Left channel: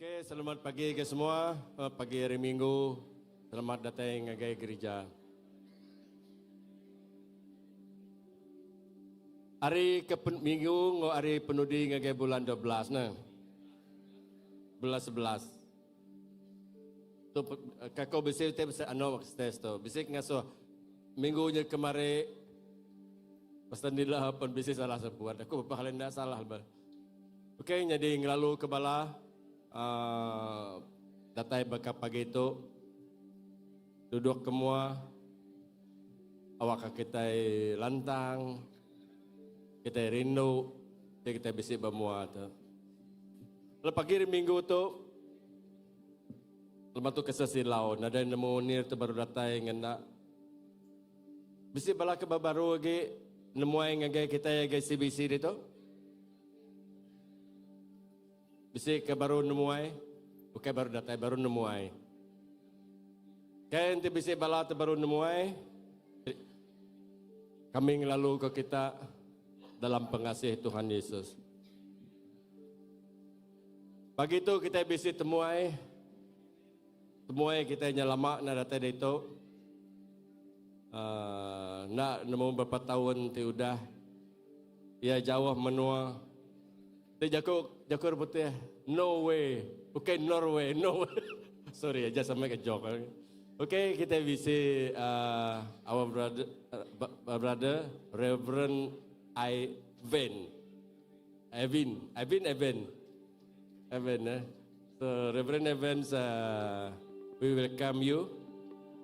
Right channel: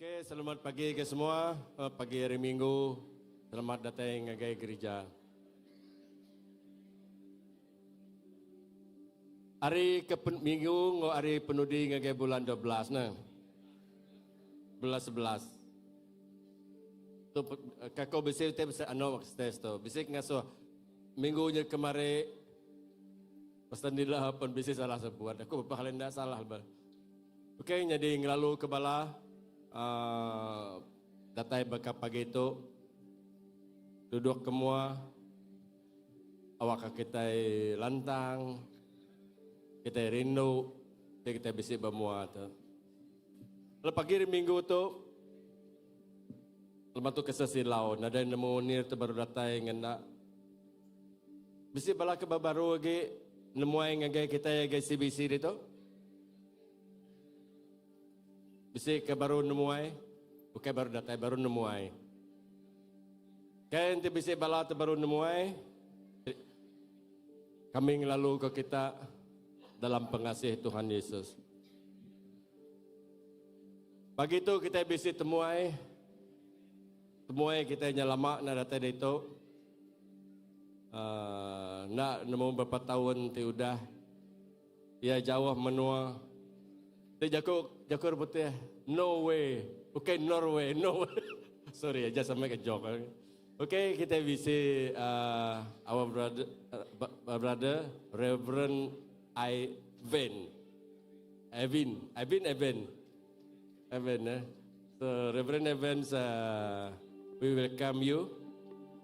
Oke, selamat pagi ke semua. Pagi hari Minggu. Selamat datang ke gereja. Hari ke Minggu, hari penudi ngagai bulan 12 nah. Bulan 11. Tu kako bisi te bisa ano stes to. Bisi ngaso minggunya kemarin pastanila pun bisi salah sebuat. Aku pahalenda salah ba. Oke, jadi ngelalu ke bala datai baka pagi itu duduk kemua awak kita lantang kita rindu kita bisi bemua tu. Lalu pagi minggu tu lepas tu kesesilau nada nemu nir tu baru datai ngenda bisi bala ke baru lagi nemu ai ngagai kita ngagai CBC itu bisi ke baru nemuai, bukan baru datai baru nemuai. Kan ti bisi bala tu baru nemuai. Kami lalu ke kita dalam pengasih Tuhan Yesus. Pagi itu kita bisi temuai kita nyelama na datai itu. Nak nemu beberapa tahun ti udah. Ia jauh menua. Jakur putih, no way, okay, Norway, no way. Sorry, I just make a joke. Okay, kita visi our brother, Reverend Evan. So Reverend Evans, we welcome you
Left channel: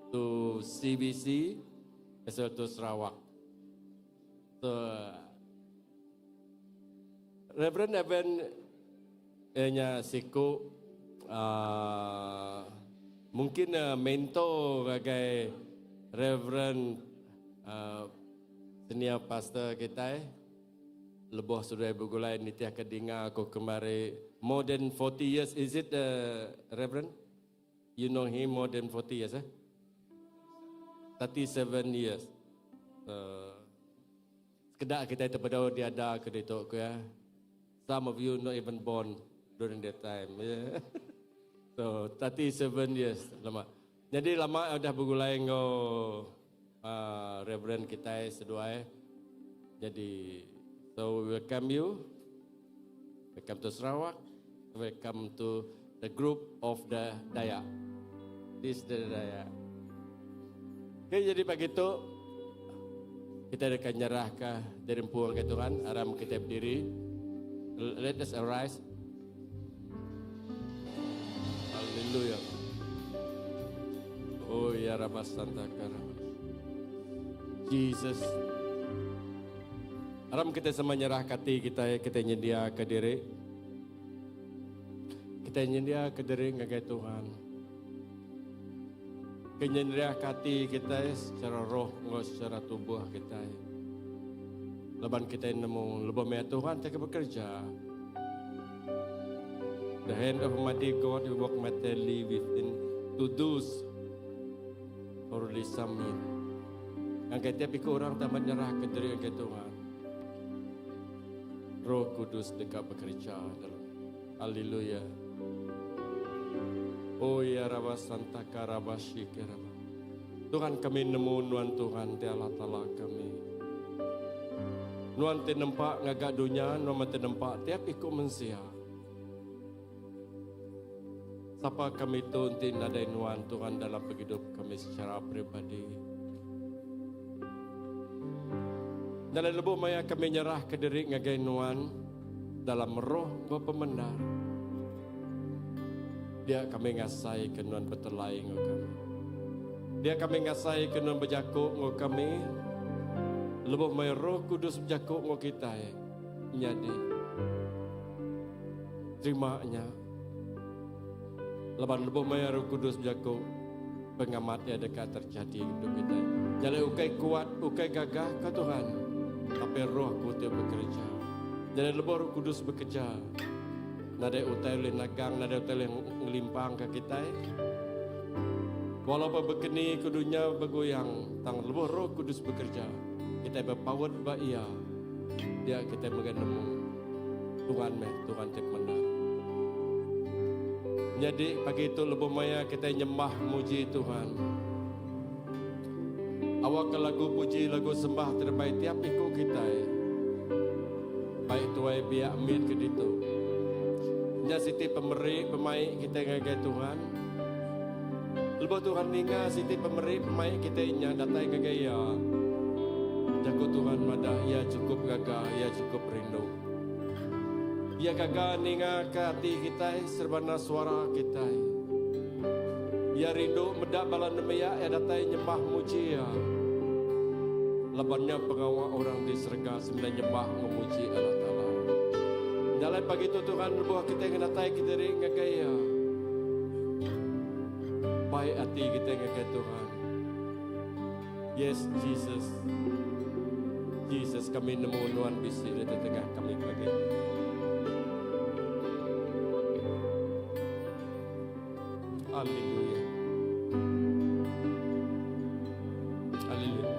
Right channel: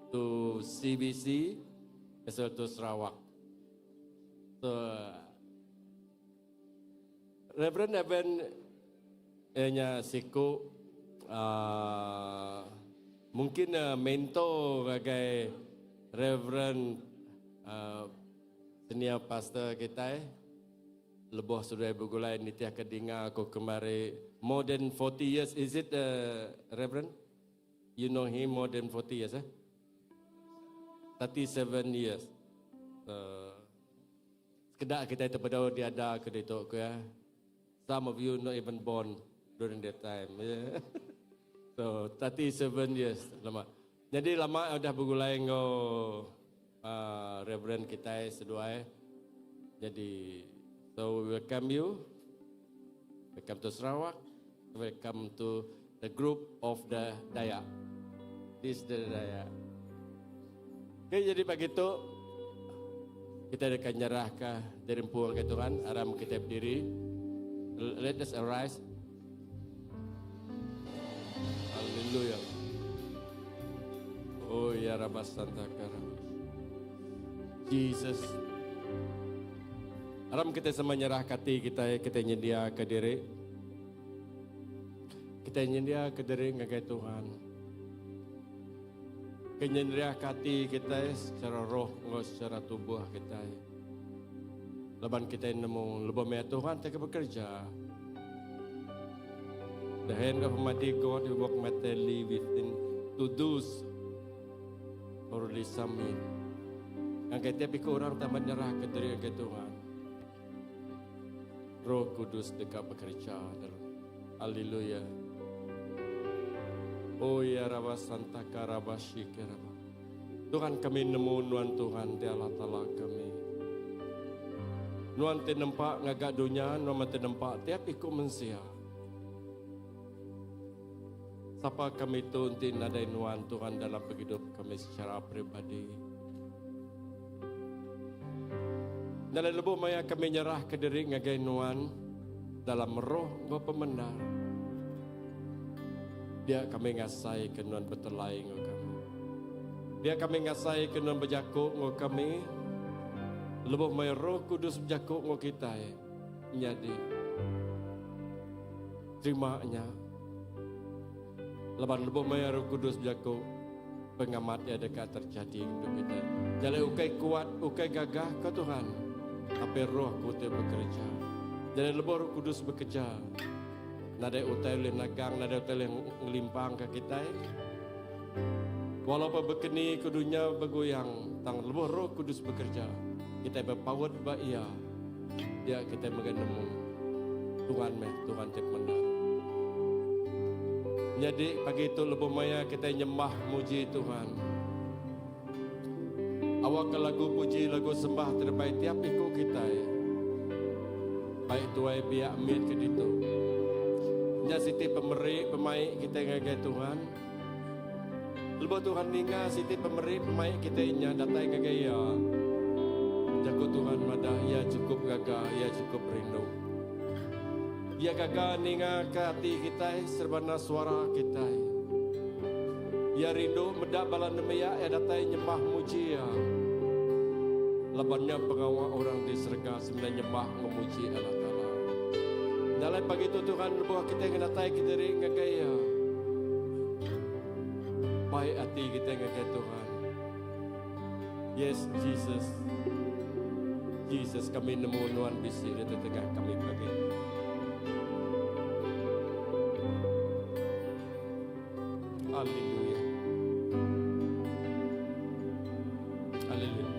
to CBC as well to Sarawak. So. Reverend Evan nya siku mungkin mentor bagai Reverend senior pastor kita lebih sudah bergulai nitiah kedinga aku kemari more than 40 years. Is it Reverend? You know him more than 40 years 37 years. Sekedar kita itu pada dia ada ke itu ke ya. Some of you not even born during that time. Yeah. So 37 years lama. Jadi lama dah bergulai ngo Reverend kita sedua. Jadi so welcome you. Welcome to Sarawak. Welcome to the group of the Dayak. This the Dayak. Okay, jadi pagi itu kita akan nyerahkan dari puang ke Tuhan. Aram kita berdiri. Let us arise. Hallelujah. Oh ya Rabbi Santa Karam. Jesus. Aram kita semua nyerah hati kita nyedia ke diri. Kita nyedia ke diri ngagai Tuhan. Kenyedia hati kita secara roh, secara tubuh kita. Leban kita nemu lebih banyak Tuhan kita bekerja. The hand of Almighty God will work mightily within to do for this summit. Ang kaya pikir orang tak menyerah ke diri ke Tuhan. Roh Kudus dekat bekerja. Haleluya. Oh ya Rabbi Santa Karabashi Kerama. Tuhan kami nemu nuan Tuhan di Allah Ta'ala kami. Nuan te nampak ngagak dunia, nuan te nampak tiap ikut mensia. Siapa kami tu nanti nadai nuan Tuhan dalam hidup kami secara pribadi. Dalam lebuh maya kami nyerah ke diri ngagai nuan dalam roh go pemenang. Dia kami ngasai ke nuan betelai ngau kami. Dia kami ngasai ke nuan berjakuk ngau kami. Lebih mai Roh Kudus berjakuk ngau kita nyadi terimanya. Leban lebih mai Roh Kudus berjakuk pengamat yang dekat terjadi untuk kita. Jadi ukai kuat, ukai gagah ke Tuhan. Tapi Roh Kudus bekerja. Jadi lebih Roh Kudus bekerja. Nada utai oleh nagang, nada utai oleh ngelimpang ke kita. Walaupun berkeni ke dunia bergoyang, tang lebih Roh Kudus bekerja. Kita berpower ba ia. Dia kita mengenemu Tuhan tip menang. Jadi pagi itu lebih maya kita nyembah muji Tuhan. Awak ke lagu puji, lagu sembah terbaik tiap ikut kita ya. Baik tuai biak mit ke ditu. Nya siti pemeri pemain kita ngagai Tuhan. Lebih Tuhan ninga siti pemeri pemain kita nya datai ngagai ya. Jago Tuhan madah ya cukup gagah, ya cukup rindu. Ya gagah ninga ke hati kita serbana suara kita. Ya rindu medak balan nemaya ya datai nyembah muji ya. Lebannya pengawal orang di serga sembilan nyembah memuji Allah Ta'ala. Dalam pagi itu Tuhan berbuah kita yang datai kita ring ngagaya. Baik hati kita ngagaya Tuhan. Yes Jesus. Jesus kami nemu nuan bisi di tengah kami pagi. Haleluya. Haleluya.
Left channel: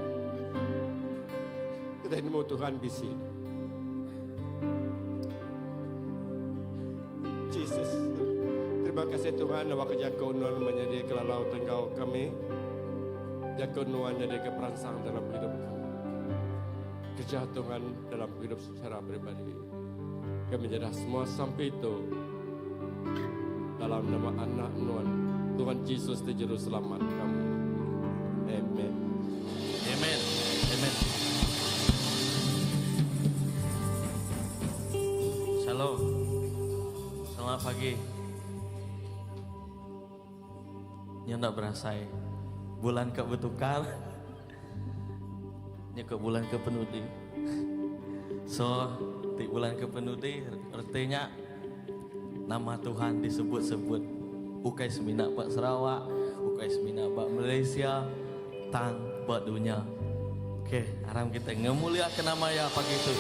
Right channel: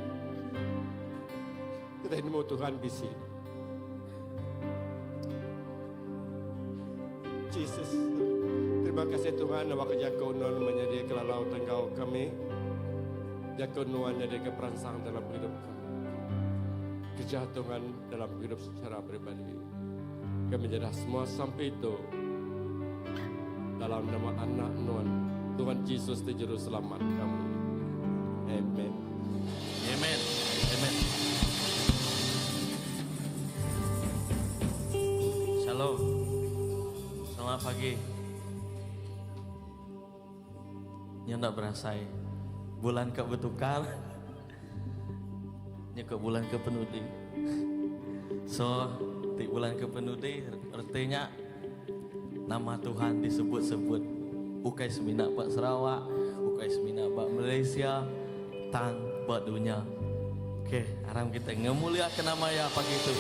Kita nemu Tuhan bisi. Jesus. Terima kasih Tuhan awak jago nuan menjadi kelalau tenggau kami. Jago nuan jadi keperansang dalam hidup kami. Kerja Tuhan dalam hidup secara pribadi. Kami menyerah semua sampai itu dalam nama anak Nuan Tuhan Yesus di Juru Selamat kami. Amen. Amen. Amen. Shalom. Selamat pagi. Yang tak berasa bulan ke bertukar. Ke bulan ke penudi. So, di bulan ke penudi artinya nama Tuhan disebut-sebut. Ukai semina Pak Sarawak, ukai semina Pak Malaysia, tang buat dunia. Oke, haram kita ngemuliakan nama ya pagi itu.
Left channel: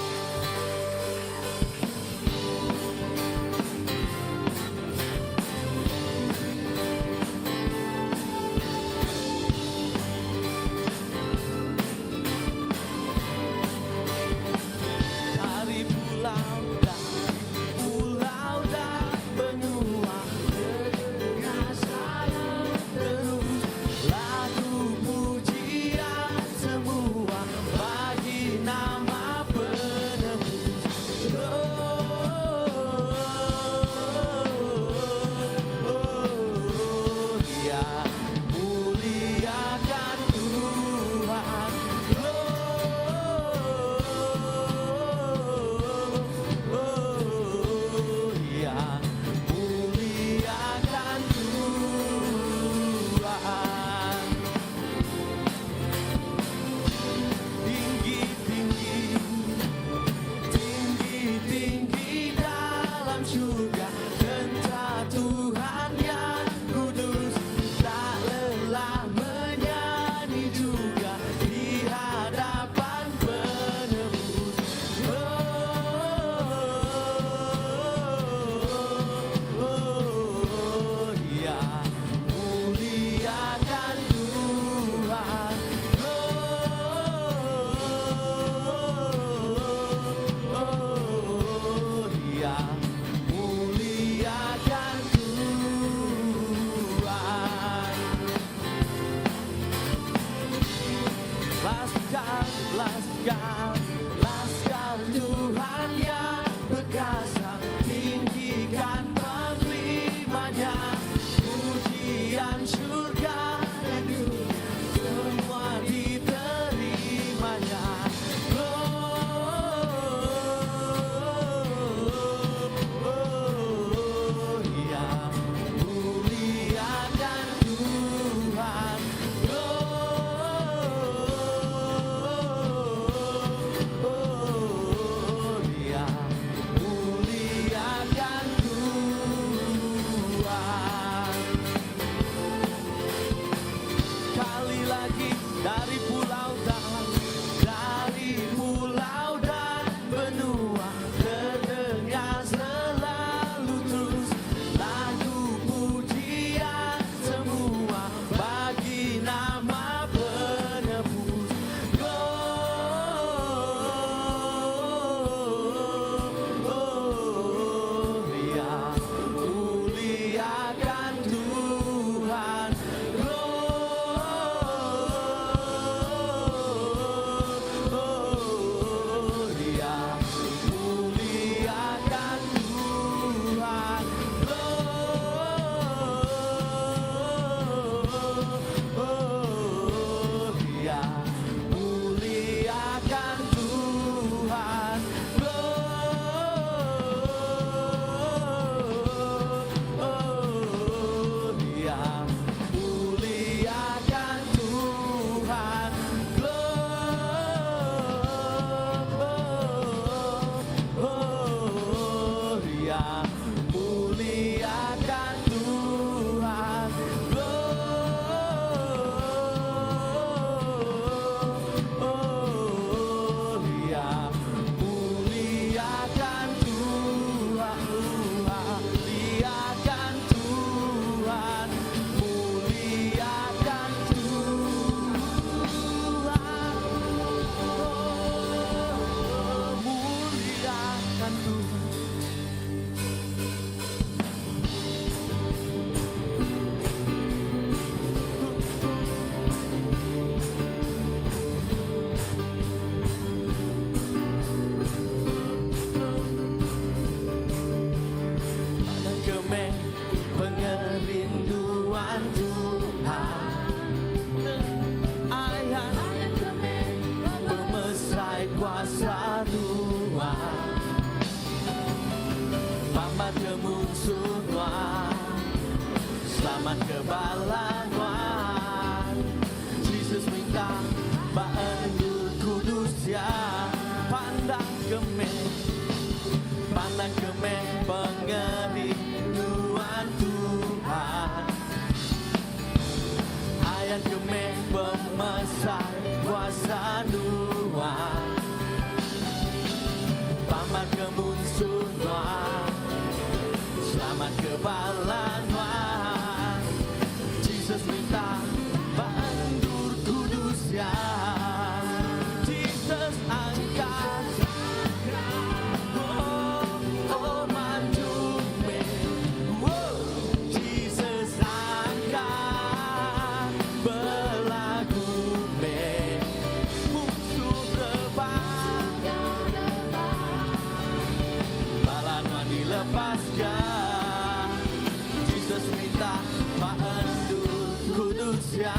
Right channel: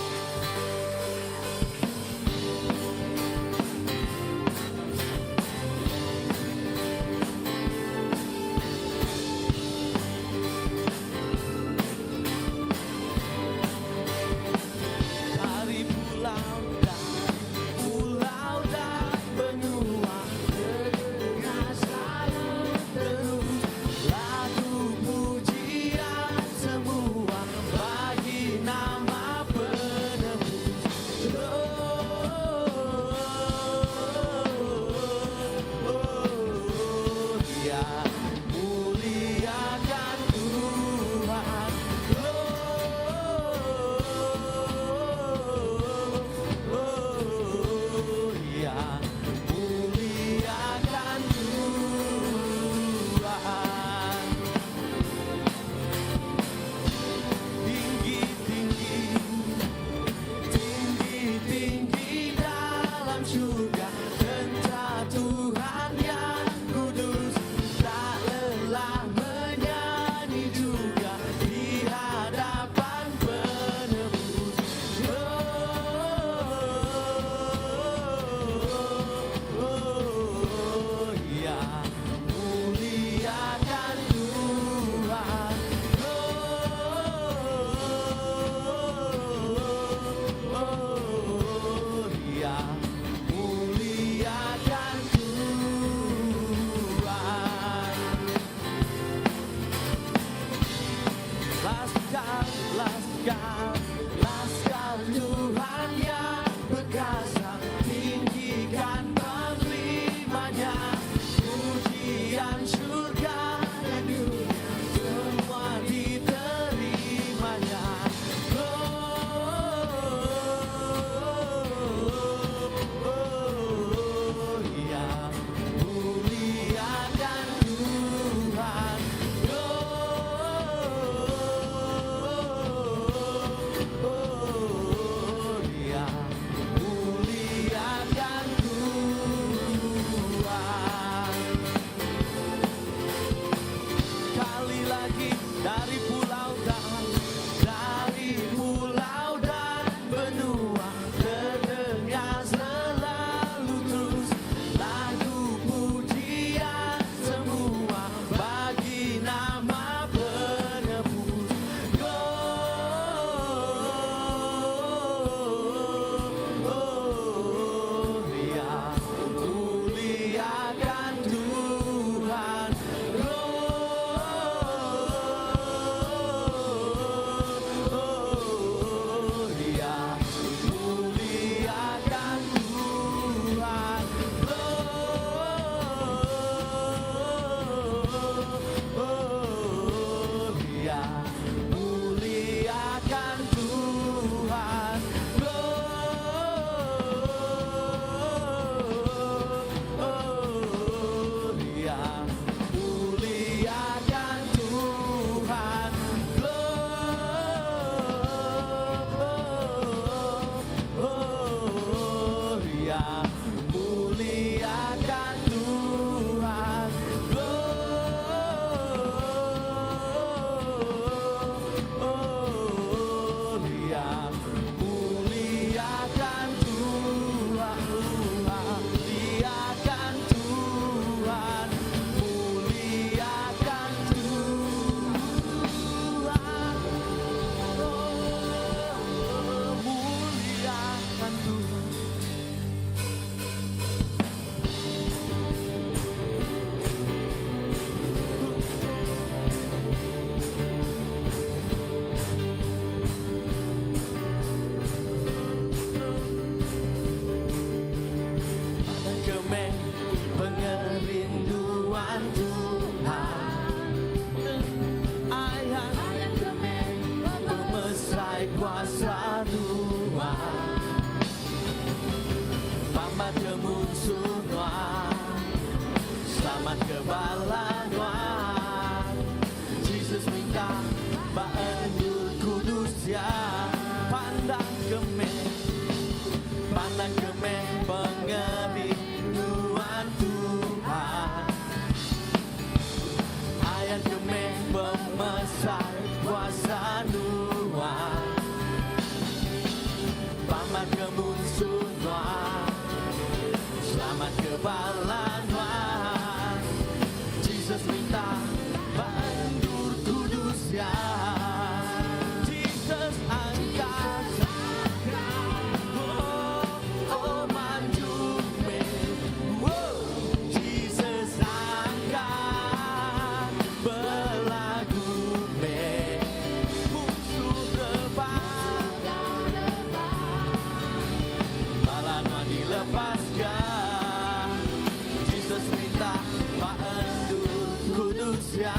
manusia.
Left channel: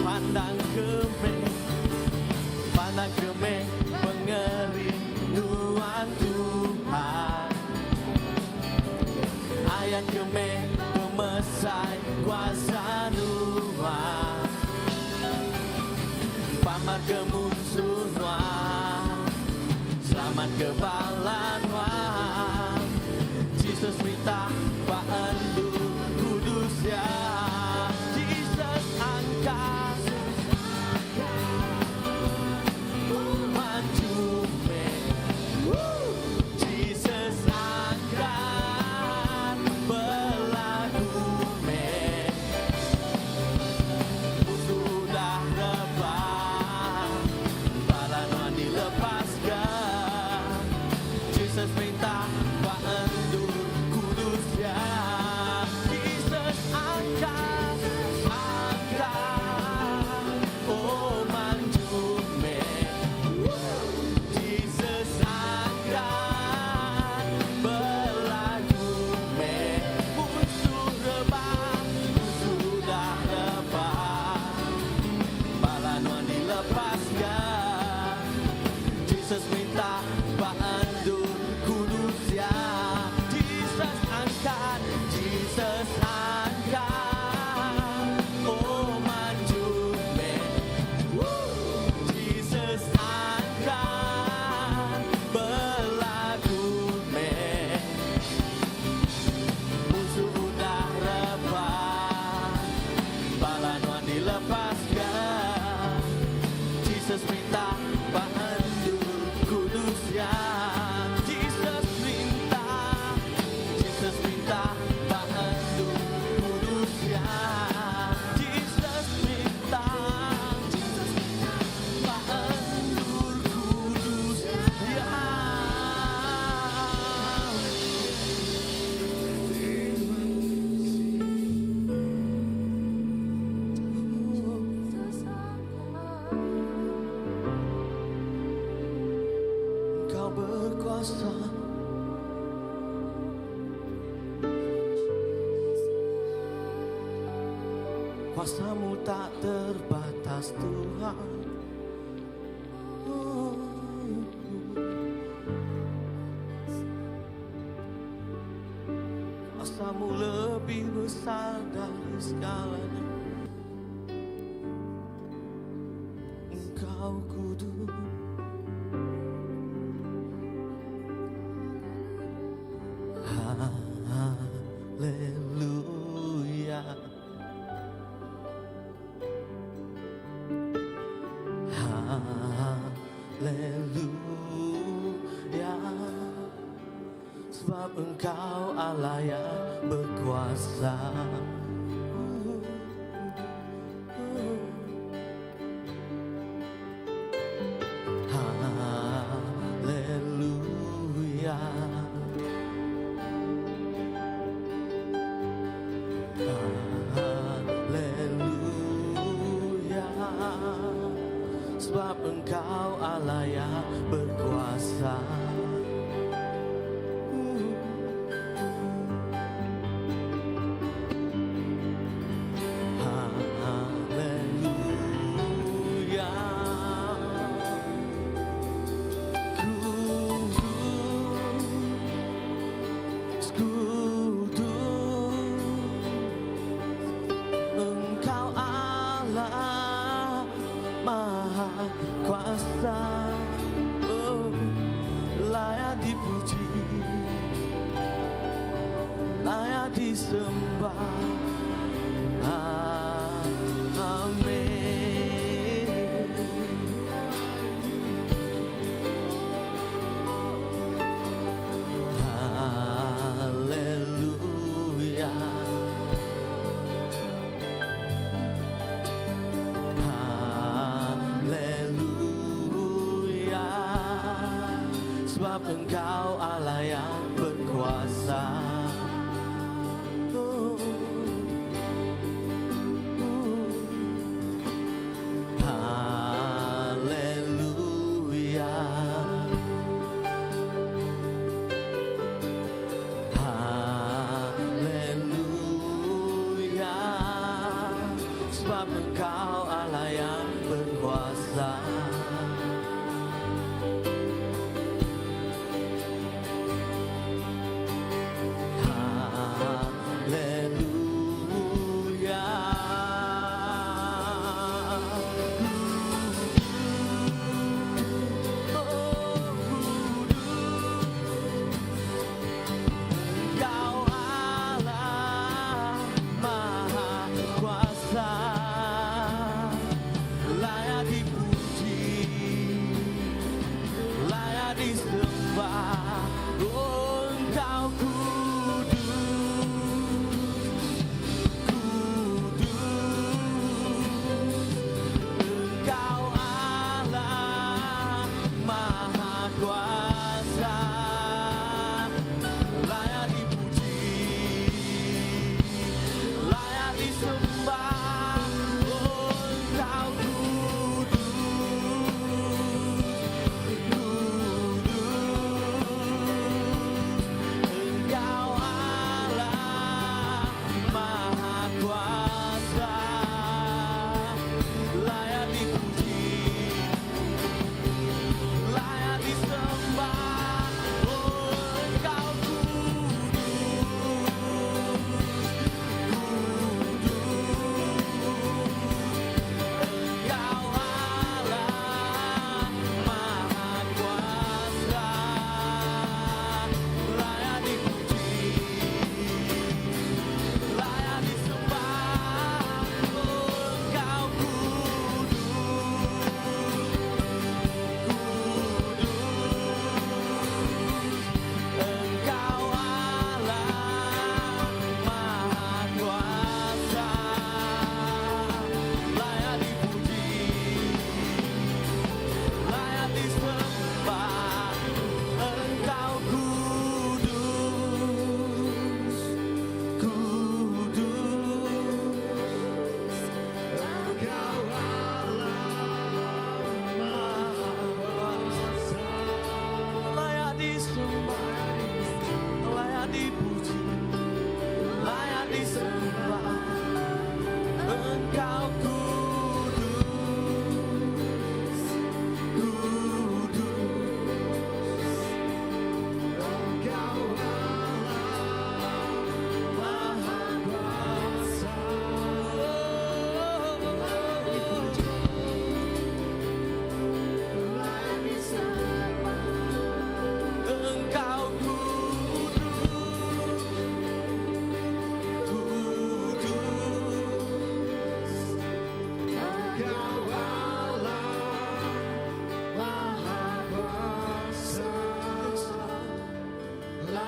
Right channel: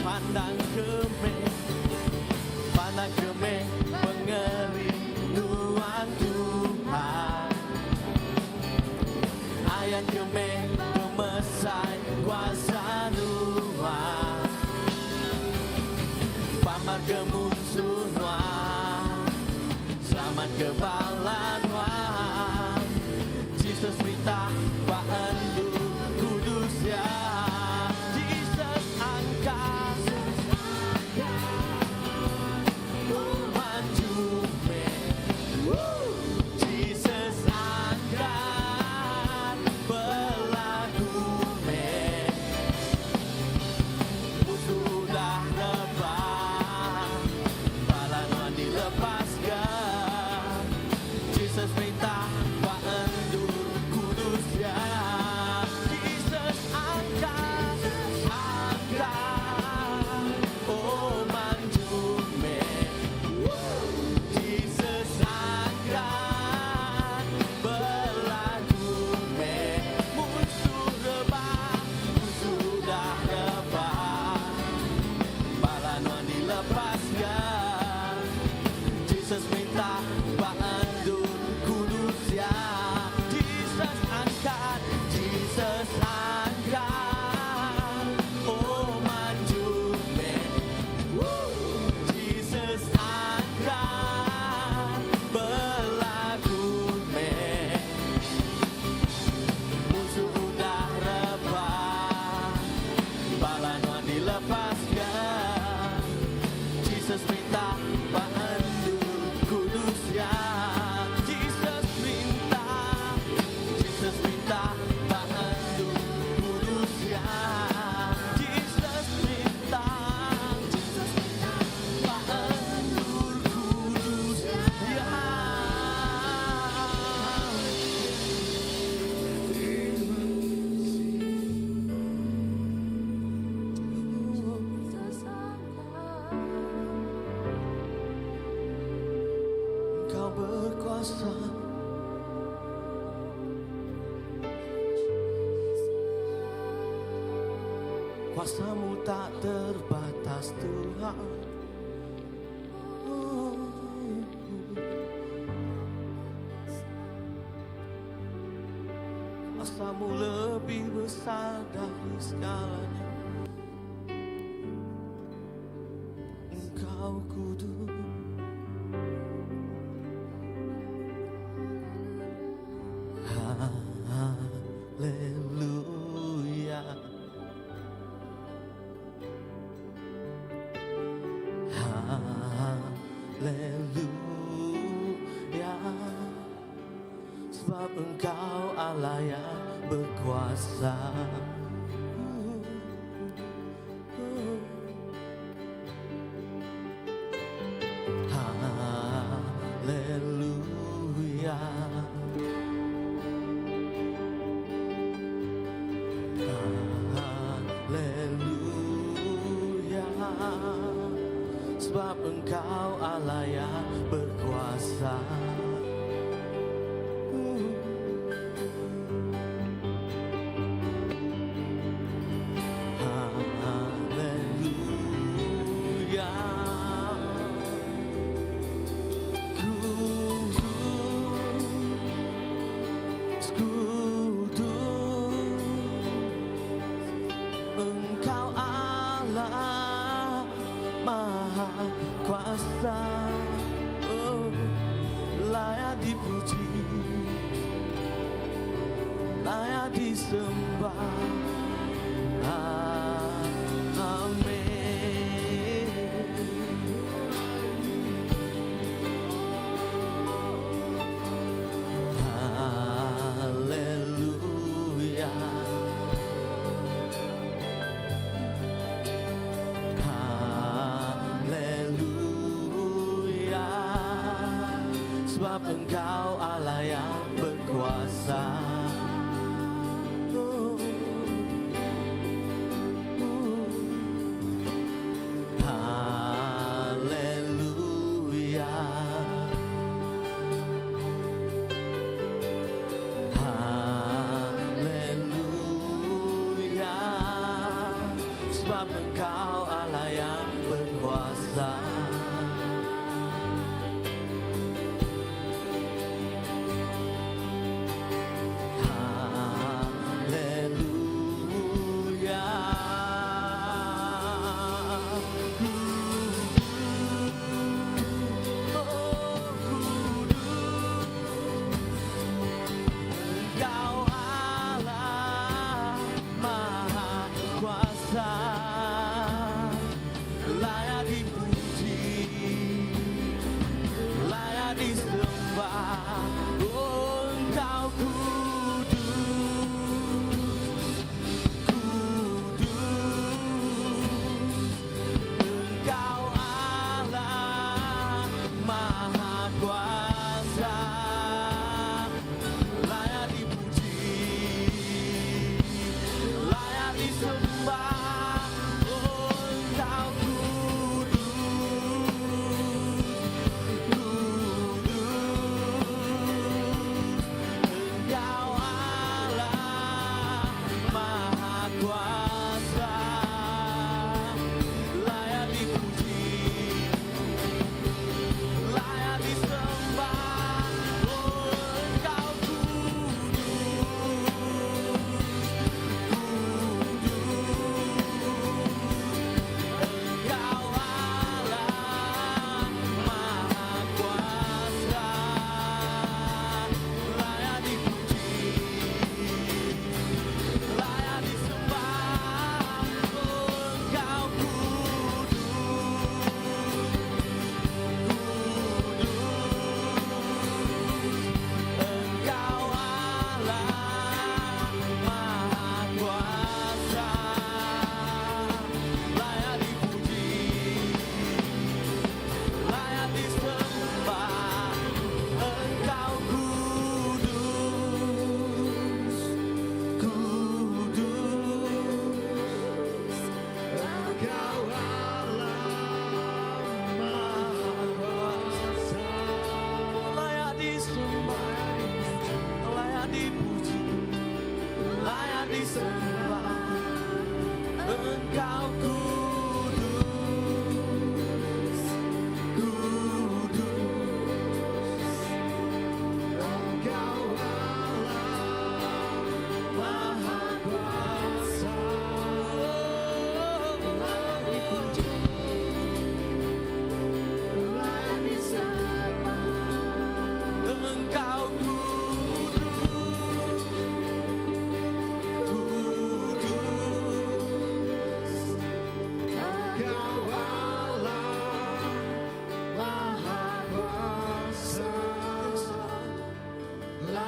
Pandang kemeh pengerinduan Tuhan. Ayat kemeh pemesai kuasa Tuhan. Paman kemusuhan, selamat kebalan Tuhan. Jesus minta paandu kudus ya. Jesus angkat maju me. Jesus angkat berlaku me. Sudah lepas, balanan dilepaskan. Jesus minta paandu kudus ya. Jesus angkat, oh maju me. Jesus angkat berlaku me. Musuh sudah lepas, balanan dilepaskan. Jesus minta paandu kudus ya. Jesus angkat, oh maju me. Jesus angkat berlaku me. Musuh udah rebah, balanan dilepaskan. Jesus minta paandu kudus ya. Jesus minta paandu kudus ya. Jesus minta paandu kudus ya. Engkau berkuasa, kuasamu tak terbatas Tuhan. Kuasamu lebih besar dari segalanya. Engkau kudus. Haleluya. Haleluya. Sebab Engkau Allah yang berkuasa. Haleluya. Haleluya. Sebab Engkau Allah yang berkuasa. Haleluya. Engkau Allah Maha Kuasa, layak dipuji, layak disembah. Amin.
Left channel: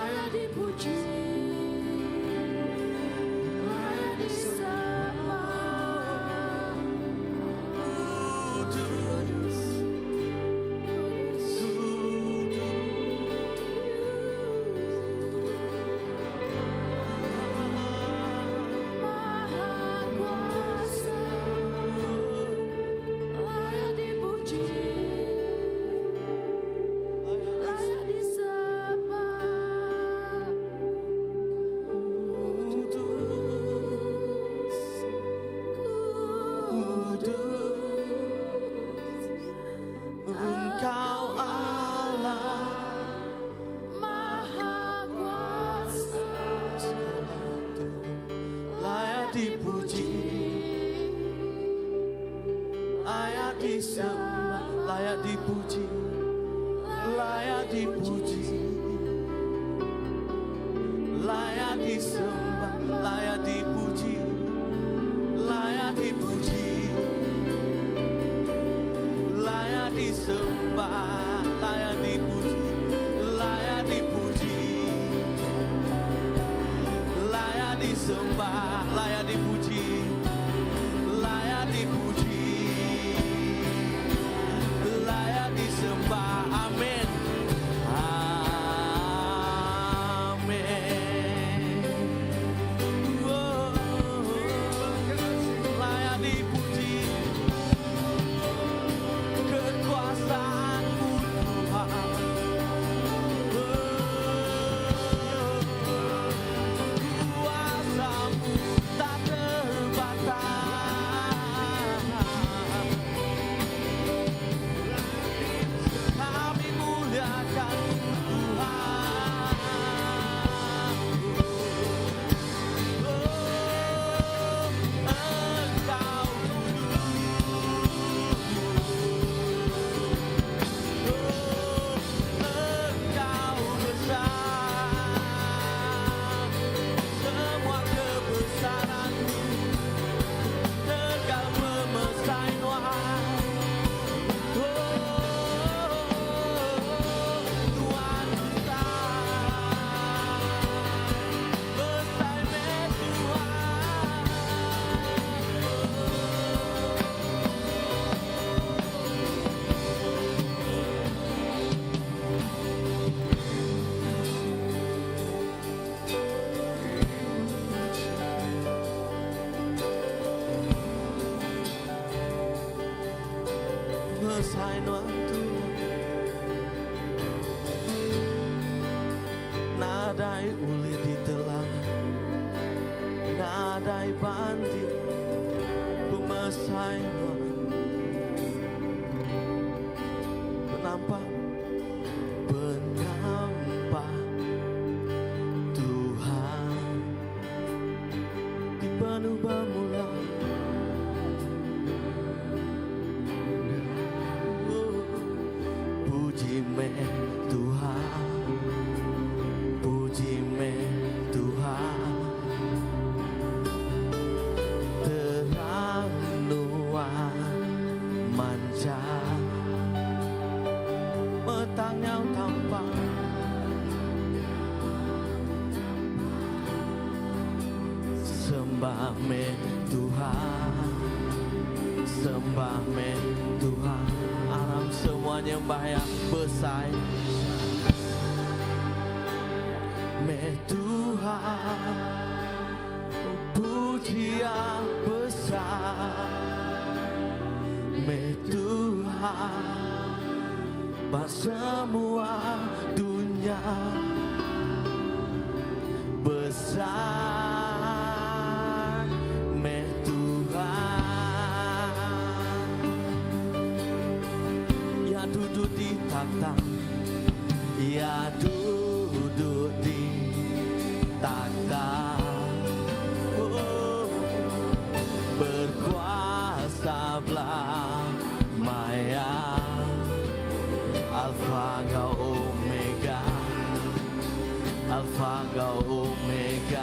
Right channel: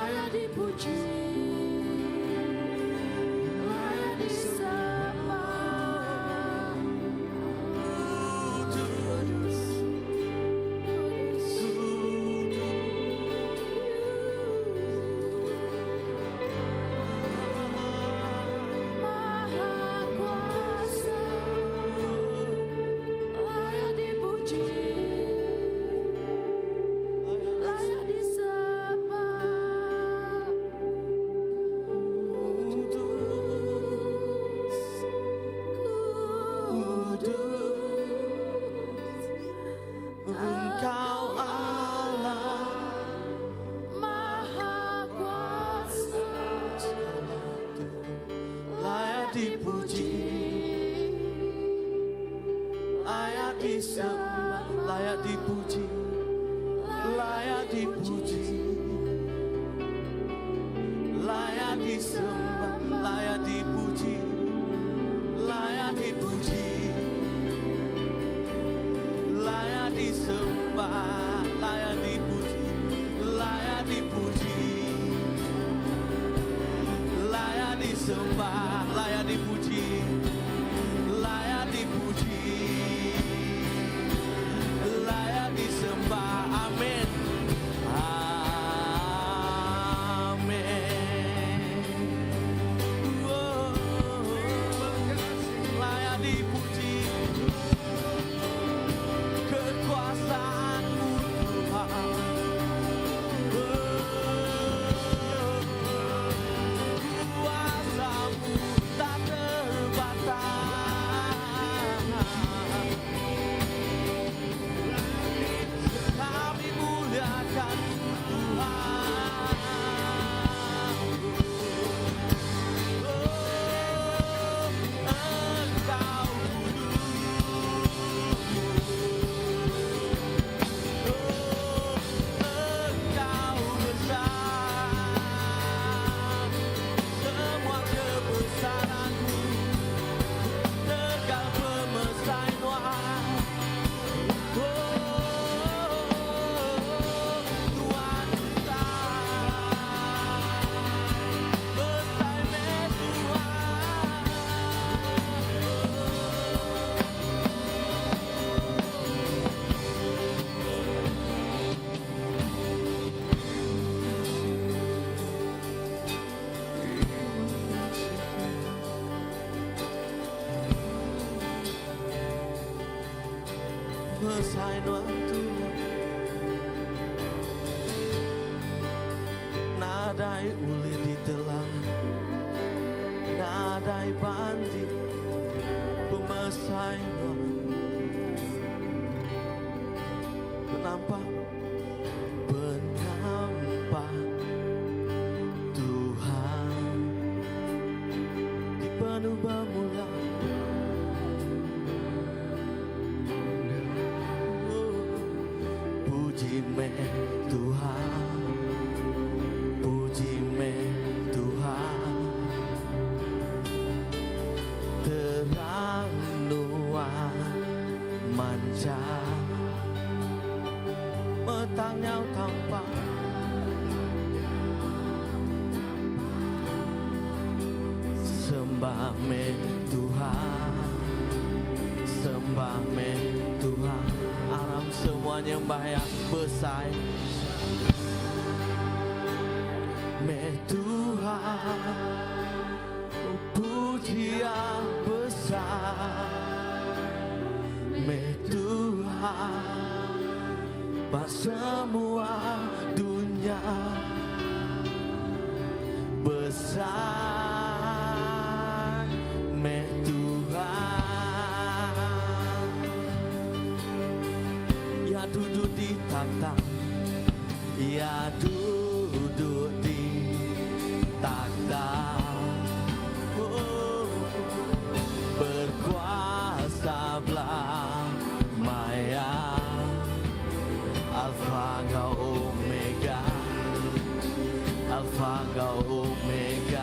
layak dipuji, layak disembah. Kudus, Maha Kuasa, layak dipuji, layak disembah. Engkau Allah Maha Kuasa, layak dipuji, layak disembah, layak dipuji, layak dipuji, layak disembah, layak dipuji, layak dipuji, layak disembah, layak dipuji, layak dipuji, layak disembah, layak dipuji, layak dipuji, layak disembah. Amin. Amin. Layak dipuji, kekuasaanmu Tuhan. Kuasamu tak terbatas. Kami muliakan Engkau besar, semua kebesaran-Mu tegak memesan Tuhan. Tuhan besar, besar waktu nadai uli ditelan, nadai bandi pemesai penampak penampak Tuhan di penuh bermula. Puji me Tuhan, puji me Tuhan, terang nuan mancar, petangnya tampak, sembah me Tuhan, sembah me Tuhan. Alam semuanya bahaya besar me Tuhan, pujian besar me Tuhan, pas semua dunia besar me Tuhan, ya duduk di takhta, ya duduk di takhta, berkuasa belamanya, Alfa kau Omega, Alfa kau Omega.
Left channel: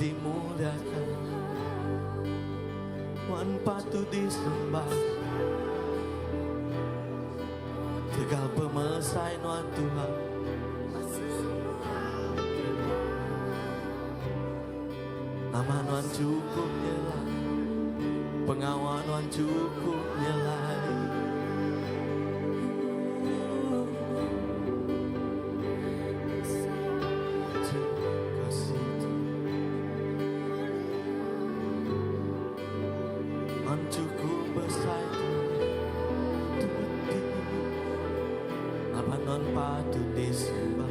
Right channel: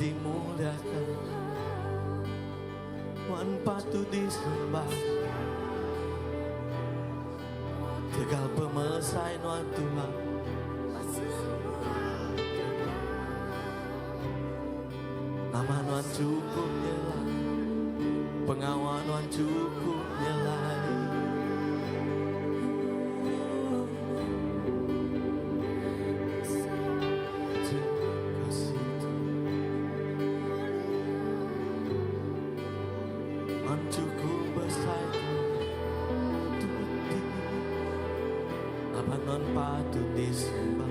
dimuliakan, Tuhan patut disembah. Tegal pemersai Tuhan Tuhan, nama Tuhan cukup nyelai, pengawal Tuhan cukup nyelai. Cukup besar apa non patut disembah.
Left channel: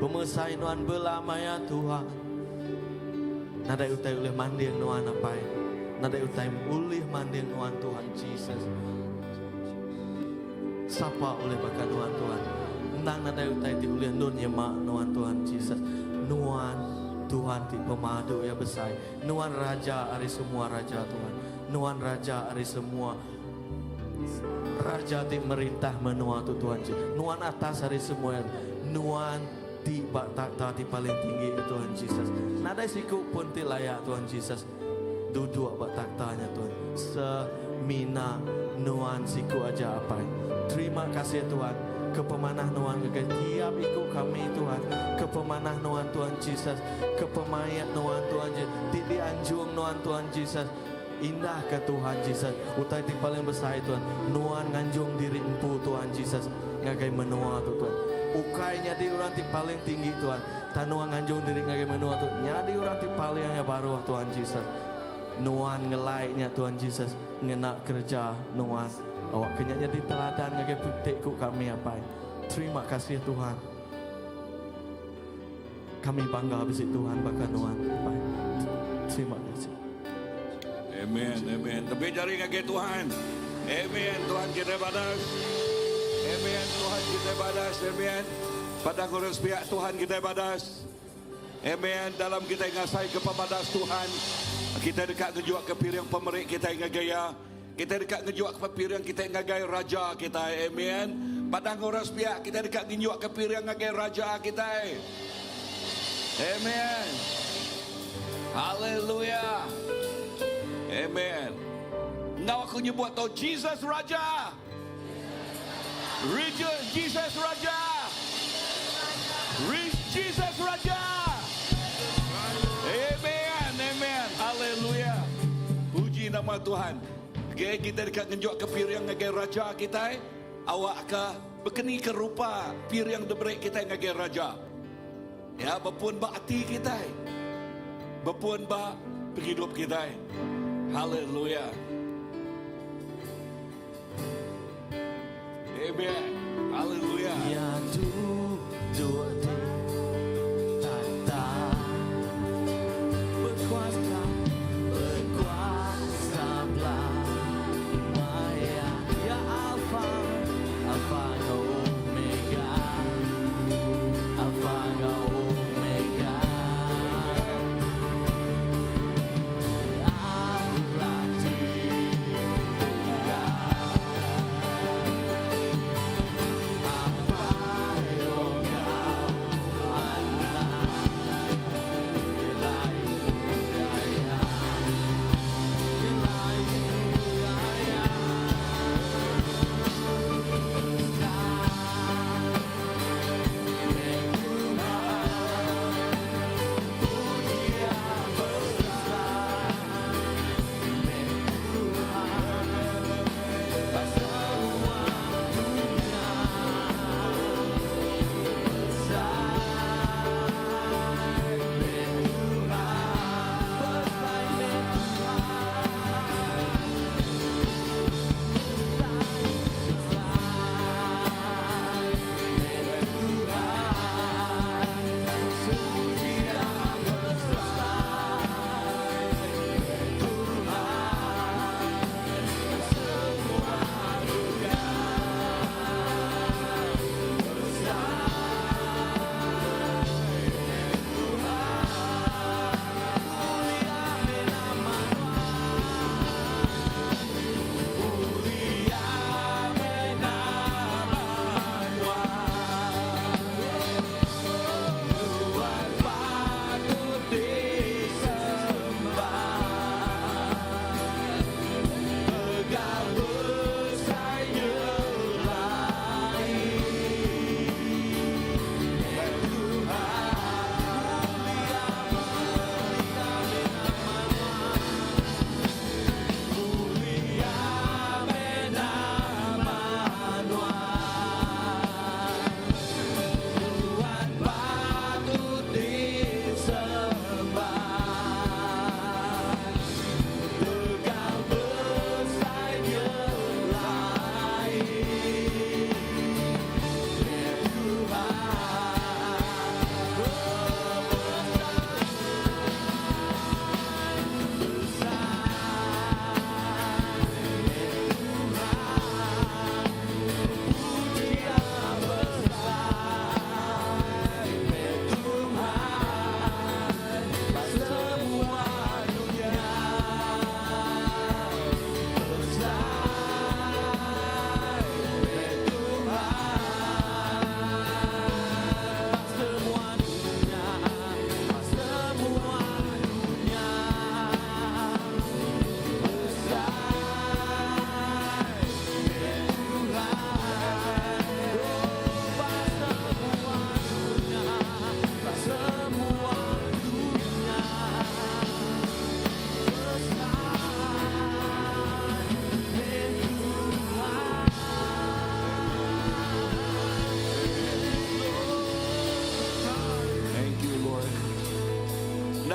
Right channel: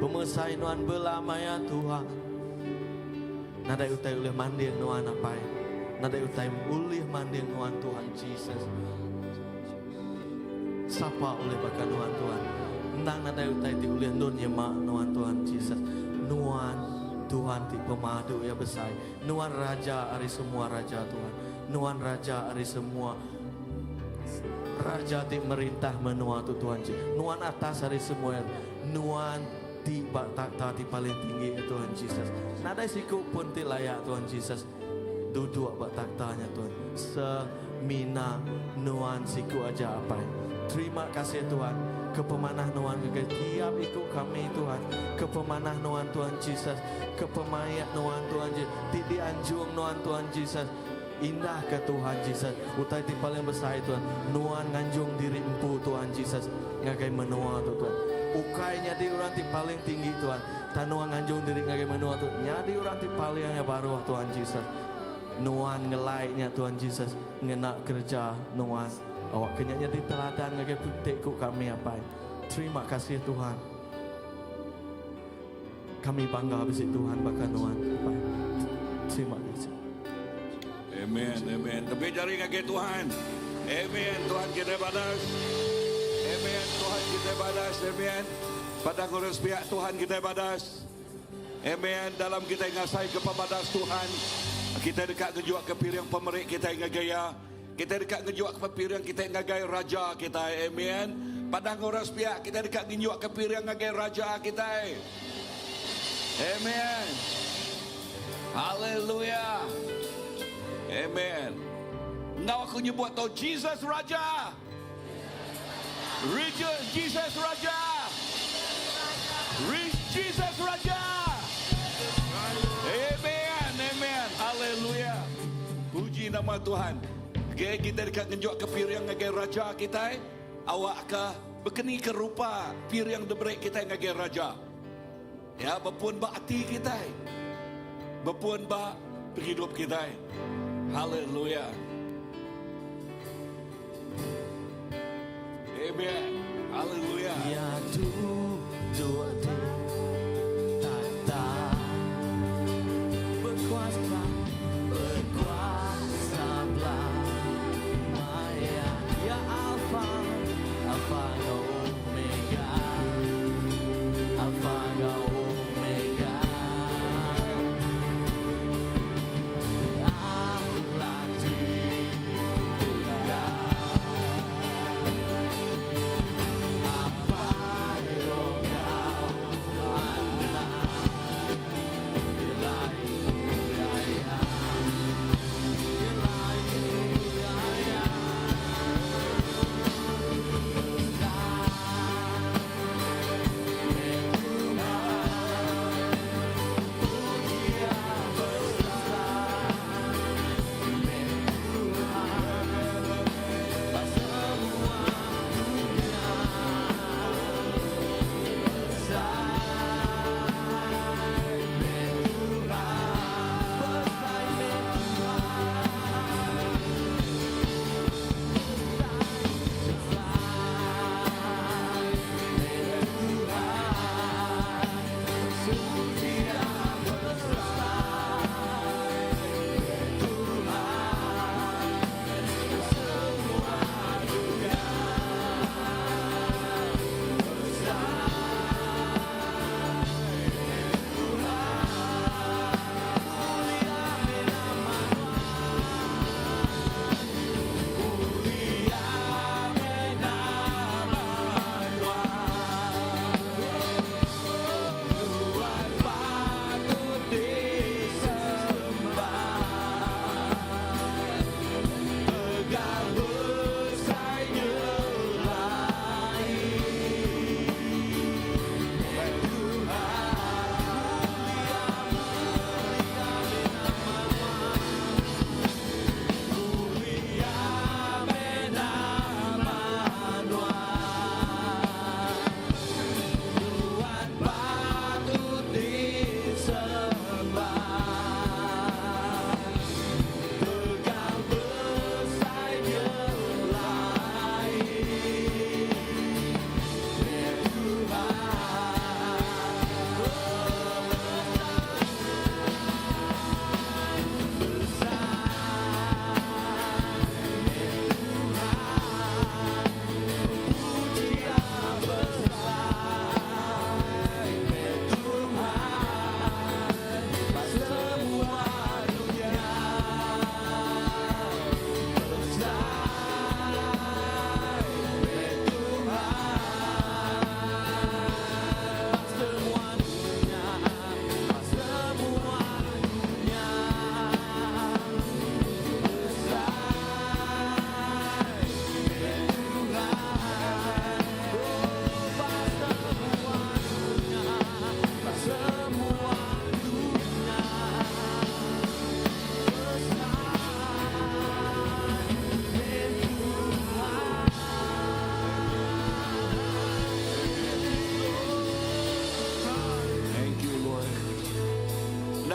Pemersai Tuhan belamaya Tuhan, nadai utai ulih manding Tuhan apa? Nadai utai ulih manding Tuhan Tuhan Jesus. Sapa oleh bakal Tuhan Tuhan. Nang nadai utai ti ulih nun yemak Tuhan Tuhan Jesus. Nuan Tuhan ti pemadu ya besar. Nuan Raja hari semua Raja Tuhan. Nuan Raja hari semua Raja ti merintah menua tu Tuhan Jesus. Nuan atas hari semua. Nuan di takhta di paling tinggi ya Tuhan Jesus. Nadai siku pun ti layak Tuhan Jesus. Duduk bak takhtanya Tuhan. Semina nuan siku aja apa. Terima kasih Tuhan. Kepemanah Nuan juga tiap ikut kami Tuhan. Kepemanah Nuan Tuhan Jesus. Kepemayat Nuan Tuhan Jesus. Di anjung Nuan Tuhan Jesus. Indah ke Tuhan Jesus. Utai ti paling besar Tuhan. Nuan nganjung diri empu Tuhan Jesus. Ngagai menua tu Tuhan. Ukainya di orang ti paling tinggi Tuhan. Tanuan nganjung diri ngagai menua tu. Nyadi orang ti paling yang baru Tuhan Jesus. Nuan ngelaiknya Tuhan Jesus. Ngenak kerja Nuan. Awak kenyanya di teladan ngagai putikku kami apa. Terima kasih Tuhan. Kami bangga habis Tuhan bakal Nuan. Terima kasih. Amen, amen. Lebih dari ngagai Tuhan. Amen. Tuhan kita badas. Amen. Tuhan kita badas. Amen. Pada ngurus pihak Tuhan kita badas. Amen. Dalam kita ngasai ke pemadas Tuhan. Kita dekat ngejuak ke pilihan pemerik kita yang gaya. Kita dekat ngejuak ke pilihan kita yang gaya raja kita. Amen. Pada ngurus pihak kita dekat ngejuak ke pilihan gaya raja kita. Amen. Haleluya. Amen. Now aku nyebut tau Jesus Raja. Jesus Raja. Jesus Raja. Amen. Amen. Haleluya. Puji nama Tuhan. Okay, kita dekat ngejuk ke piriang ngagai raja kita. Awak ke berkeni ke rupa piriang debrik kita ngagai raja. Ya, berpuan ba hati kita. Berpuan ba hidup kita. Haleluya. Amen. Haleluya. Ya duduk di takhta berkuasa belamanya. Ya Alfa dan Omega, Alfa dan Omega. Allah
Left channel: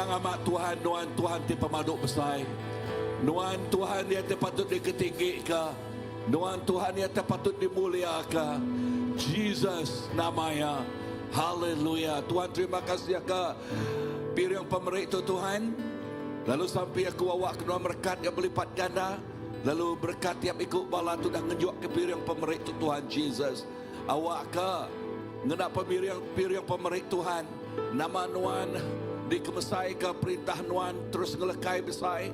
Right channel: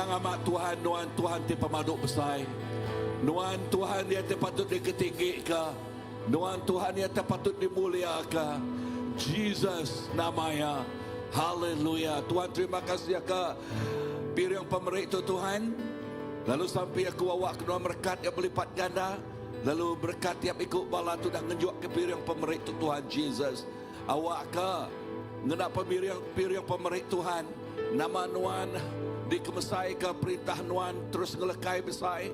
amat Tuhan, nuan Tuhan ti pamaduk besar. Nuan Tuhan yang patut diketinggikan. Nuan Tuhan yang patut dimuliakan. Jesus namanya. Haleluya. Tuhan terima kasih ka pirang pemerik tu Tuhan. Lalu sampai aku awak kena berkat yang berlipat ganda. Lalu berkat tiap ikut bala tu dah ngenjuk ke pirang pemerik tu Tuhan Jesus. Awak ka ngenak pirang pemerik Tuhan. Nama nuan dikemesai ke perintah nuan terus ngelekai besar.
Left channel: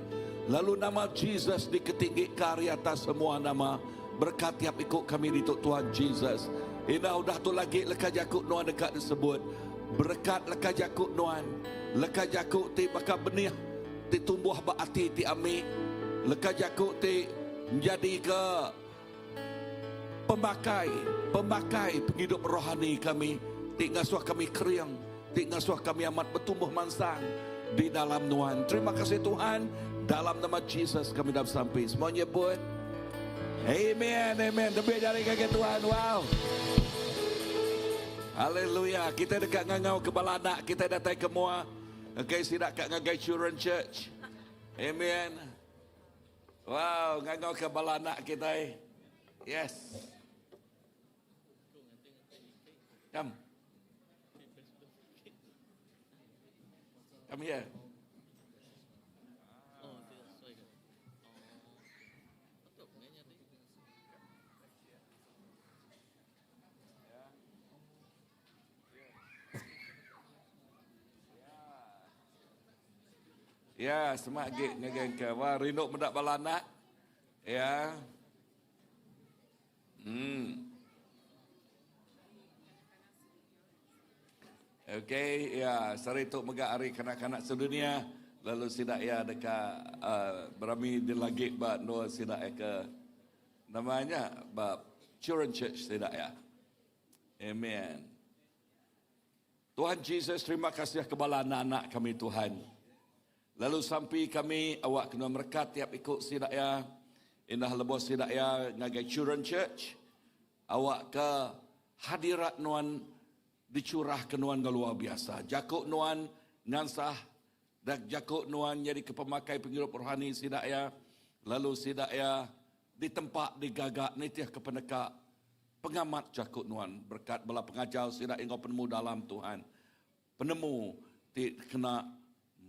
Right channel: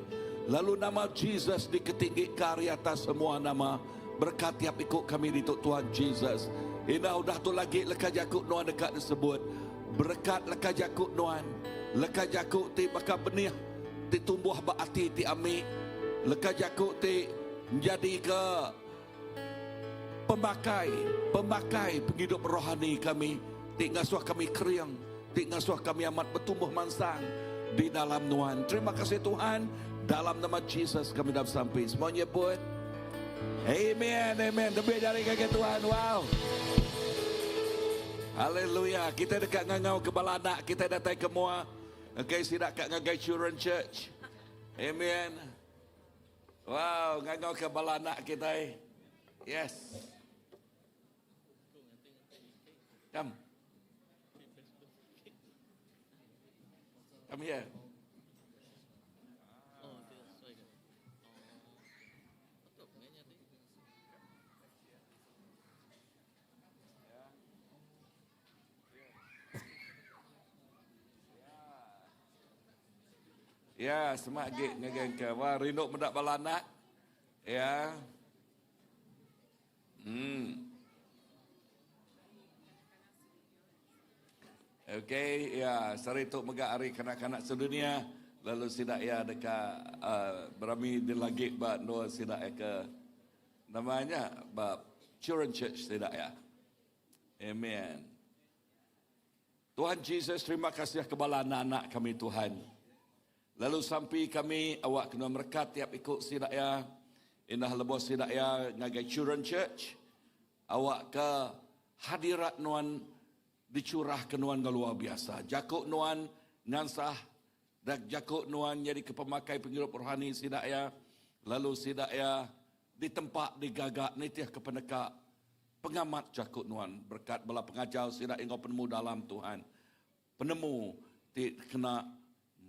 Lalu nama Jesus diketinggi ke atas semua nama. Berkat tiap ikut kami di Tuhan Jesus. Ina udah tu lagi leka jakuk nuan dekat disebut. Berkat leka jakuk nuan. Leka jakuk ti bakal benih. Ti tumbuh baati ti amik. Leka jakuk ti menjadi ke pemakai penghidup rohani kami. Ti ngasuh kami keriang. Ti ngasuh kami amat bertumbuh mansang di dalam nuan. Terima kasih Tuhan. Dalam nama Jesus kami dah sampai. Semuanya pun. Amen, amen. Lebih dari kaki Tuhan. Wow. Haleluya. Kita dekat ngangau ke Balanak. Kita datang ke Mua. Okay, sidak kat ngagai Children Church. Amen. Wow, ngangau ke Balanak kita. Yes. Come. Come here. Ya, semak gig ngagen ke. Wah, rindu mendak balanak. Ya. Okey, ya, sari tu megak hari kanak-kanak sedunia. Lalu sidak ya dekat berami di lagi ba no sidak ya ke namanya ba Children Church sidak ya. Amen. Tuhan Jesus, terima kasih kepada anak-anak kami Tuhan. Lalu sampai kami awak kena merkat tiap ikut sidak ya. Indah lebos sidak ya ngagai Children Church. Awak ke hadirat nuan dicurah ke nuan luar biasa. Jakuk nuan ngansah dan jakuk nuan jadi kepemakai penghidup rohani sidak ya. Lalu sidak ya di tempat digagak nitiah ke penekak pengamat jakuk nuan berkat bala pengajar sidak engkau penemu dalam Tuhan. Penemu ti kena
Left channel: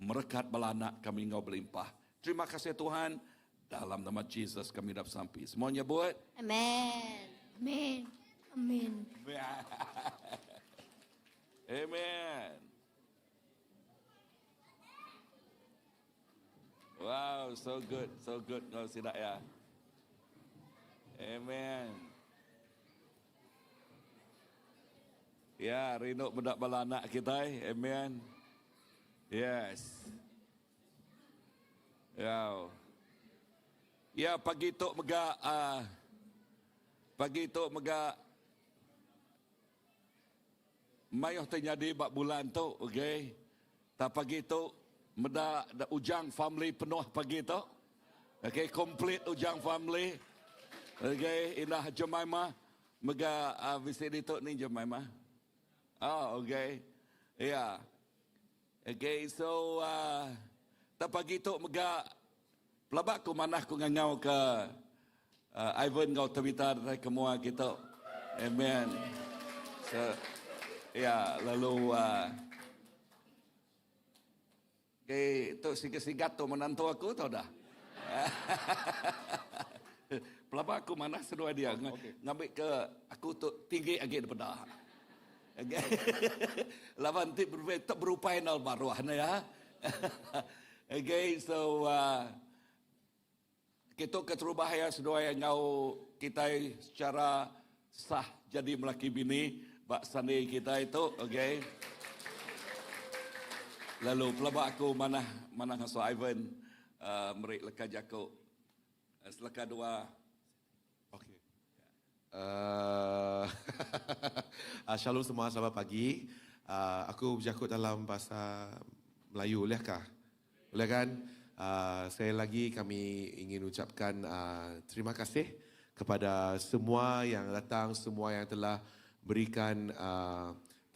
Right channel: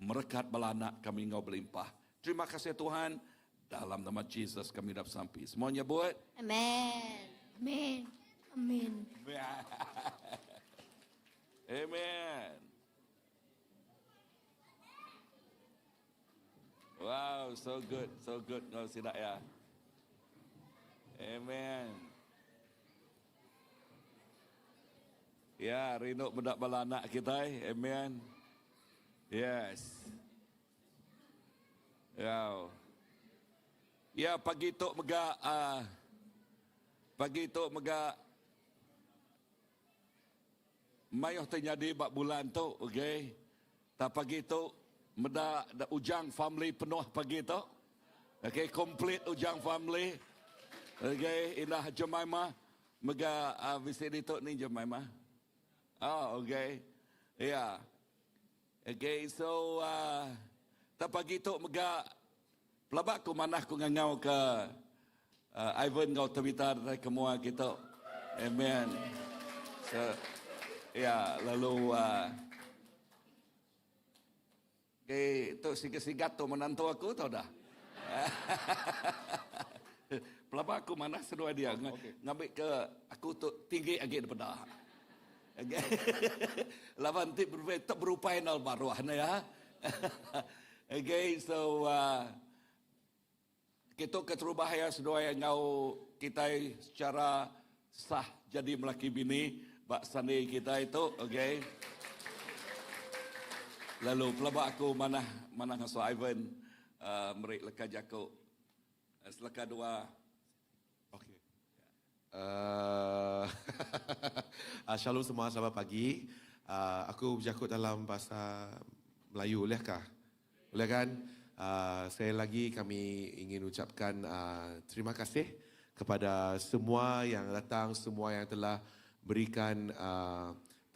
merekat bala anak kami engkau berlimpah. Terima kasih Tuhan. Dalam nama Jesus kami dah sampai. Semuanya buat. Amen. Amen. Amen. Amen. Wow, so good, so good. Kau sidak ya. Amen. Ya, rindu bedak bala anak kita. Amen. Yes. Ya, pagi tu megak mayuh terjadi bak bulan tu, okey. Tak pagi tu meda ujang family penuh pagi tu. Okey, complete ujang family. Okey, inah Jemaimah mega visit itu ni Jemaimah. Okey. Ya. Okay, so tak pagi tu mega pelabak ku manah ku ngangau ke Ivan kau terbitar ke Mua kita. Amen. So, ya, lalu okay, tu sigat-sigat tu menantu aku tahu dah. Pelabak aku manah sedua dia ngambil ke aku tu tinggi lagi daripada. Lawan tip tak berupaya nal baruah na ya. Okay, so kita keterubahaya sedua yang ngau kita secara sah jadi melaki bini bak sandi kita itu, okay. Lalu pelabak aku mana ngaso Ivan merik leka jako selaka dua. Shalom semua, selamat pagi. Aku berjakut dalam bahasa Melayu, bolehkah? Boleh kan? Sekali lagi kami ingin ucapkan terima kasih kepada semua yang datang, semua yang telah berikan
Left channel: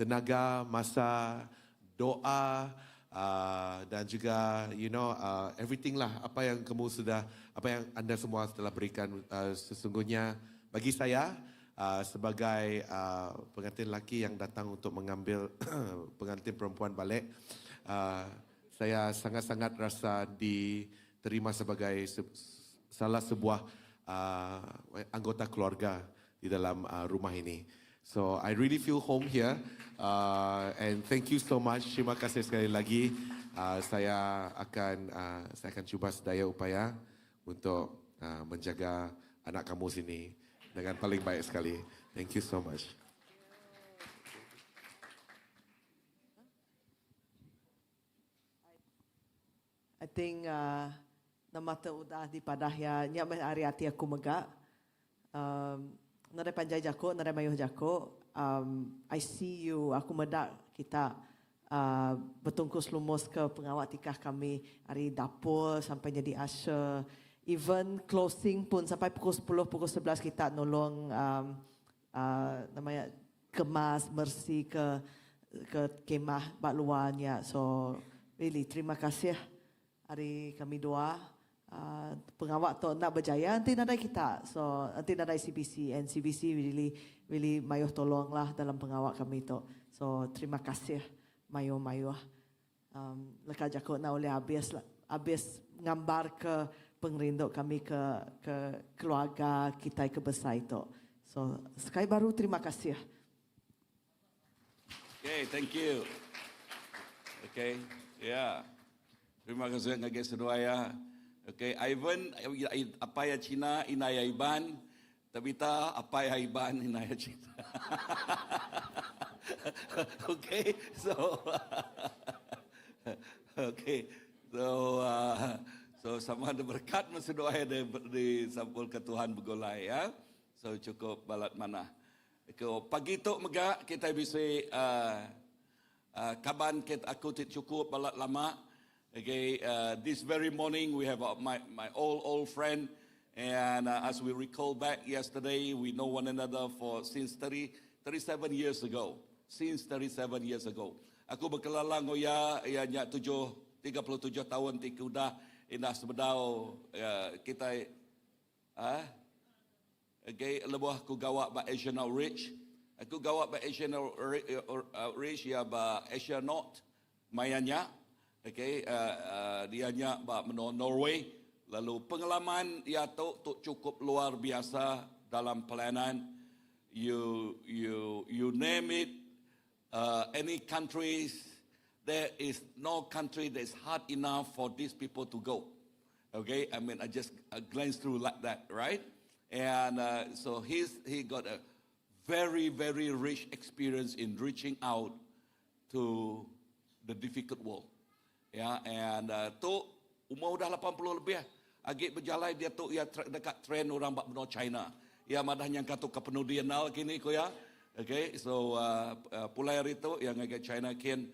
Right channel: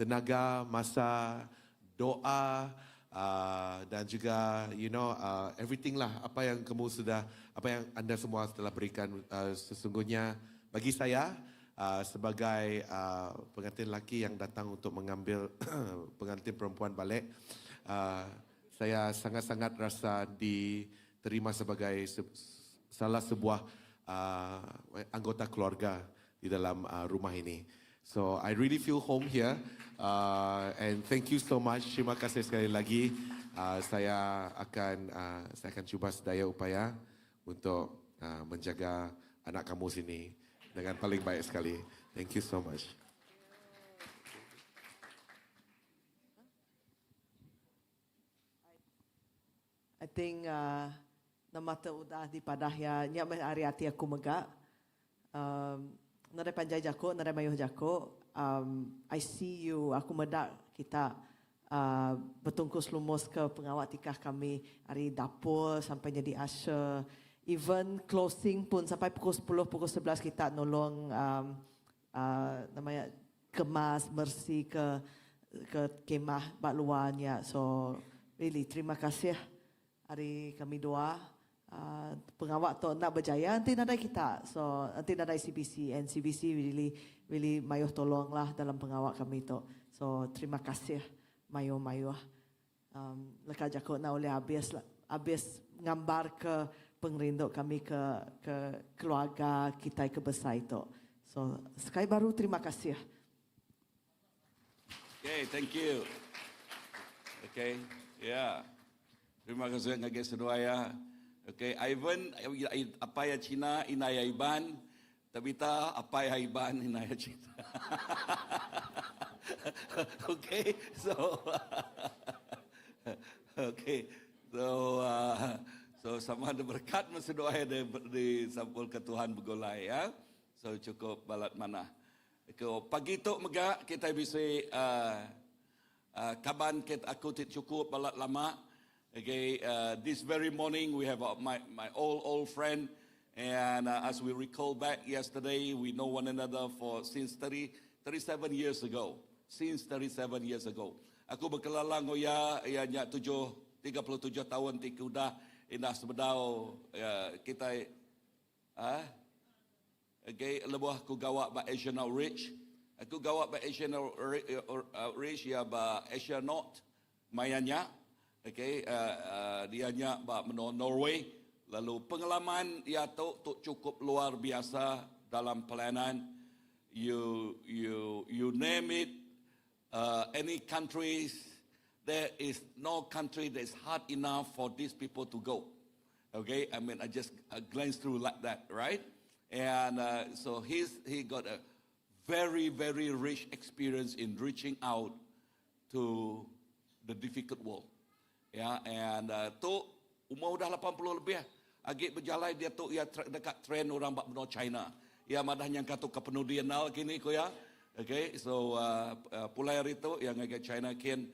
tenaga, masa, doa dan juga everything lah apa yang anda semua telah berikan. Sesungguhnya bagi saya sebagai pengantin lelaki yang datang untuk mengambil pengantin perempuan balik, saya sangat-sangat rasa diterima sebagai salah sebuah anggota keluarga di dalam rumah ini. So I really feel home here, and thank you so much. Terima kasih sekali lagi. Saya akan cuba sedaya upaya untuk menjaga anak kamu sini dengan paling baik sekali. Thank you so much. I think nama udah di padahya nya hari hati aku megak. Nare panjai jako, nare mayuh jako. I see you, aku medak kita bertungkus lumus ke pengawat tikah kami hari dapur sampai jadi usher. Even closing pun sampai pukul 10, pukul 11 kita nolong namanya kemas, bersih ke kemah bak luarnya. So really terima kasih hari kami doa. Pengawat tu nak berjaya nanti nadai kita, so nanti nadai CBC, and CBC really mayuh tolong lah dalam pengawat kami tu. So terima kasih mayuh lekas jakut nak oleh habis gambar ke pengerinduk kami ke keluarga kita ke besar itu. So sekali baru terima kasih. Okay, thank you. Okay, yeah. Terima kasih ngage seduaya. Okay, Ivan, apa ya Cina, inaya Iban, Tabita, apa ya Iban, inaya Cina. Okay, so, okay, so sama ada berkat masa doa di sampul ke Tuhan begolai ya. So cukup balat mana. Okay, pagi tu mega kita bisa kaban kita aku cukup balat lama. Okay, this very morning we have my old friend, and as we recall back yesterday, we know one another since 37 years ago. Since 37 years ago. Aku berkelala ngoya ianya 37 tahun tikuda indah sebedau kita okay, lebuh aku gawak ba Asian Outreach. Aku gawak ba Asian Outreach ya ba Asia North mayanya. Okay, dia nya Norway. Lalu pengalaman ia tu cukup luar biasa dalam pelayanan. You name it, any countries, there is no country that is hard enough for these people to go. Okay, I mean I just glanced through like that, right? And so he got a very rich experience in reaching out to the difficult world. Ya, and tu umur dah 80 lebih. Agak berjalan dia tu ia dekat trend orang bak benua China. Ia madah yang katu ke penudianal kini ko ya. Okay, so pulai hari tu yang agak China kin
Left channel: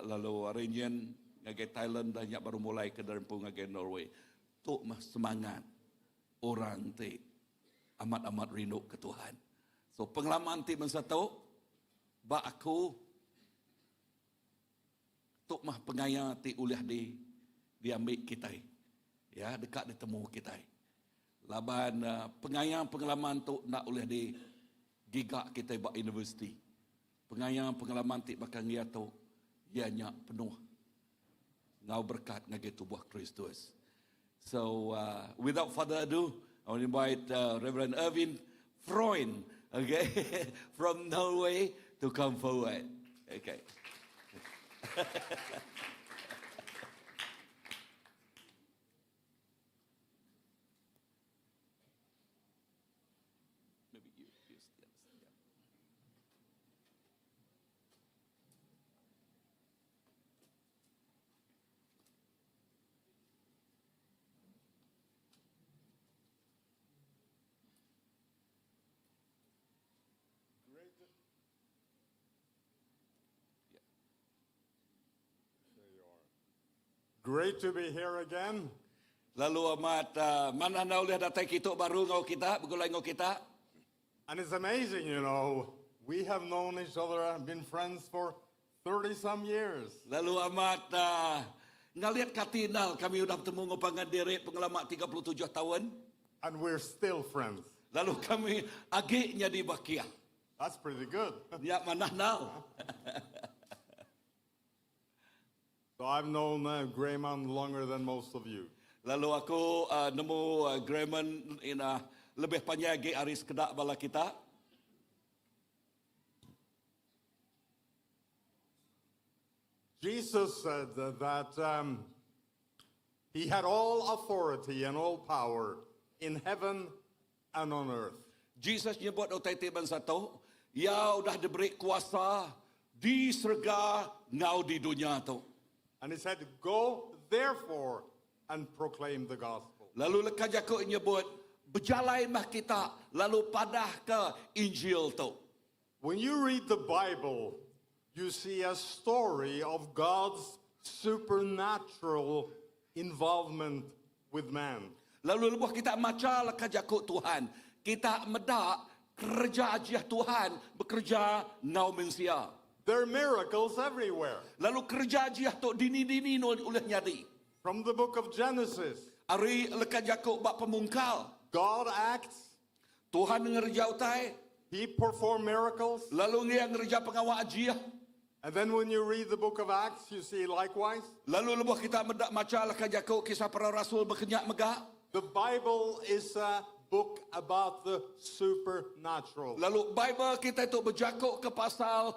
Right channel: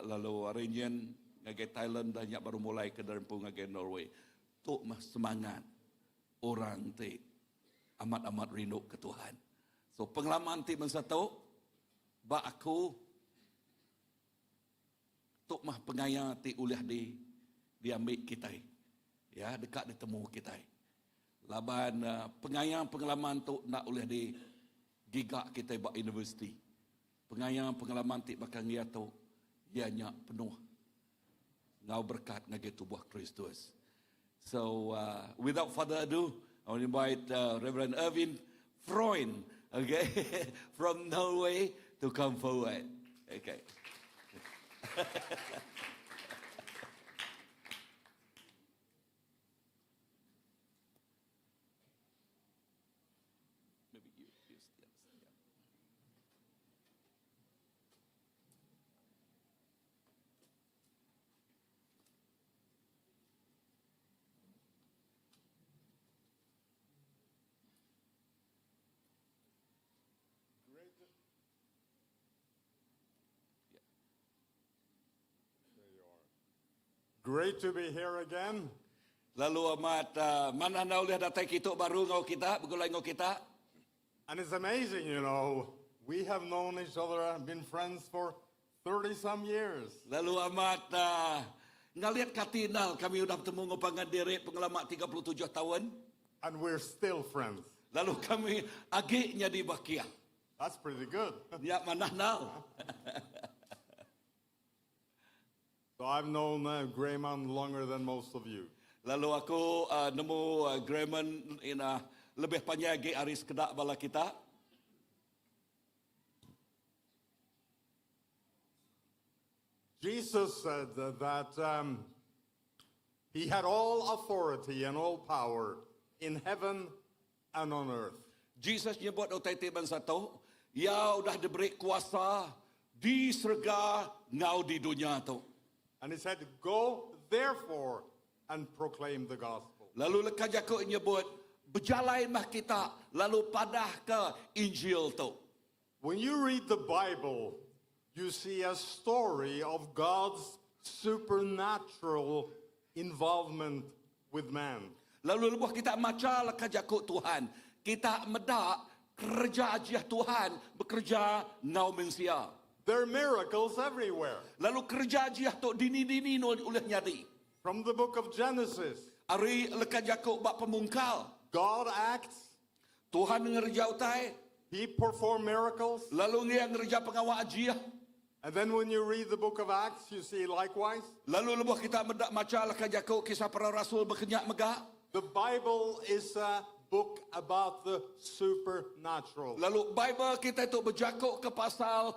lalu region agak Thailand dah baru mulai ke derempung agak Norway. Tu mah semangat orang ti amat rindu ke Tuhan. So pengalaman ti masa tu bak aku tuk mah pengaya ti ulah diambil kita. Ya, dekat ditemu kita. Laban pengalaman tu nak ulah di gigak kita buat universiti. Pengalaman ti bakal dia tu ianya penuh ngau berkat ngage tubuh Kristus. So without further ado, I will invite Reverend Erwin Freund, okay, from Norway to come forward. Okay. Great to be here again. Lalu amat mana na ulah datang kita baru ngau kita, begulai ngau kita. And it's amazing, you know, we have known each other and been friends for 30-some years. Lalu amat ngaliat katinal kami udah bertemu ngopangan diri pengalaman 37 tahun. And we're still friends. Lalu kami agiknya di Bakia. That's pretty good. Ya manah now. So I've known Grayman longer than most of you. Lalu aku nemu Grayman ina lebih panjang aris kedak bala kita. Jesus said that he had all authority and all power in heaven and on earth. Jesus nyebut otai tiban satu, ya udah diberi kuasa di surga ngau di dunia tu. And he said, go therefore and proclaim the gospel. Lalu lekas aku nyebut berjalan mah kita lalu padah ke Injil tu. When you read the Bible, you see a story of God's supernatural involvement with man. Lalu lepas kita maca lekas aku Tuhan, kita medak kerja aja Tuhan bekerja ngau manusia. There are miracles everywhere. Lalu kerja aja tu dini-dini oleh nyadi. From the book of Genesis, Ari lekas aku bak pemungkal. God acts, Tuhan ngerja utai, he performed miracles. lalu dia ngerja pengawal aja. And then when you read the book of Acts, you see likewise. Lalu lepas kita medak maca lekas aku kisah para rasul berkenyak megah. The Bible is a book about the supernatural. Lalu Bible kita itu berjakuk ke pasal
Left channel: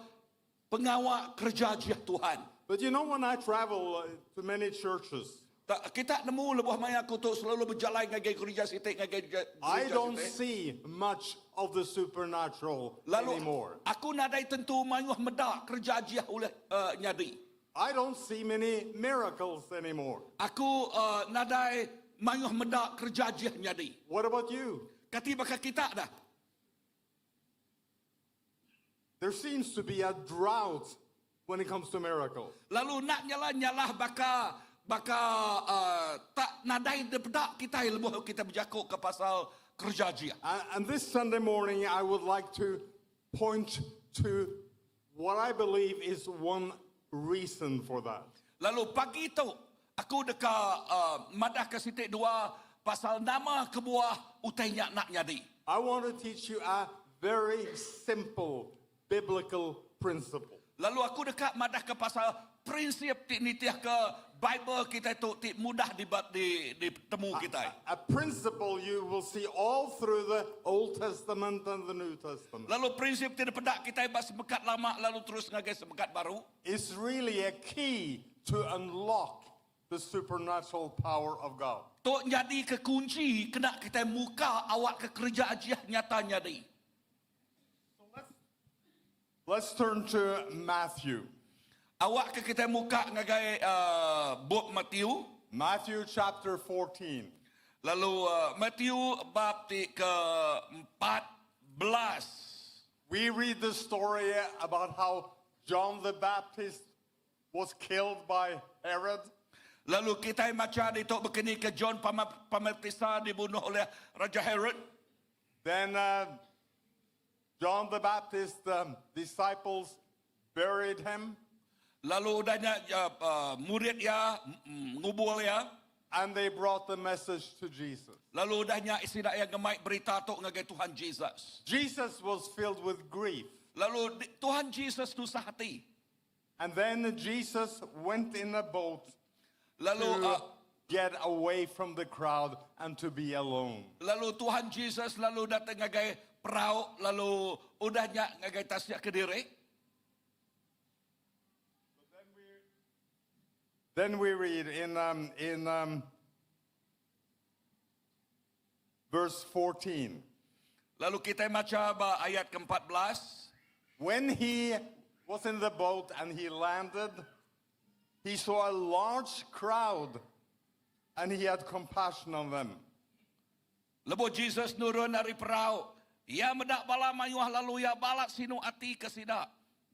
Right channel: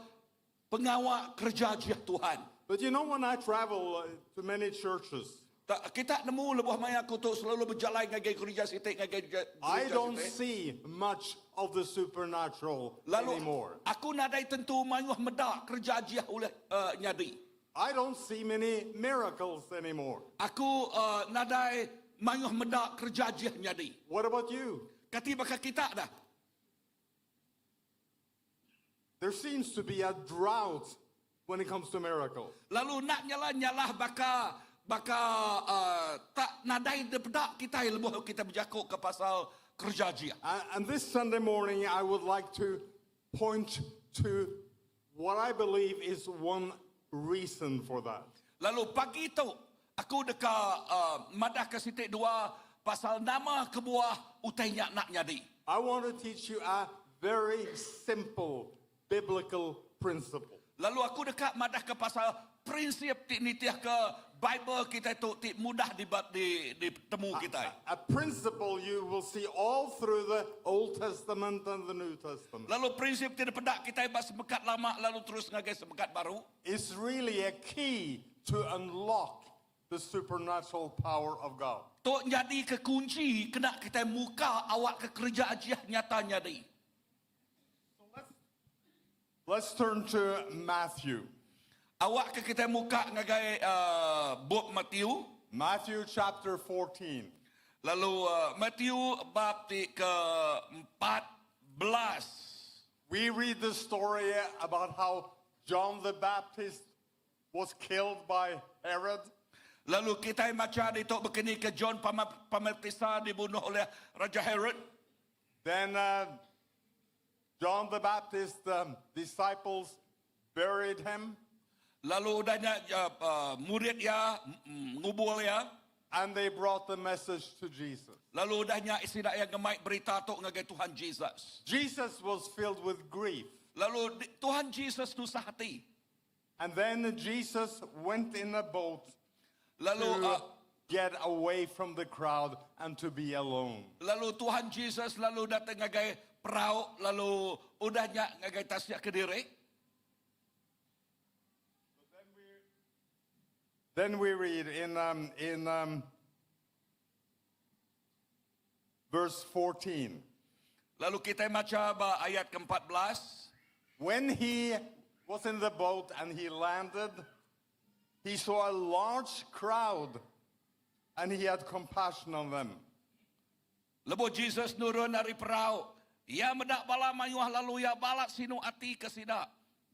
pengawal kerja aja Tuhan. But you know, when I travel to many churches, Tak, kita nemu lebuh maya aku tu selalu berjalan ngagai gereja sitik ngagai gereja I don't sitik. see much of the supernatural Lalu anymore. aku nadai tentu mayuh medak kerja aja oleh nyadi. I don't see many miracles anymore. Aku nadai mayuh medak kerja aja nyadi. What about you? Kati baka kita dah. There seems to be a drought when it comes to miracles. Lalu nak nyalah baka tak nadai depedak kita lebuh kita berjakuk ke pasal kerja aja. And this Sunday morning, I would like to point to what I believe is one reason for that. Lalu pagi itu aku deka madah ke sitik dua pasal nama kebuah utainya nak nyadi. I want to teach you a very simple biblical principle. Lalu aku dekat madah ke pasal prinsip ti nitiah ke Bible kita itu ti mudah ditemu kita. A principle you will see all through the Old Testament and the New Testament. Lalu prinsip ti pedak kita bas sebekat lama lalu terus ngagai sebekat baru. It's really a key to unlock the supernatural power of God. Tok jadi kekunci kena kita muka awak ke kerja ajiah nyata nyadi. Let's turn to Matthew. Awak ke kita muka ngagai book Matthew. Matthew chapter 14. Lalu Matthew bab ti ke-14. We read the story about how John the Baptist was killed by Herod. Lalu kita baca di tok begini ke John Pembaptisa dibunuh oleh Raja Herod. Then John the Baptist disciples buried him. Lalu udahnya murid ya ngubul ya. And they brought the message to Jesus. Lalu udahnya isidak yang gemai berita tok ngagai Tuhan Jesus. Jesus was filled with grief. Lalu Tuhan Jesus susah hati. And then Jesus went in a boat Lalu to get away from the crowd and to be alone. lalu Tuhan Jesus lalu datang ngagai perahu lalu udahnya ngagai tasnya ke diri. Then we read in verse 14. Lalu kita baca ayat ke-14. When he was in the boat and he landed, he saw a large crowd and he had compassion on them. Lepas Jesus nurun dari perahu, ia medak bala mayuh lalu ia balak sinu ati kesida.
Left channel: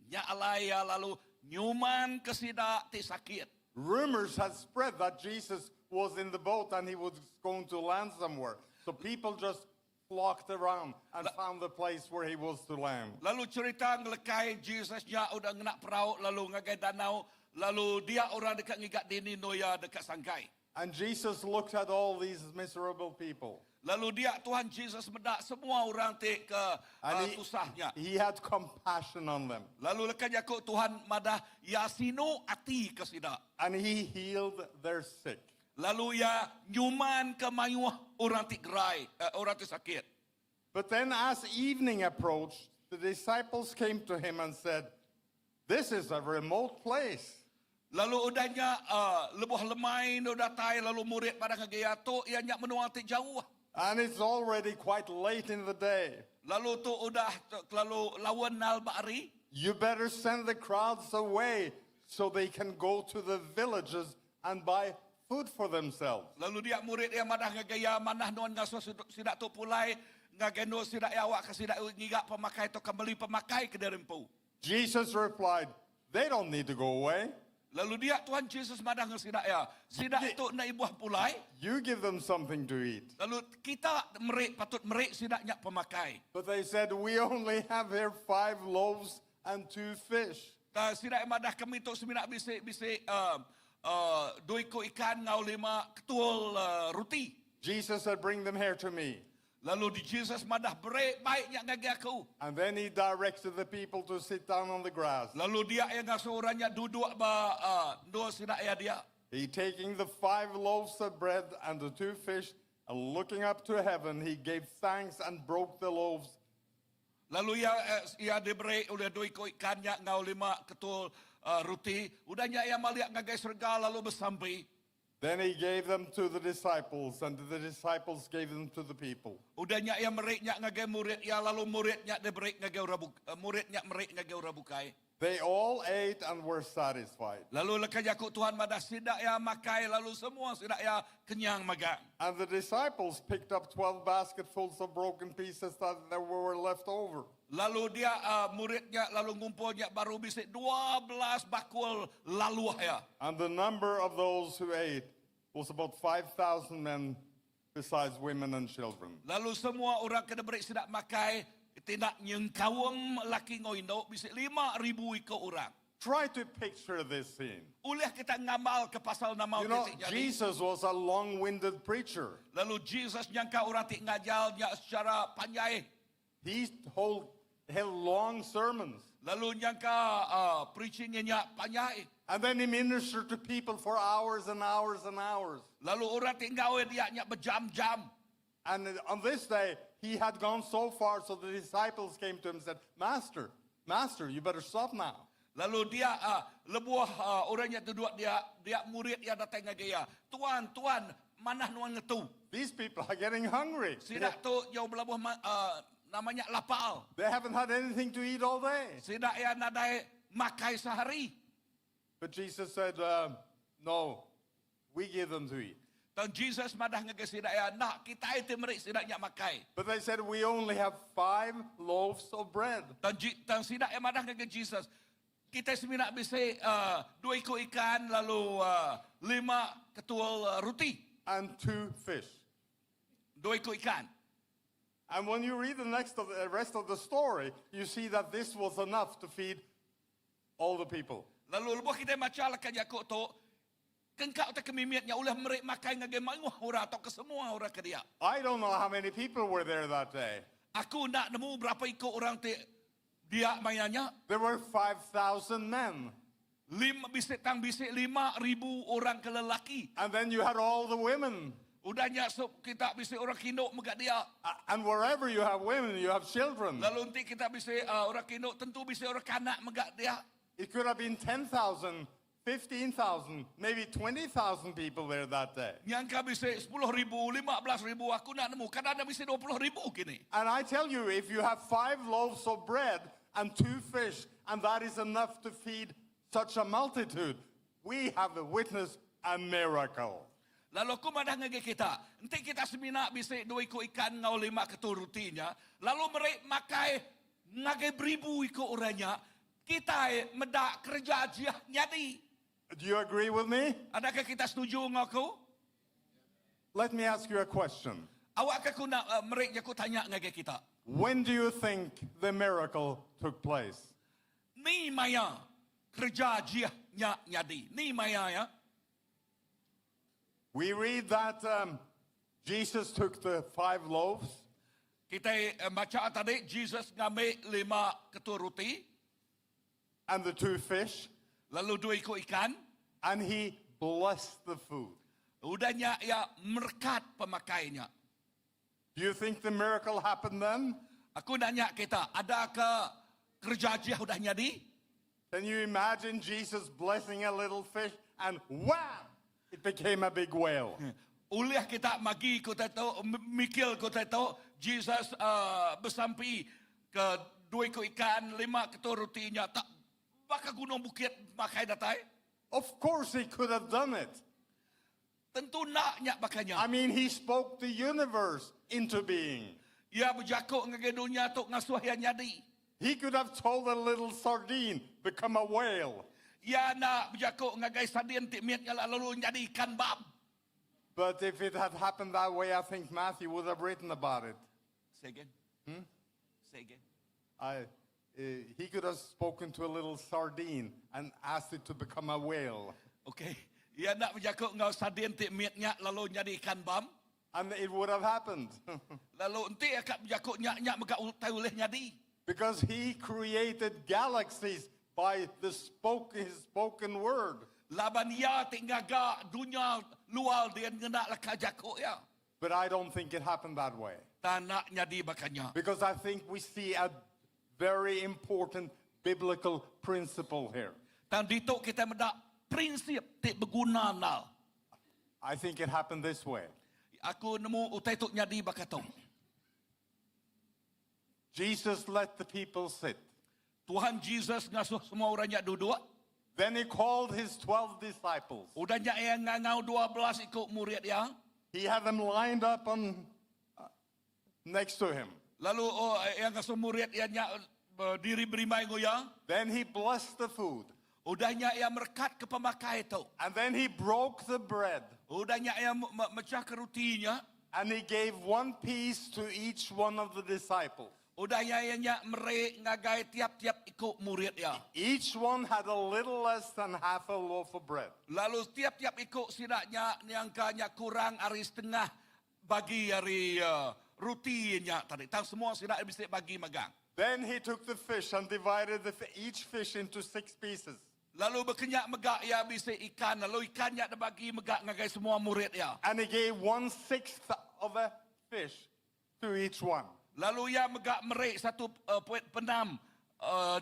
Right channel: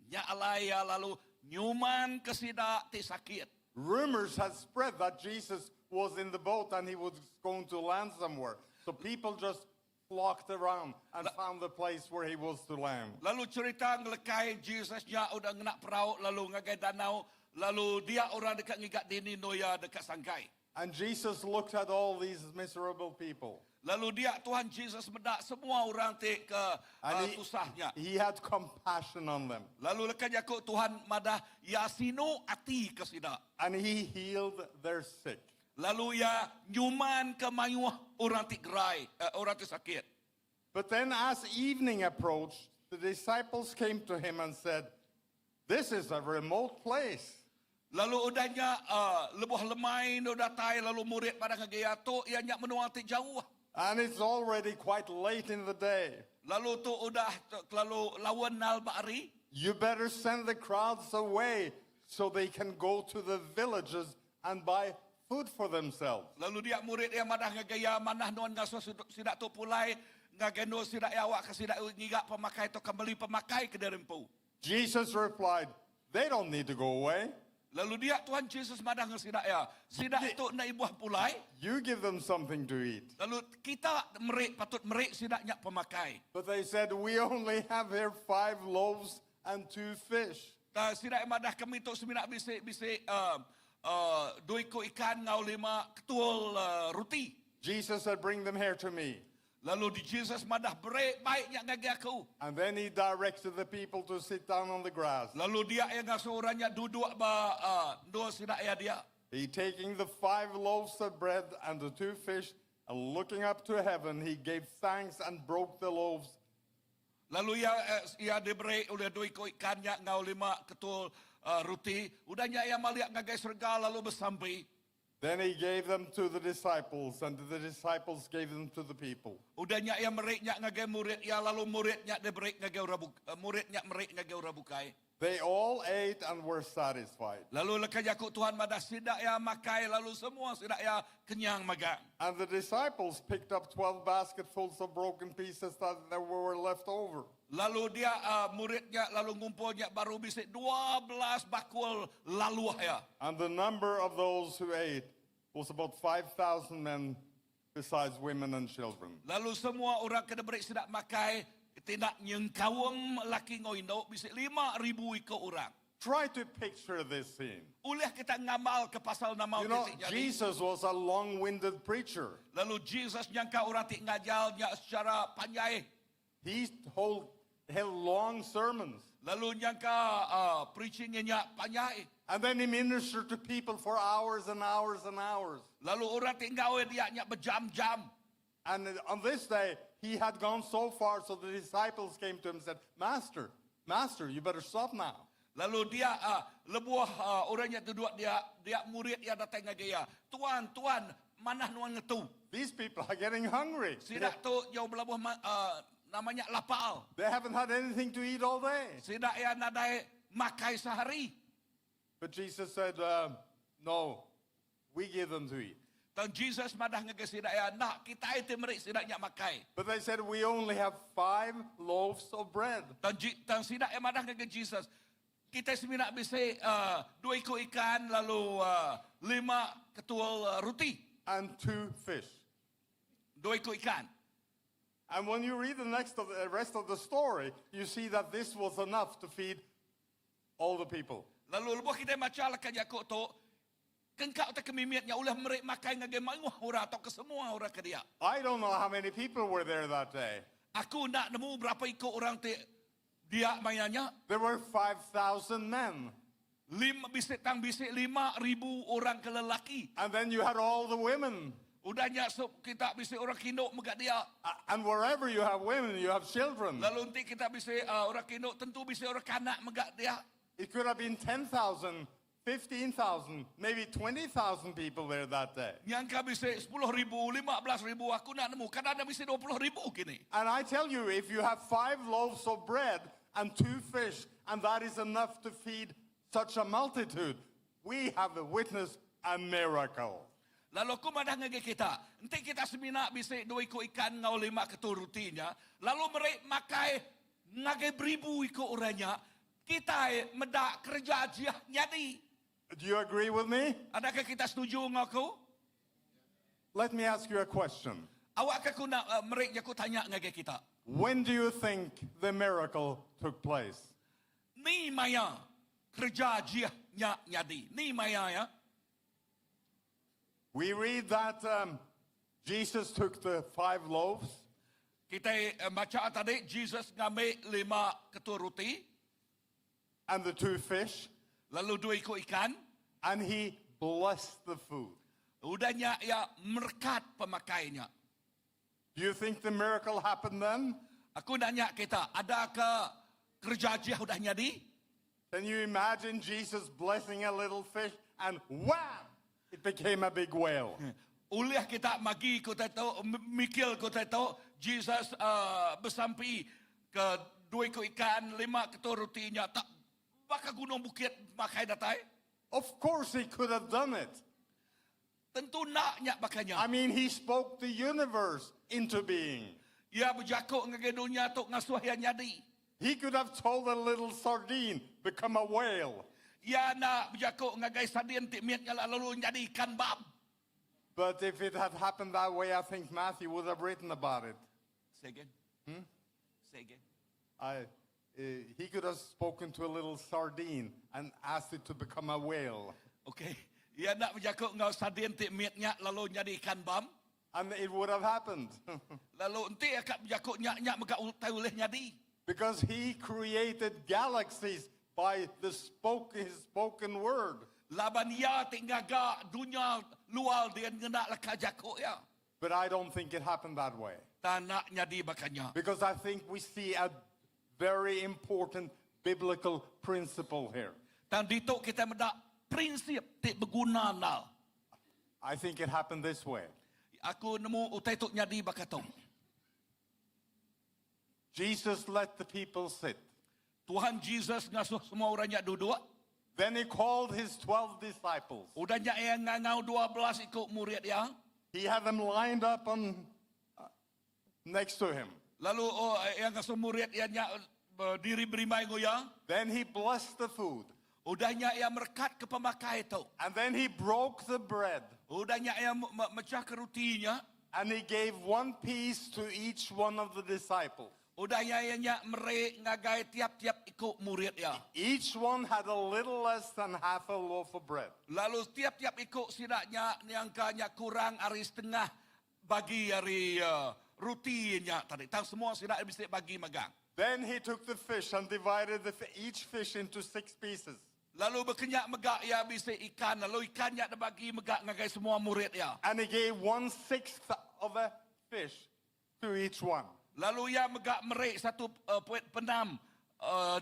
Nya alaya lalu nyuman kesida ti sakit. Rumors had spread that Jesus was in the boat and he was going to land somewhere. So people just flocked around and found the place where he was to land. Lalu cerita ngelekay Jesus nya udah ngenak perahu lalu ngagai danau lalu dia orang dekat ngigat dini noya dekat sangkai. And Jesus looked at all these miserable people. Lalu dia Tuhan Jesus bedak semua orang te ke And susahnya. he had compassion on them. Lalu lekan Yakub Tuhan madah yasino ati ke sida. And he healed their sick. Lalu ya nyuman ke mayuh orang ti gerai, orang ti sakit. But then as evening approached, the disciples came to him and said, "This is a remote place. Lalu udahnya lebuh lemai no datai lalu murid pada ngagaya tu ia nyak menua ti jauh. And it's already quite late in the day. Lalu tu udah lalu lawan nal bari. You better send the crowds away so they can go to the villages and buy food for themselves." Lalu dia murid dia madah ngagaya manah nuan ngaso sidak tu pulai ngagendo sidak awak ke sidak ngigak pemakai tu kembali pemakai ke derempu. Jesus replied, "They don't need to go away. Lalu dia Tuhan Yesus madah ngasidak ya. Sidak tu na ibuah pulai. You give them something to eat." Lalu kita patut merik sidaknya pemakai. But they said, "We only have here 5 loaves and 2 fish." Sidak madah kami tu seminak bisik 2 ekor ikan ngau 5 ketul roti. Jesus said, "Bring them here to me." Lalu di Jesus madah break baiknya ngagi aku. And then he directed the people to sit down on the grass. Lalu dia yang ngasurannya duduk dua sidak ya dia. He taking the 5 loaves of bread and the 2 fish and looking up to heaven, he gave thanks and broke the loaves. Lalu ia diberi oleh 2 ekor ikannya ngau 5 ketul roti. Udahnya ia maliak ngagai surga lalu bersampai. Then he gave them to the disciples, and the disciples gave them to the people. Udahnya ia meriknya ngagai murid ia lalu muridnya diberi ngagai muridnya merik ngagai rabukai. They all ate and were satisfied. Lalu lekas Yakub Tuhan madah sidak ya makai lalu semua sidak ya kenyang magang. And the disciples picked up 12 basketfuls of broken pieces that were left over. Lalu dia muridnya lalu ngumpulnya baru bisik 12 bakul lalu ya. And the number of those who ate was about 5,000 men, besides women and children. Lalu semua orang kena beri sidak makai tidak nyengkawang laki ngoindo bisik 5,000 ikut orang. Try to picture this scene. Uleh kita ngamal ke pasal nama You know, orang jadi. Jesus was a long-winded preacher. Lalu Jesus nyangka orang tik ngajalnya secara panjang. He held long sermons. Lalu nyangka preachingnya panjang. And then he ministered to people for hours and hours and hours. Lalu orang tik ngawe dia nya berjam-jam. And on this day, he had gone so far, so the disciples came to him and said, Master, you better stop now. Lalu dia lebuah orangnya duduk dia murid dia datang ngagaya. Tuan, mana nuan ngetu? These people are getting hungry. Sidak tu jauh belabuh namanya lapal. They haven't had anything to eat all day. Sidak ya nadai makai sehari. But Jesus said, no, we give them to eat. Dan Jesus madah ngagaya sidak ya nak kita itu merik sidaknya makai. But they said, we only have 5 loaves of bread. Dan sidak ya madah ngagaya Jesus. Kita seminak bisa 2 ekor ikan lalu 5 ketul roti. And 2 fish. 2 ekor ikan. And when you read the rest of the story, you see that this was enough to feed all the people. Lalu lepas kita baca lakan Yakub tu, kengkau tak kemimiatnya ulah merik makan ngagai manguh orang atau ke semua orang ke dia. I don't know how many people were there that day. Aku nak nemu berapa ikut orang dia mainannya. There were 5,000 men. Bisik 5,000 orang ke lelaki. And then you had all the women. Udahnya kita bisik orang kinok megak dia. And wherever you have women, you have children. Lalu nanti kita bisik orang kinok tentu bisik orang kanak megak dia. It could have been 10,000, 15,000, maybe 20,000 people there that day. Nyangka bisik 10,000, 15,000 aku nak nemu. Kadang-kadang bisik 20,000 kini. And I tell you, if you have 5 loaves of bread and 2 fish, and that is enough to feed such a multitude, we have witnessed a miracle. Lalu aku madah ngagay kita. Nanti kita seminak bisik 2 ekor ikan ngau 5 ketul rotinya. Lalu mereka makai ngagay 1,000 ikut orangnya. Kita medak kerja aja nyadi. Do you agree with me? Adakah kita setuju dengan aku? Let me ask you a question. Awak aku nak mereka aku tanya ngagai kita. When do you think the miracle took place? Ni maya kerja dia nyadi. Ni maya ya. We read that Jesus took the 5 loaves Kita baca tadi Jesus ngambil 5 ketua roti, and the 2 fish, lalu 2 ekor ikan. and he blessed the food. Udahnya ia merkat pemakainya. Do you think the miracle happened then? Aku nanya kita, adakah kerja dia udah nyadi? Can you imagine Jesus blessing a little fish and wham! It became a big whale. Uliah kita magi kota tahu, mikil kota tahu, Jesus bersampai ke 2 ekor ikan, 5 ketua rotinya, tak bakal gunung bukit pakai datai. Of course he could have done it. Tentu naknya bakanya. I mean, he spoke the universe into being. Ia berjakuk ngagai dunia tu ngasuh yang nyadi. He could have told a little sardine, become a whale. Ia nak berjakuk ngagai sardin tikmiatnya lalu jadi ikan bab. But if it had happened that way, I think Matthew would have written about it. Say again. Say again. He could have spoken to a little sardine and asked it to become a whale. Okay. Ia nak berjakuk ngau sardin tikmiatnya lalu jadi ikan bab. And it would have happened. Lalu enti akak berjakuk nyak-nyak maka utai oleh nyadi. Because he created galaxies by his spoken word. Laban ia tinggaga dunia luar dia ngena laka jakuk ya. But I don't think it happened that way. Tanak nyadi bakanya. Because I think we see a very important biblical principle here. Dan dito kita mendak prinsip tik berguna nal. I think it happened this way. Aku nemu utai tuk nyadi bakatong. Jesus let the people sit. Tuhan Jesus ngasuh semua orang yang duduk. Then he called his 12 disciples. Udahnya yang ngangau 12 ikut murid yang. He had them lined up on next to him. Lalu yang ngasuh murid yang diri berimai goyang. Then he blessed the food. Udahnya yang merkat ke pemakai itu. And then he broke the bread. Udahnya yang mecah ke rutinya. And he gave 1 piece to each one of the disciples. Udahnya yang merek ngagai tiap-tiap ikut murid ya. Each one had a little less than half a loaf of bread. Lalu tiap-tiap ikut sidaknya niangkanya kurang hari setengah bagi hari rutinya tadi. Tahu semua sidak bisa bagi magang. Then he took the fish and divided each fish into 6 pieces. Lalu berkenyak megak ya bisa ikan. Lalu ikannya dibagi megak ngagai semua murid ya. And he gave 1/6 of a fish to each one. Lalu ia megak merek satu puet penam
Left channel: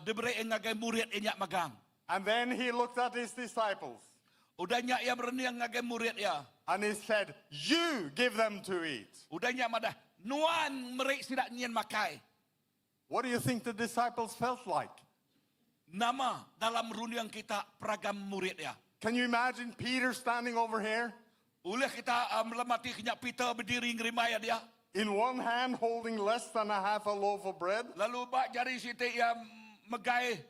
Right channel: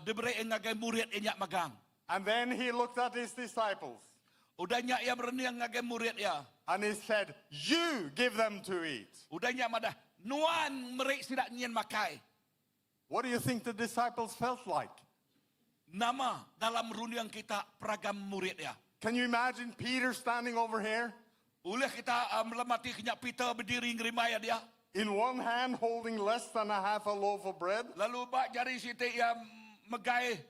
diberi ngagai murid enyak magang. And then he looked at his disciples. Udahnya ia berniang ngagai murid ya. And he said, you give them to eat. Udahnya madah nuan merek sidak nyen makai. What do you think the disciples felt like? Nama dalam runiang kita peragam murid ya. Can you imagine Peter standing over here? Oleh kita melemati kenyak Peter berdiri ngerimaya dia. In one hand holding less than a half a loaf of bread. Lalu bak jari siti yang megai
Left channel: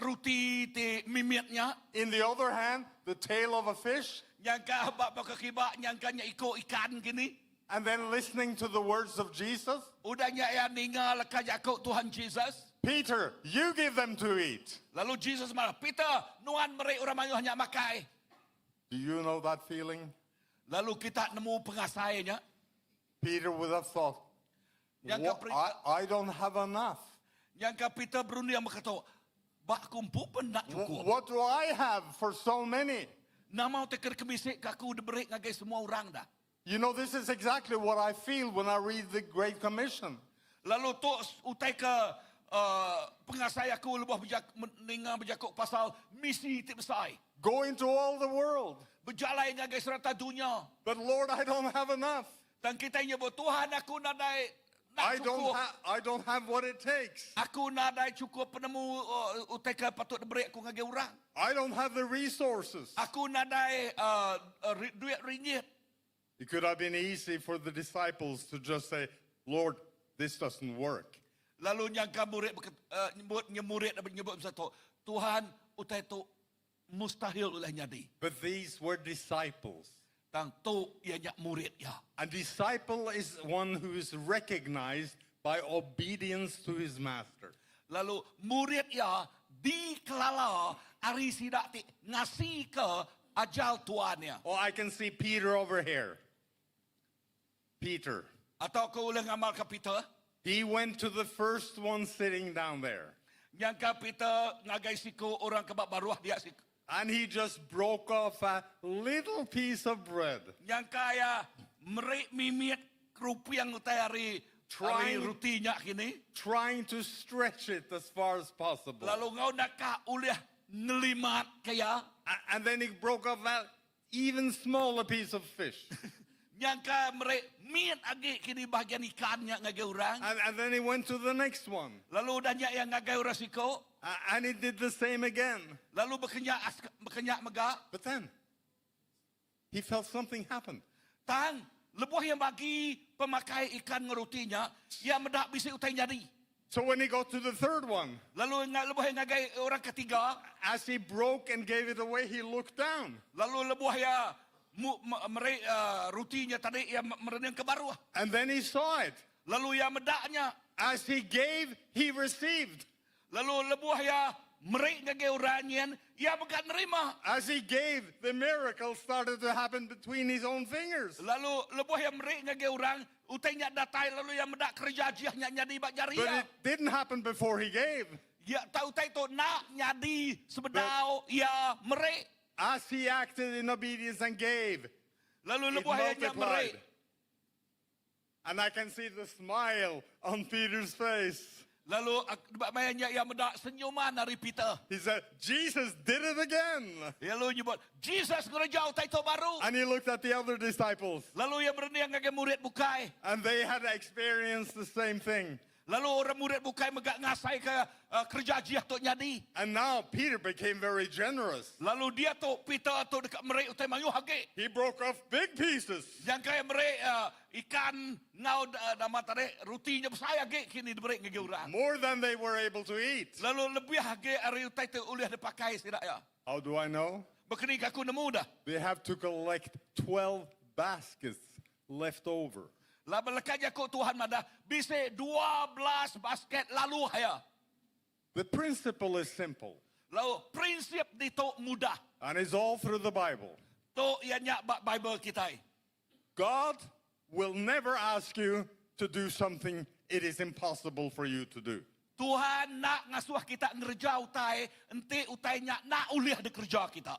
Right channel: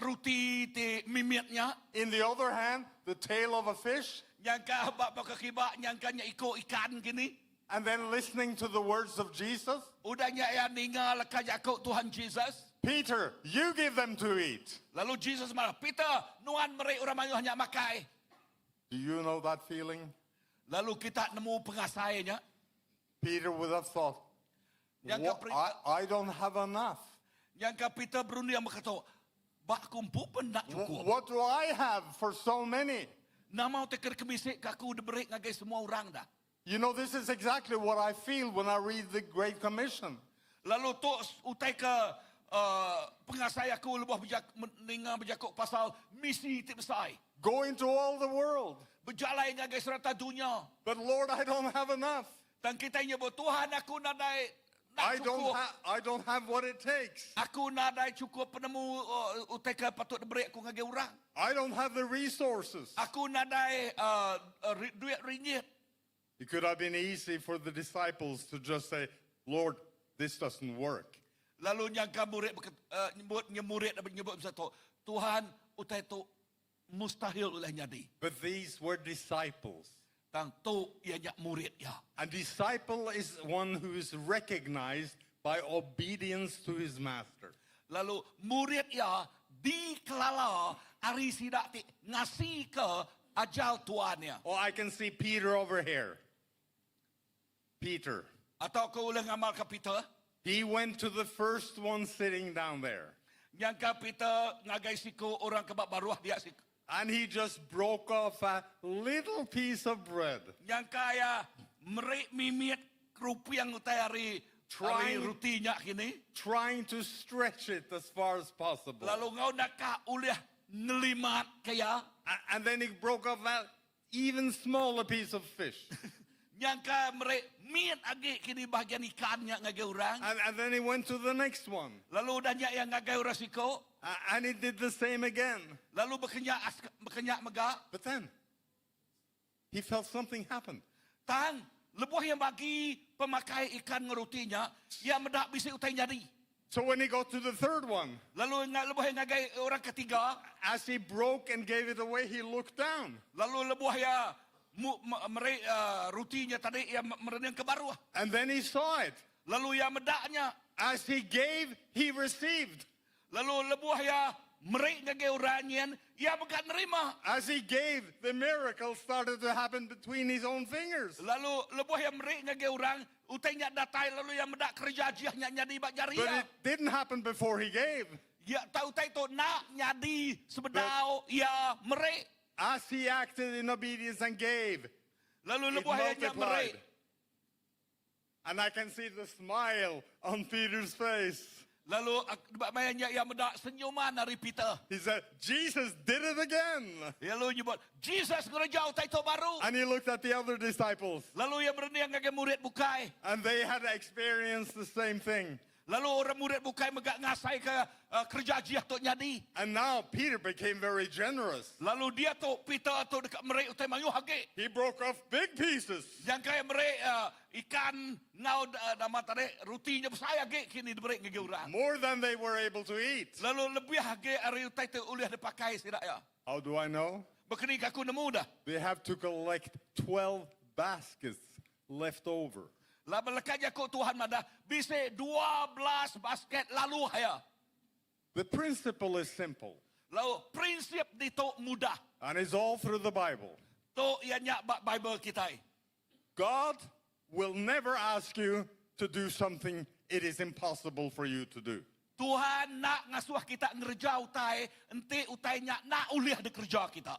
ruti ti mimitnya. In the other hand, the tail of a fish. Nyangka bak kekibak nyangkanya iko ikan gini. And then listening to the words of Jesus. Udahnya yang ningal kajakuk Tuhan Jesus. Peter, you give them to eat. Lalu Jesus marah, Peter, nuan merek orang mayuh hanya makai. Do you know that feeling? Lalu kita nemu pengasainya. Peter would have thought, Yang I don't have enough. Nyangka Peter berunding berkata, bak kumpu pun nak cukup. What do I have for so many? Nama teker kebisik kaku diberi ngagai semua orang dah. You know, this is exactly what I feel when I read the Great Commission. Lalu tu utai ke pengasai aku lebih mendengar berjakuk pasal misi ti besar. Go into all the world. Berjalan ngagai serata dunia. But Lord, I don't have enough. Dan kita nyebut Tuhan aku nadai nak cukup. I don't have what it takes. Aku nadai cukup penemu utai ke patut diberi aku ngagai orang. I don't have the resources. Aku nadai duit ringgit. It could have been easy for the disciples to just say, Lord, this doesn't work. Lalu nyangka murid murid nyebut satu, Tuhan utai tu mustahil ulah nyadi. But these were disciples. tang to ia nya murid ya. A disciple is one who is recognized by obedience to his master. Lalu murid ya dikelala ari sidak ti ngasi ke ajal tuannya. Oh, I can see Peter over here. Peter. Atau kau ulang amal ke Peter? He went to the first one sitting down there. Yang ka Peter ngagai siku orang kebak baruah dia siku. And he just broke off a little piece of bread. Yang kaya merik mimit kerupiang utai hari rutinya kini. Trying to stretch it as far as possible. Lalu ngau nak ka uliah ngelimat kaya. And then he broke off that even smaller piece of fish. Yang ka merik miat agi kini bahagian ikannya ngagai orang. And then he went to the next one. Lalu danya yang ngagai orang siko. And he did the same again. Lalu berkenyak megak. But then he felt something happen. Tang, lebuh yang bagi pemakai ikan ngerutinya, yang medak bisa utai nyari. So when he got to the third one, Lalu lebuh yang ngagai orang ketiga, as he broke and gave it away, he looked down. lalu lebuh ya rutinya tadi yang merenang ke baruah. And then he saw it. Lalu yang medaknya, As he gave, he received. lalu lebuh ya merik ngagai orangnya, ia bukan nerima. As he gave, the miracle started to happen between his own fingers. Lalu lebuh yang merik ngagai orang, utai nyak datai lalu yang medak kerja jiahnya nyadi bak jari But ya. it didn't happen before he gave. Ya tahu utai tu nak nyadi sebedau ia merik. As he acted in obedience and gave, Lalu it lebuh yang nyak merik. multiplied. And I can see the smile on Peter's face. Lalu bayangnya ia medak senyuman dari Peter. He said, Jesus did it again. Lalu nyebut, Jesus gereja utai tu baru. And he looked at the other disciples, Lalu ia berniang ngagai murid bukai. and they had experienced the same thing. Lalu orang murid bukai megak ngasai ke kerja jiah tu nyadi. And now Peter became very generous. Lalu dia tu Peter tu dekat merik utai mayu hage. He broke off big pieces. Yang kaya merik ikan ngau nama tadi rutinya besar hage kini diberi ngagai orang. More than they were able to eat. Lalu lebih hage ari utai tu uliah dipakai sidak ya. How do I know? Bekini aku nemu dah. They have to collect 12 baskets left over. Lalu lekatnya kau Tuhan mada bisa 12 basket lalu haya. The principle is simple, Lalu prinsip di tu mudah. and it's all through the Bible. Tu ia nyak bak Bible kita. God will never ask you to do something it is impossible for you to do. Tuhan nak ngasuh kita ngerja utai, enti utainya nak uliah di kerja kita.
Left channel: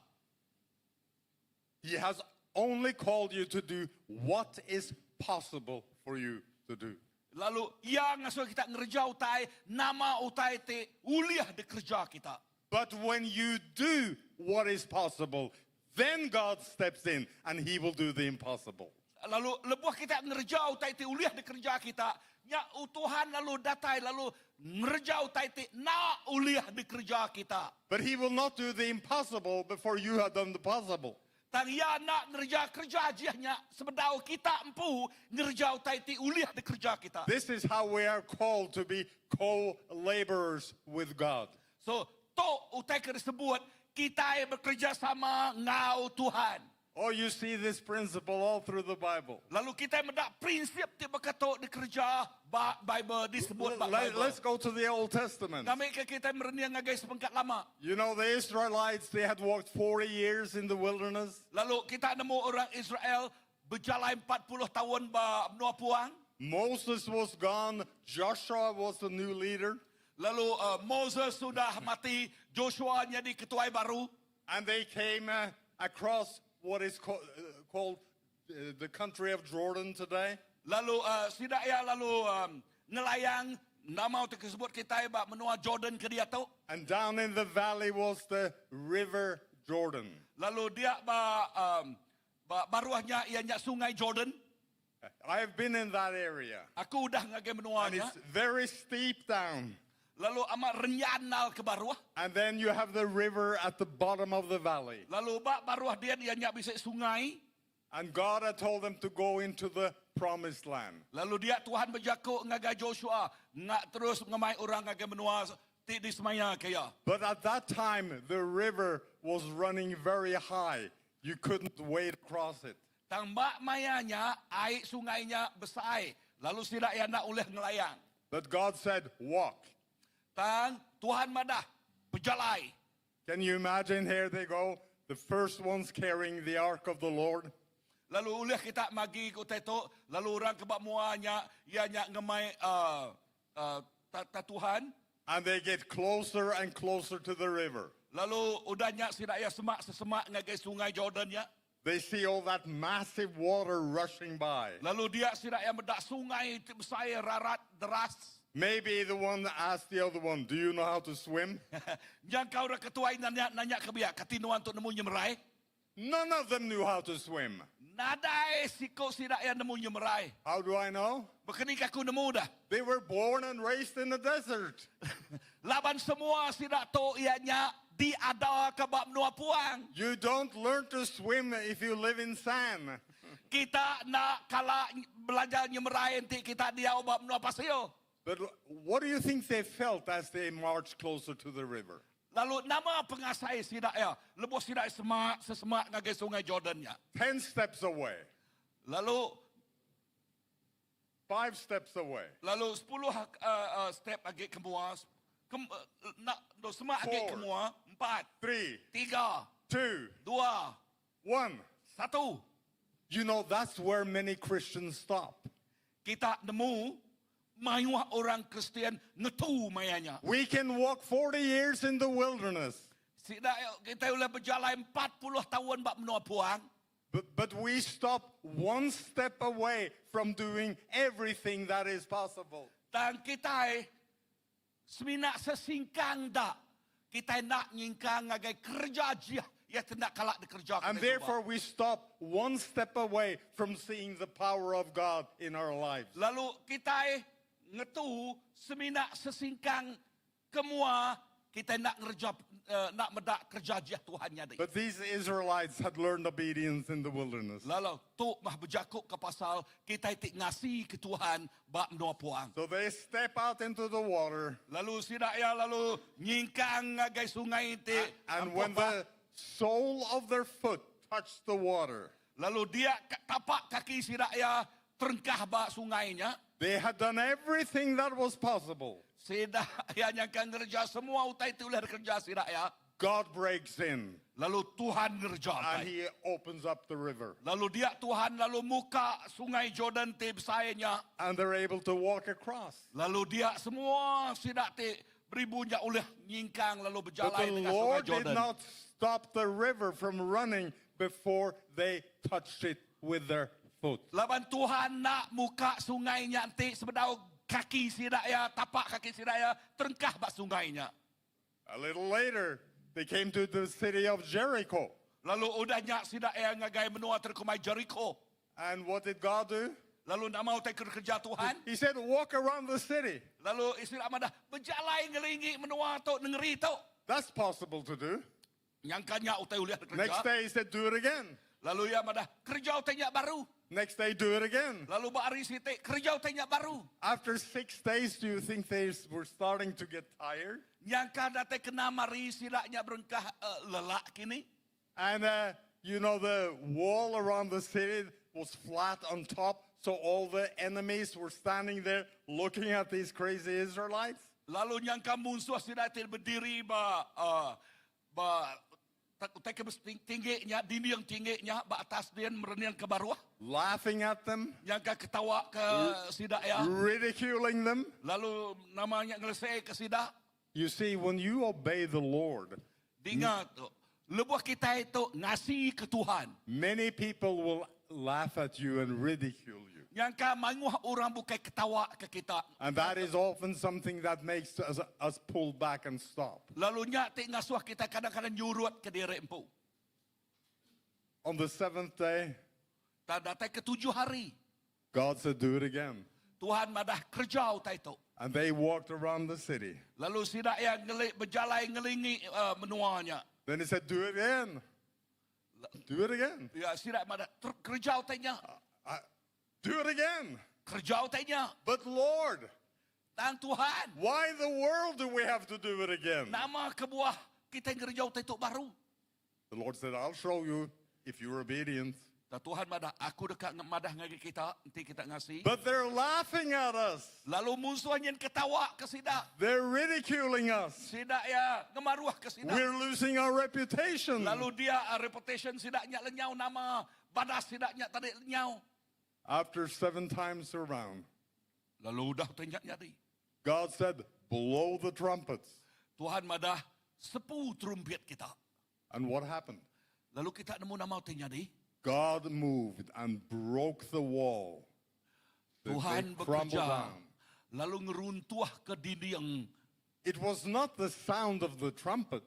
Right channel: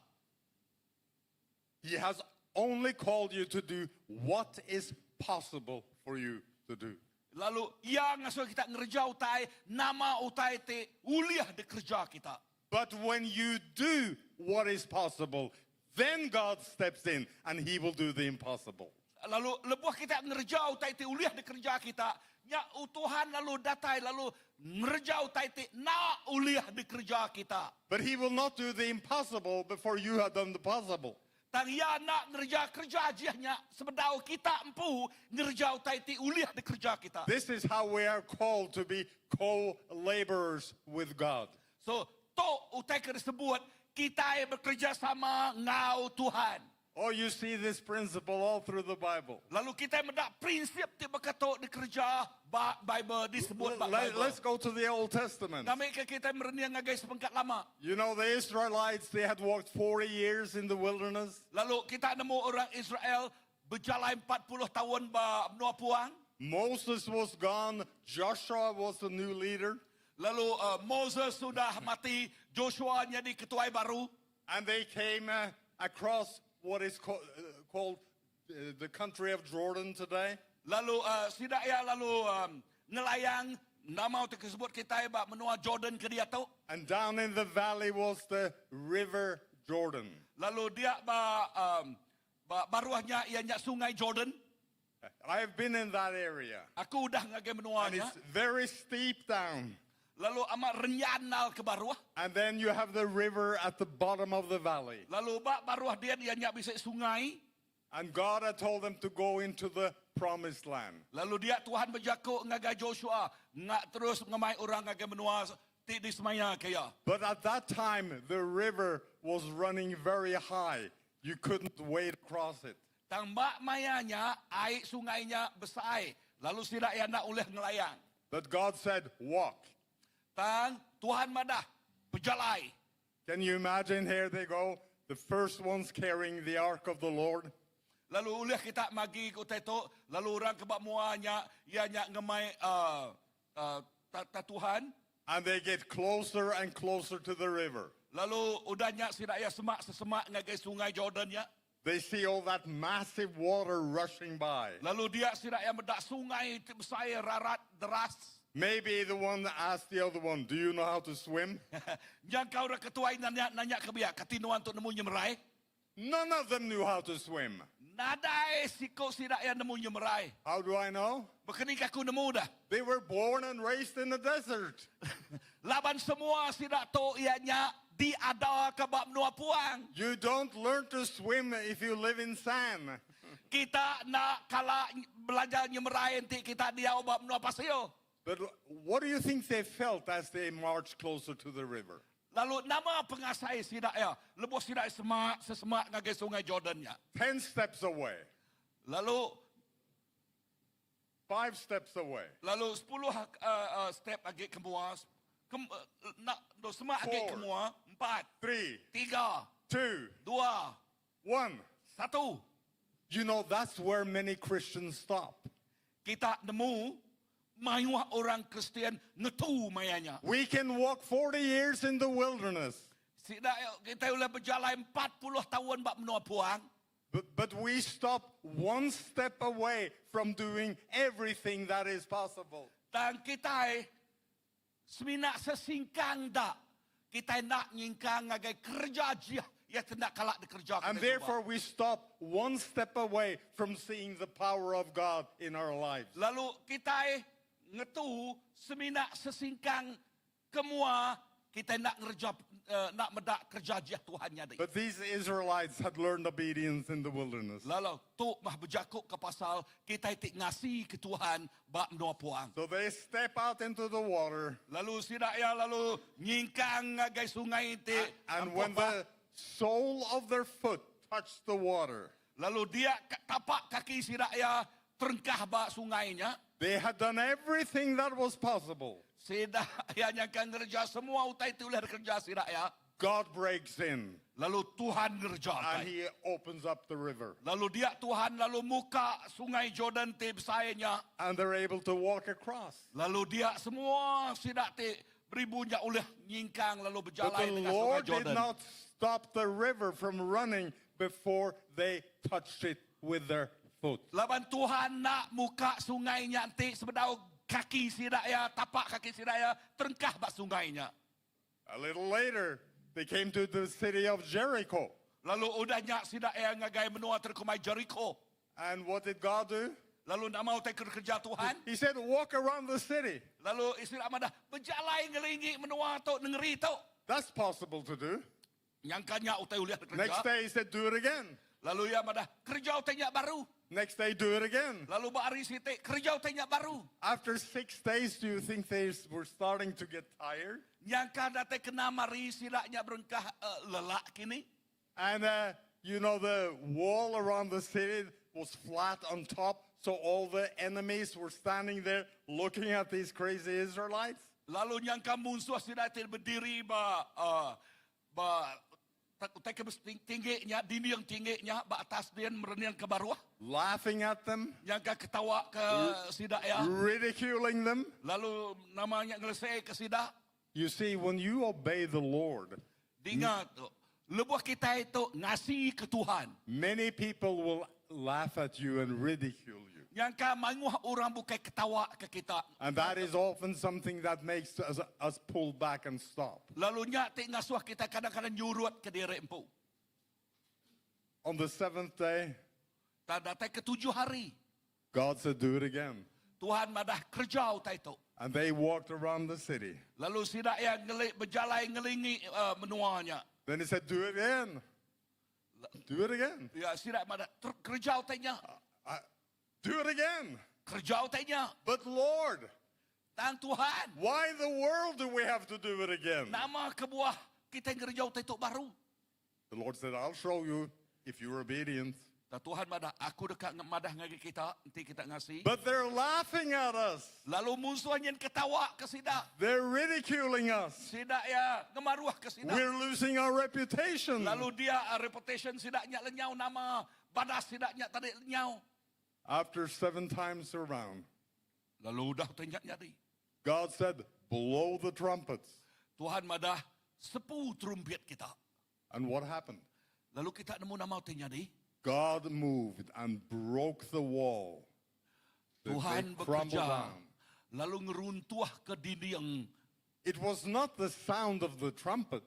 He has only called you to do what is possible for you to do. Lalu ia ngasuh kita ngerja utai, nama utai te uliah di kerja kita. But when you do what is possible, then God steps in and he will do the impossible. Lalu lebuh kita ngerja utai te uliah di kerja kita, nya Tuhan lalu datai lalu ngerja utai te nak uliah di kerja kita. But he will not do the impossible before you have done the possible. Tang ia nak ngerja kerja jiahnya sebedau kita empu ngerja utai te uliah di kerja kita. This is how we are called to be co-laborers with God. So, to utai ke disebut kita bekerja sama ngau Tuhan. Oh, you see this principle all through the Bible. Lalu kita mendak prinsip ti berkato di kerja Bible disebut Bible. Let's go to the Old Testament. Kami kita mereniang ngagai sepengkat lama. You know, the Israelites, they had walked 40 years in the wilderness. Lalu kita nemu orang Israel berjalan 40 tahun ba menua puang. Moses was gone. Joshua was the new leader. Lalu Moses sudah mati, Joshua jadi ketua baru. And they came across what is called the country of Jordan today. Lalu sidak ya lalu nelayang nama tu disebut kita ba menua Jordan ke dia tu. And down in the valley was the river Jordan. Lalu dia baruahnya ianya sungai Jordan. I have been in that area. Aku udah ngagai And menuanya. it's very steep down. Lalu amat renyanal ke baruah. And then you have the river at the bottom of the valley. Lalu baruah dia nyak bisa sungai. And God had told them to go into the promised land. Lalu dia Tuhan berjaku ngagai Joshua nak terus ngamai orang ngagai menua ti di semaya kaya. But at that time, the river was running very high. You couldn't wade across it. Tambak mayanya, air sungainya besar. Lalu sida ia nak uleh ngelayang. But God said, walk. Dan Tuhan madah berjalan. Can you imagine? Here they go, the first ones carrying the ark of the Lord. Lalu uleh kita magi ko teto, lalu orang kebak muanya, ia nyak ngemai Tuhan. And they get closer and closer to the river. Lalu udah nyak sida ia semak sesemak ngagai sungai Jordan ya. They see all that massive water rushing by. Lalu dia sida ia medak sungai besar rarat deras. Maybe the one that asked the other one, do you know how to swim? Yang kau dah ketuai nanya kebiak katinuan untuk nemu nyemerai. None of them knew how to swim. Nadai siko sida ia nemu nyemerai. How do I know? Bekening aku nemu dah. They were born and raised in the desert. Laban semua sida to ianya diada ke bab menua puang. You don't learn to swim if you live in sand. Kita nak kala belajar nyemerai nanti kita dia bab menua pasio. But what do you think they felt as they marched closer to the river? Lalu nama pengasai sida ya, lepas sida sesemak ngagai sungai Jordannya. 10 steps away, Lalu 5 steps away, 10 step lagi kemua. Nak semak lagi Four. kemua. 4, 3, 3, 2, 2, 1. 1. You know, that's where many Christians stop. Kita nemu mayuah orang Kristian ngetu mayanya. We can walk 40 years in the wilderness, Sida kita boleh berjalan 40 tahun bab menua puang. but we stop one step away from doing everything that is possible. Dan kita seminak sesingkang dak. Kita nak nyingkang ngagai kerja dia. Ya tidak kalak dikerja. And therefore we stop one step away from seeing the power of God in our lives. Lalu kita ngetu seminak sesingkang kemua kita nak ngerja nak medak kerja dia Tuhannya deh. But these Israelites had learned obedience in the wilderness. Lalu tu mah berjakuk ke pasal kita tik ngasi ke Tuhan bab menua puang. So they step out into the water, Lalu sida ya lalu nyingkang ngagai sungai ti. and when the sole of their foot touched the water, Lalu dia tapak kaki sida ya terengkah bak sungainya. they had done everything that was possible. Sida ya nyangkang ngerja semua utai tu lah kerja sida ya. God breaks in Lalu Tuhan ngerja. and he opens up the river, Lalu dia Tuhan lalu muka sungai Jordan ti besarnya. and they're able to walk across. Lalu dia semua sida ti beribunya oleh nyingkang lalu But berjalan the dengan sungai Lord did Jordan. not stop the river from running before they touched it with their foot. Laban Tuhan nak muka sungainya nanti sebedau kaki sida ya, tapak kaki sida ya, terengkah bak sungainya. A little later, they came to the city of Jericho. Lalu udahnya sida ya ngagai menua terkumai Jericho. And what did God do? Lalu nak mau tak kerja Tuhan. He said, walk around the city. Lalu istri amadah berjalan ngelingi menua tu nengeri tu. That's possible to do. Nyangkanya utai uliah Next kerja. day, he said, do it again. Lalu ya amadah kerja utainya baru. Next day, do it again. Lalu bari siti kerja utainya baru. After 6 days, do you think they were starting to get tired? Nyangka date kena mari silaknya berengkah lelak kini. And you know, the wall around the city was flat on top, so all the enemies were standing there looking at these crazy Israelites. Lalu nyangka musuh sidatil berdiri tak tingginya, dini yang tingginya, atas dia merenian ke bawah. Laughing at them, Nyangka ketawa ke sidak ya. ridiculing them. Lalu namanya ngelesai ke sidak. You see, when you obey the Lord, Dengar tu. Lebuh kita itu ngasih ke Tuhan. many people will laugh at you and ridicule you. Nyangka manguh orang bukan ketawa ke kita. And that is often something that makes us pull back and stop. Lalu nyak tik ngasuh kita kadang-kadang nyurut ke diri empu. On the 7th day, Tak datang ke 7 hari. God said, do it again. Tuhan madah kerja utai itu. And they walked around the city. Lalu sidak yang berjalan ngelingi menuanya. Then he said, do it again. Do it again. Ya sidak madah kerja utainya. Do it again. Kerja utainya. But Lord, Dan Tuhan. why in the world do we have to do it again? Nama kebuah kita kerja utai itu baru. The Lord said, I'll show you if you're obedient. Tuhan madah, aku dekat madah ngagi kita, nanti kita ngasih. But they're laughing at us. Lalu musuhnya ketawa ke sida. They're ridiculing us. Sida ya ngemaruah ke sida. We're losing our reputation. Lalu dia reputation sidaknya lenyau, nama badas sidaknya tadi lenyau. After 7 times around, Lalu dah tanya jadi. God said, blow the trumpets. Tuhan madah sepu trumpet kita. And what happened? Lalu kita nemu nama jadi. God moved and broke the wall. That Tuhan they crumbled bekerja. down. Lalu ngeruntuh ke dinding. It was not the sound of the trumpet.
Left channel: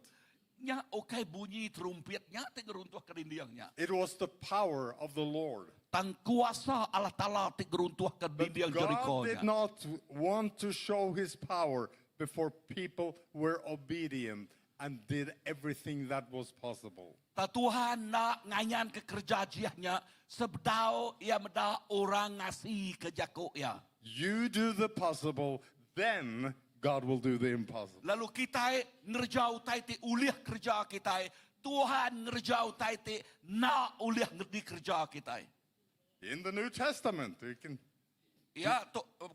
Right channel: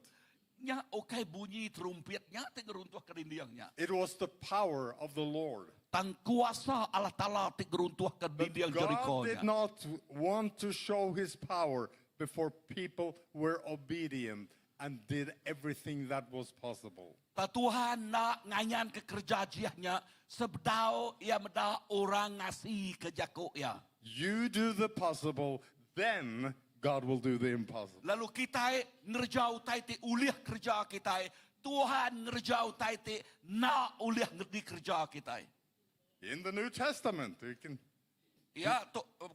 Nya okay bunyi trumpetnya te ngeruntuh ke dindingnya. It was the power of the Lord. Tang kuasa Allah Ta'ala te ngeruntuh ke But dinding God Jericho. did not want to show his power before people were obedient and did everything that was possible. Tuhan nak ngayan ke kerja jiahnya sebdau ia meda orang ngasih ke jako ya. You do the possible, then God will do the impossible. Lalu kita ngerjau tai te uliah kerja kita. Tuhan ngerjau tai te na uliah ngerti kerja kita. In the New Testament, you can. Ya,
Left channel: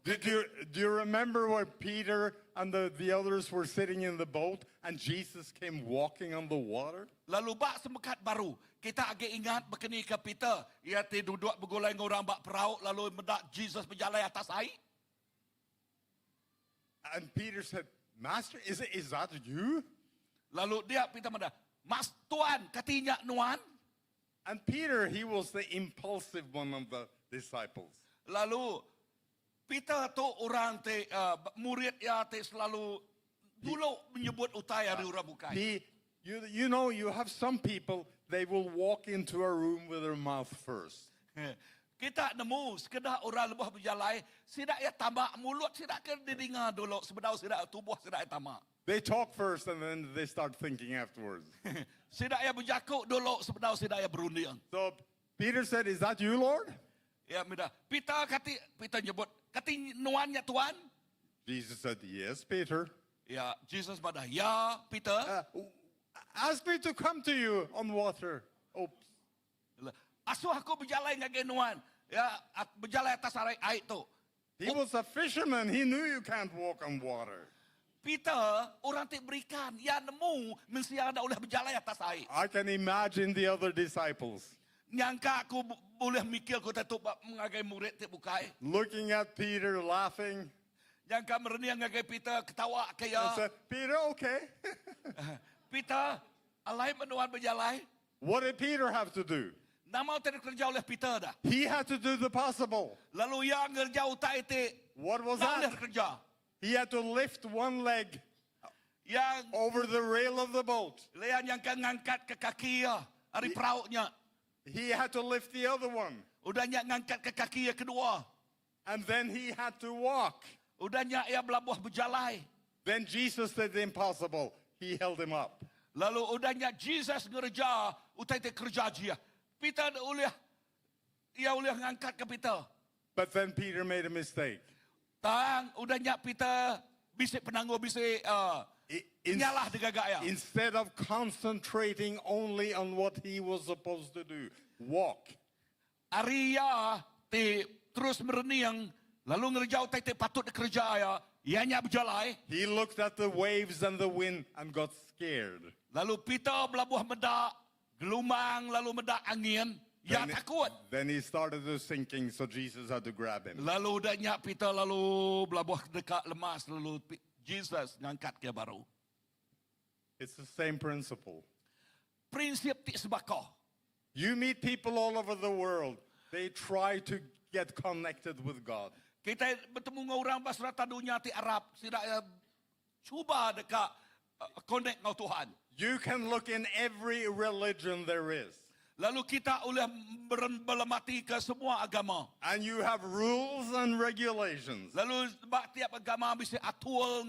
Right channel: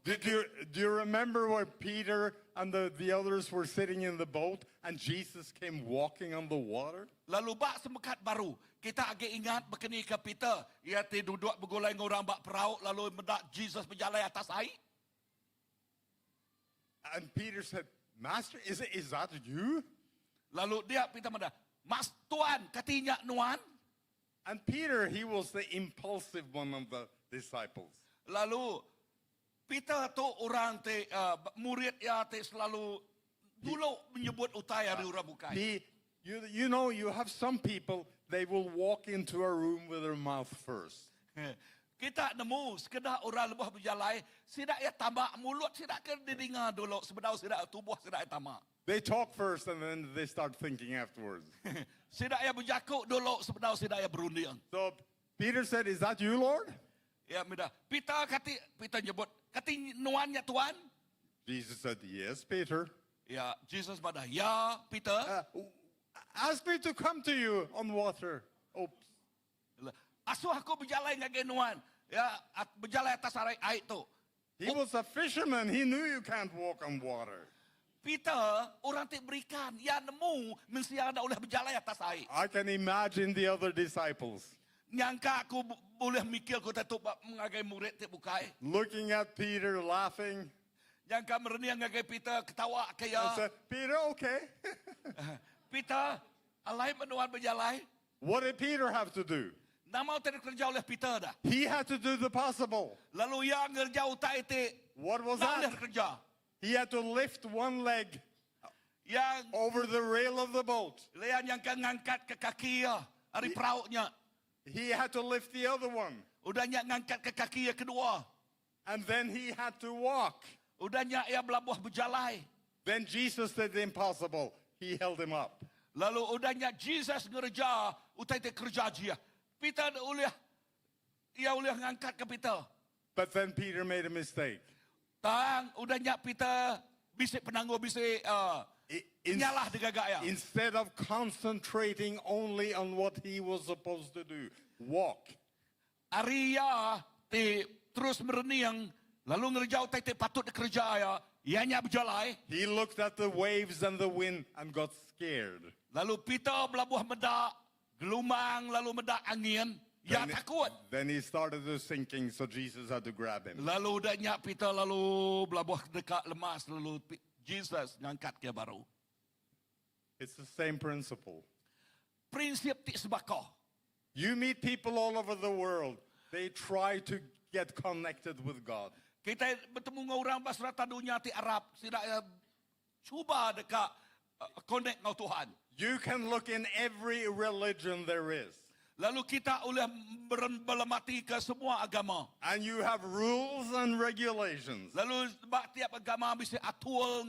Do you remember where Peter and the others were sitting in the boat and Jesus came walking on the water? lalu bak semekat baru. Kita agak ingat begini ke Peter. Ia te duduk bergulai dengan orang bak perahu. Lalu mendak Jesus berjalan atas air. And Peter said, Master, is that you? Lalu dia Peter mendak. Mas Tuan, katinya nuan. And Peter, he was the impulsive one of the disciples. Lalu Peter tu orang te murid ya te selalu dulu menyebut utai hari orang bukai. You know, you have some people, they will walk into a room with their mouth first. Kita nemu sekedar orang lebih berjalan, sidak ya tamak mulut, sidak ke didengar dulu sebedau sidak tubuh sidak ya tamak. They talk first and then they start thinking afterwards. Sidak ya berjakuk dulu sebedau sidak ya berunding. So Peter said, is that you, Lord? Ya minda. Peter nyebut, kati nuannya Tuan? Jesus said, yes, Peter. Ya, Jesus pada, ya Peter. Ask me to come to you on water. Oops. Asuh aku berjalan dengan nuan. Ya, berjalan atas air tu. He was a fisherman. He knew you can't walk on water. Peter, orang tak berikan. Ya nemu, mesti ada oleh berjalan atas air. I can imagine the other disciples Nyangka aku boleh mikir aku tak mengagai murid tak bukai. looking at Peter, laughing. Nyangka merenia ngagai Peter ketawa And kaya. said, Peter, okay. Peter, alai menuan berjalan. What did Peter have to do? Nama tak kerja oleh Peter dah. He had to do the possible. Lalu yang kerja utai te. What was Tak boleh that? kerja. He had to lift one leg Yang over the rail of the boat. lean yang kan ngangkat ke kaki ya. Hari perauknya. He had to lift the other one. Udahnya ngangkat ke kaki yang kedua. And then he had to walk. Udahnya ia belabuh berjalan. Then Jesus did the impossible. He held him up. Lalu udahnya Jesus ngerja utai te kerja dia. Peter ia boleh ngangkat ke Peter. But then Peter made a mistake. Tang udahnya Peter bisik penangguh bisik nyalah digagak ya. Instead of concentrating only on what he was supposed to do, walk. Arya te terus mereniang lalu ngerja utai te patut kerja ya. Ianya berjalan. He looked at the waves and the wind and got scared. Lalu Peter belabuh medak gelumang lalu medak angin. Ya takut. Then he started to sinking, so Jesus had to grab him. Lalu udahnya Peter lalu belabuh dekat lemas lalu Jesus ngangkat ke baru. It's the same principle. Prinsip ti sebako. You meet people all over the world. They try to get connected with God. Kita bertemu dengan orang basrata dunia ti Arab, tidak cuba dekat connect dengan Tuhan. You can look in every religion there is. Lalu kita oleh berlemati ke semua agama. And you have rules and regulations. Lalu tiap agama bisa atur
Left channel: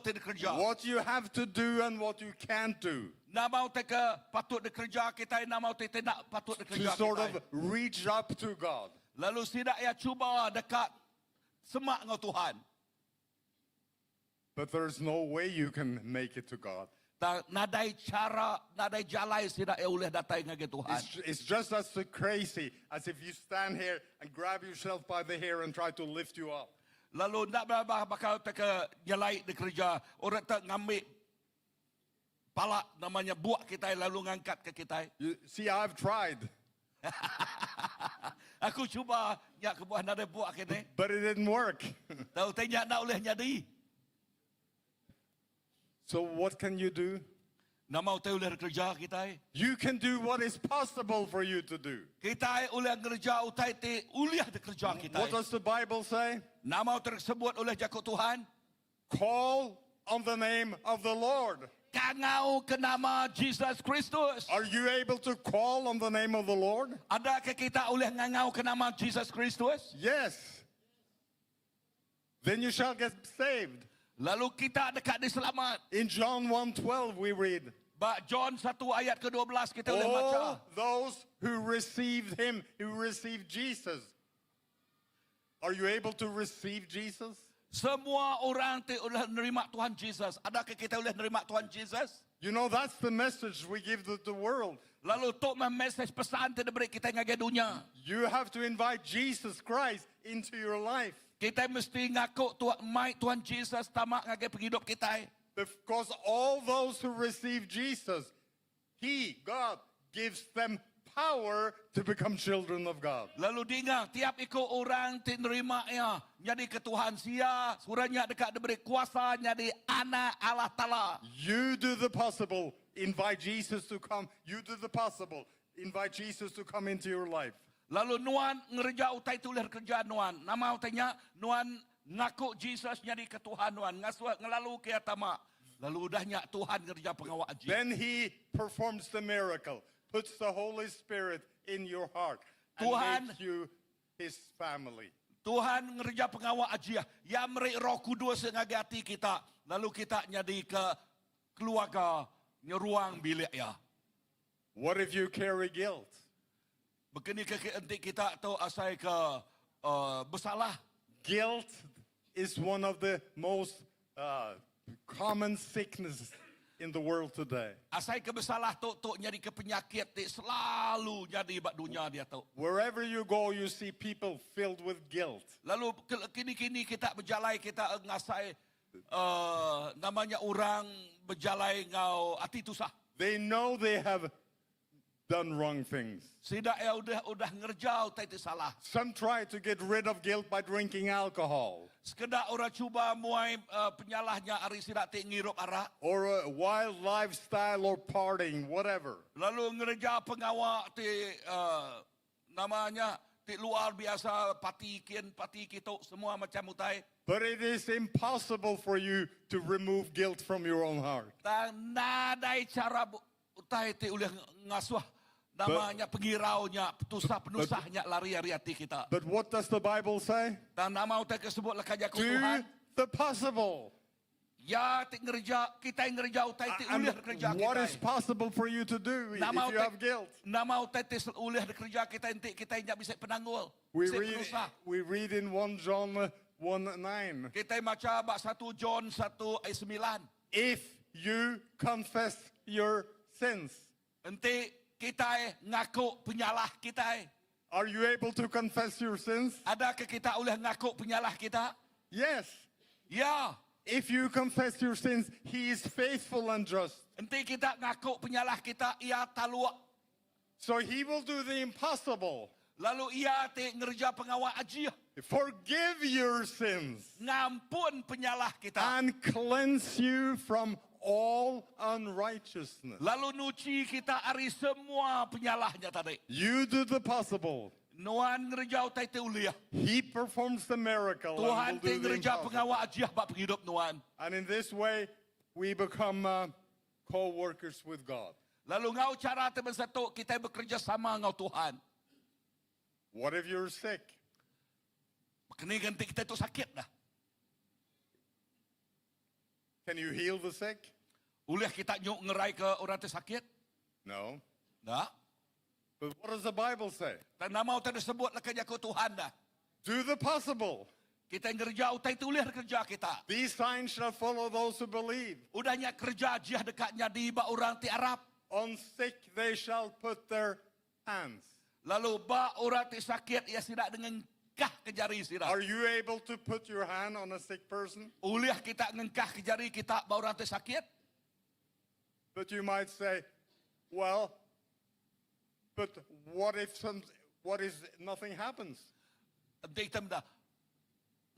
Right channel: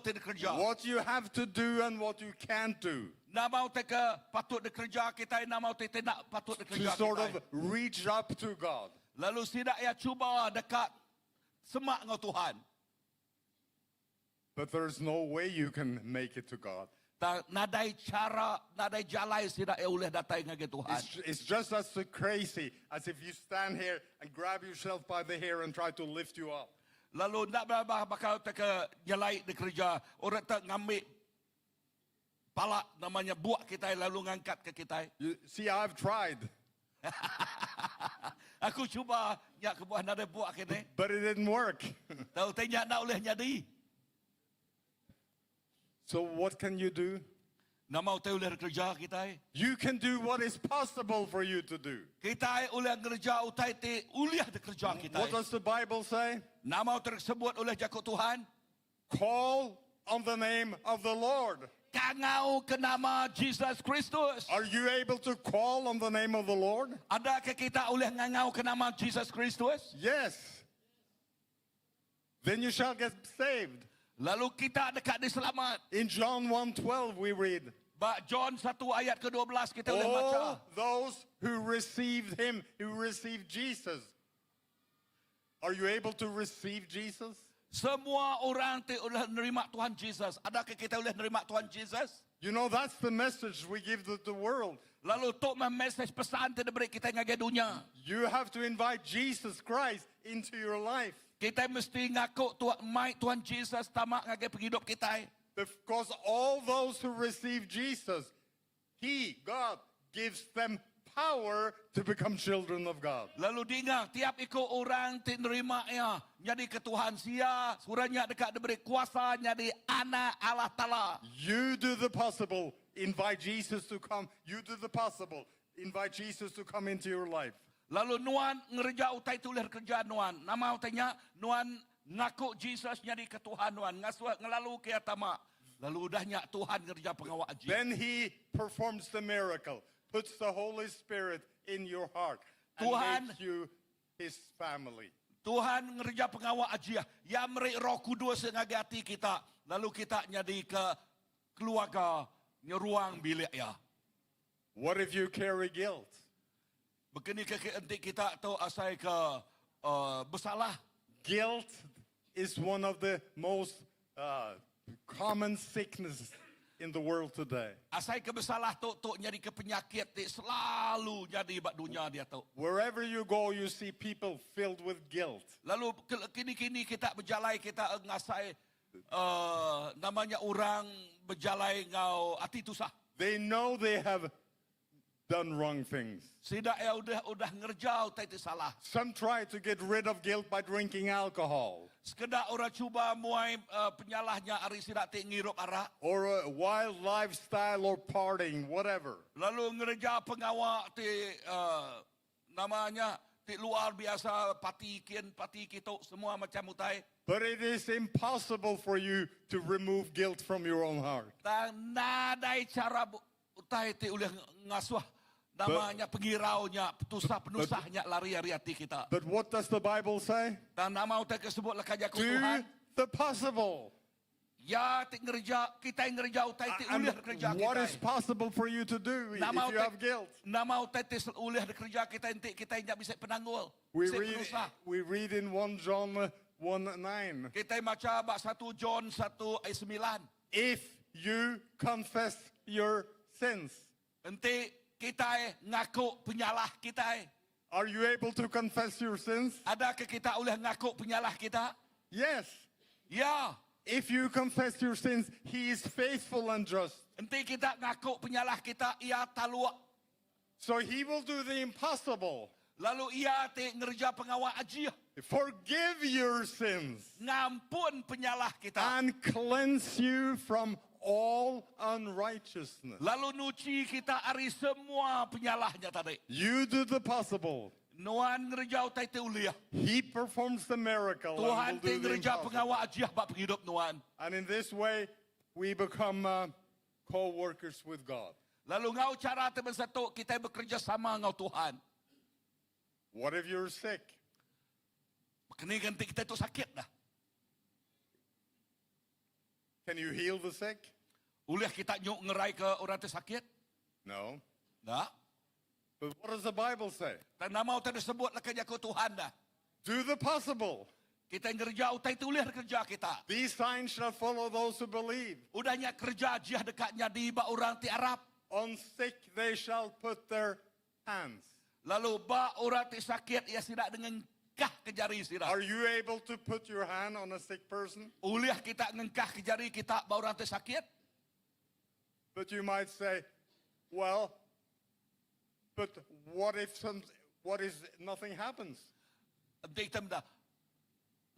te kerja. What you have to do and what you can't do. Nama te ke patut kerja kita, nama te tidak patut To kerja sort of kita. reach up to God. Lalu tidak ya cuba dekat semak dengan Tuhan. But there's no way you can make it to God. nadai cara, nadai jalai sida uleh datai ngage Tuhan. It's just as crazy as if you stand here and grab yourself by the hair and try to lift you up. Lalu nak bakal teka jalai di kerja, orang tak ngambil pala namanya buat kita lalu ngangkat ke kita. You see, I've tried, Aku cuba nyak ke buah nada buat kene. but it didn't work. Tahu tanya nak oleh nyadi. So what can you do? Nak mau tahu oleh kerja kita. You can do what is possible for you to do. Kita oleh kerja utai te uliah de kerja kita. What does the Bible say? Nak mau tersebut oleh jakut Tuhan. Call on the name of the Lord. Kangau ke nama Jesus Kristus. Are you able to call on the name of the Lord? Adakah kita oleh ngangau ke nama Jesus Kristus? Yes. Then you shall get saved. Lalu kita dekat diselamat. In John 1:12 we read, Bak John 1 ayat ke-12 kita boleh baca. all those who received him, who received Jesus. Are you able to receive Jesus? Semua orang boleh menerima Tuhan Jesus. Adakah kita boleh menerima Tuhan Jesus? You know, that's the message we give to the world. Lalu tok message pesan te diberi kita ngage dunia. You have to invite Jesus Christ into your life. Kita mesti ngaku Tuhan Jesus tamak ngage penghidup kita. Because all those who receive Jesus, He, God, gives them power to become children of God. Lalu dengar, tiap ikut orang menerima ya, jadi ke Tuhan sia, suranya dekat diberi kuasa jadi anak Allah Ta'ala. You do the possible, invite Jesus to come. You do the possible, invite Jesus to come into your life. Lalu nuan ngerja utai tulis kerja nuan. Nama utainya nuan ngaku Jesus jadi ke Tuhan nuan. Ngasuh ngelalu ke atama. Lalu udahnya Tuhan ngerja pengawal aji. Then He performs the miracle, puts the Holy Spirit in your heart, and Tuhan- makes you His family. Tuhan ngerja pengawal aji. Ya meri Roh Kudus ngagati kita. Lalu kita jadi ke keluarga nyeruang bilik ya. What if you carry guilt? Begini nanti kita tahu asai ke bersalah. Guilt is one of the most common sicknesses in the world today. Asai ke bersalah tok jadi ke penyakit selalu jadi bak dunia dia tahu. Wherever you go, you see people filled with guilt. Lalu kini kita berjalai kita ngasai namanya orang berjalai ngau ati tusah. They know they have done wrong things. Sida udah ngerjau itu salah. Some try to get rid of guilt by drinking alcohol Sekedar orang cuba muai penyalahnya ari sida ti ngirup arak. or a wild lifestyle or partying, whatever. Lalu ngerja pengawal ti namanya ti luar biasa pati kita semua macam utai. But it is impossible for you to remove guilt from your own heart. Dan nadai cara utai ti oleh ngasuh namanya pengiraunya, penusahnya lari-lari hati kita. But what does the Bible say? Dan nama utai kesebut lekajak Do Tuhan. the possible. Ya ti ngerja kita ngerja utai ti And ulih kerja what is kita. possible for you to do if Nama you have guilt? nama utai ti ulih kerja kita nanti kita tidak bisa penanggul. We Bisa read, penusah. we read in 1 John 1:9. Kita baca bab 1 John 1 ayat 9. If you confess your sins, Nanti kita ngaku penyalah kita. are you able to confess your sins? Adakah kita oleh ngaku penyalah kita? Yes. Ya. If you confess your sins, He is faithful and just. Nanti kita ngaku penyalah kita, ia talua. So He will do the impossible. Lalu ia ti ngerja pengawal aji. Forgive your sins Ngampun penyalah kita. and cleanse you from all unrighteousness. Lalu nuci kita ari semua penyalahnya tadi. You do the possible. Nuan ngerja utai ti uliah. He performs the miracle Tuhan and ti will do the ngerja impossible. pengawal aji bab penghidup nuan. And in this way, we become co-workers with God. Lalu ngau cara teman satu kita bekerja sama ngau Tuhan. What if you're sick? Kini ganti kita tu sakit dah. Can you heal the sick? Uliah kita nyuk ngerai ke orang tu sakit? No. Dah. But what does the Bible say? Dan nama utai disebut lah kerja ke Tuhan dah. Do the possible. Kita ngerja utai tulis kerja kita. These signs shall follow those who believe. Udahnya kerja jiah dekatnya di ba orang ti Arab. On sick they shall put their hands. Lalu ba orang ti sakit ia sidak dengan kah ke jari sidak. Are you able to put your hand on a sick person? Uliah kita ngengkah ke jari kita ba orang ti sakit. But you might say, well, but what if nothing happens? Nanti kita dah.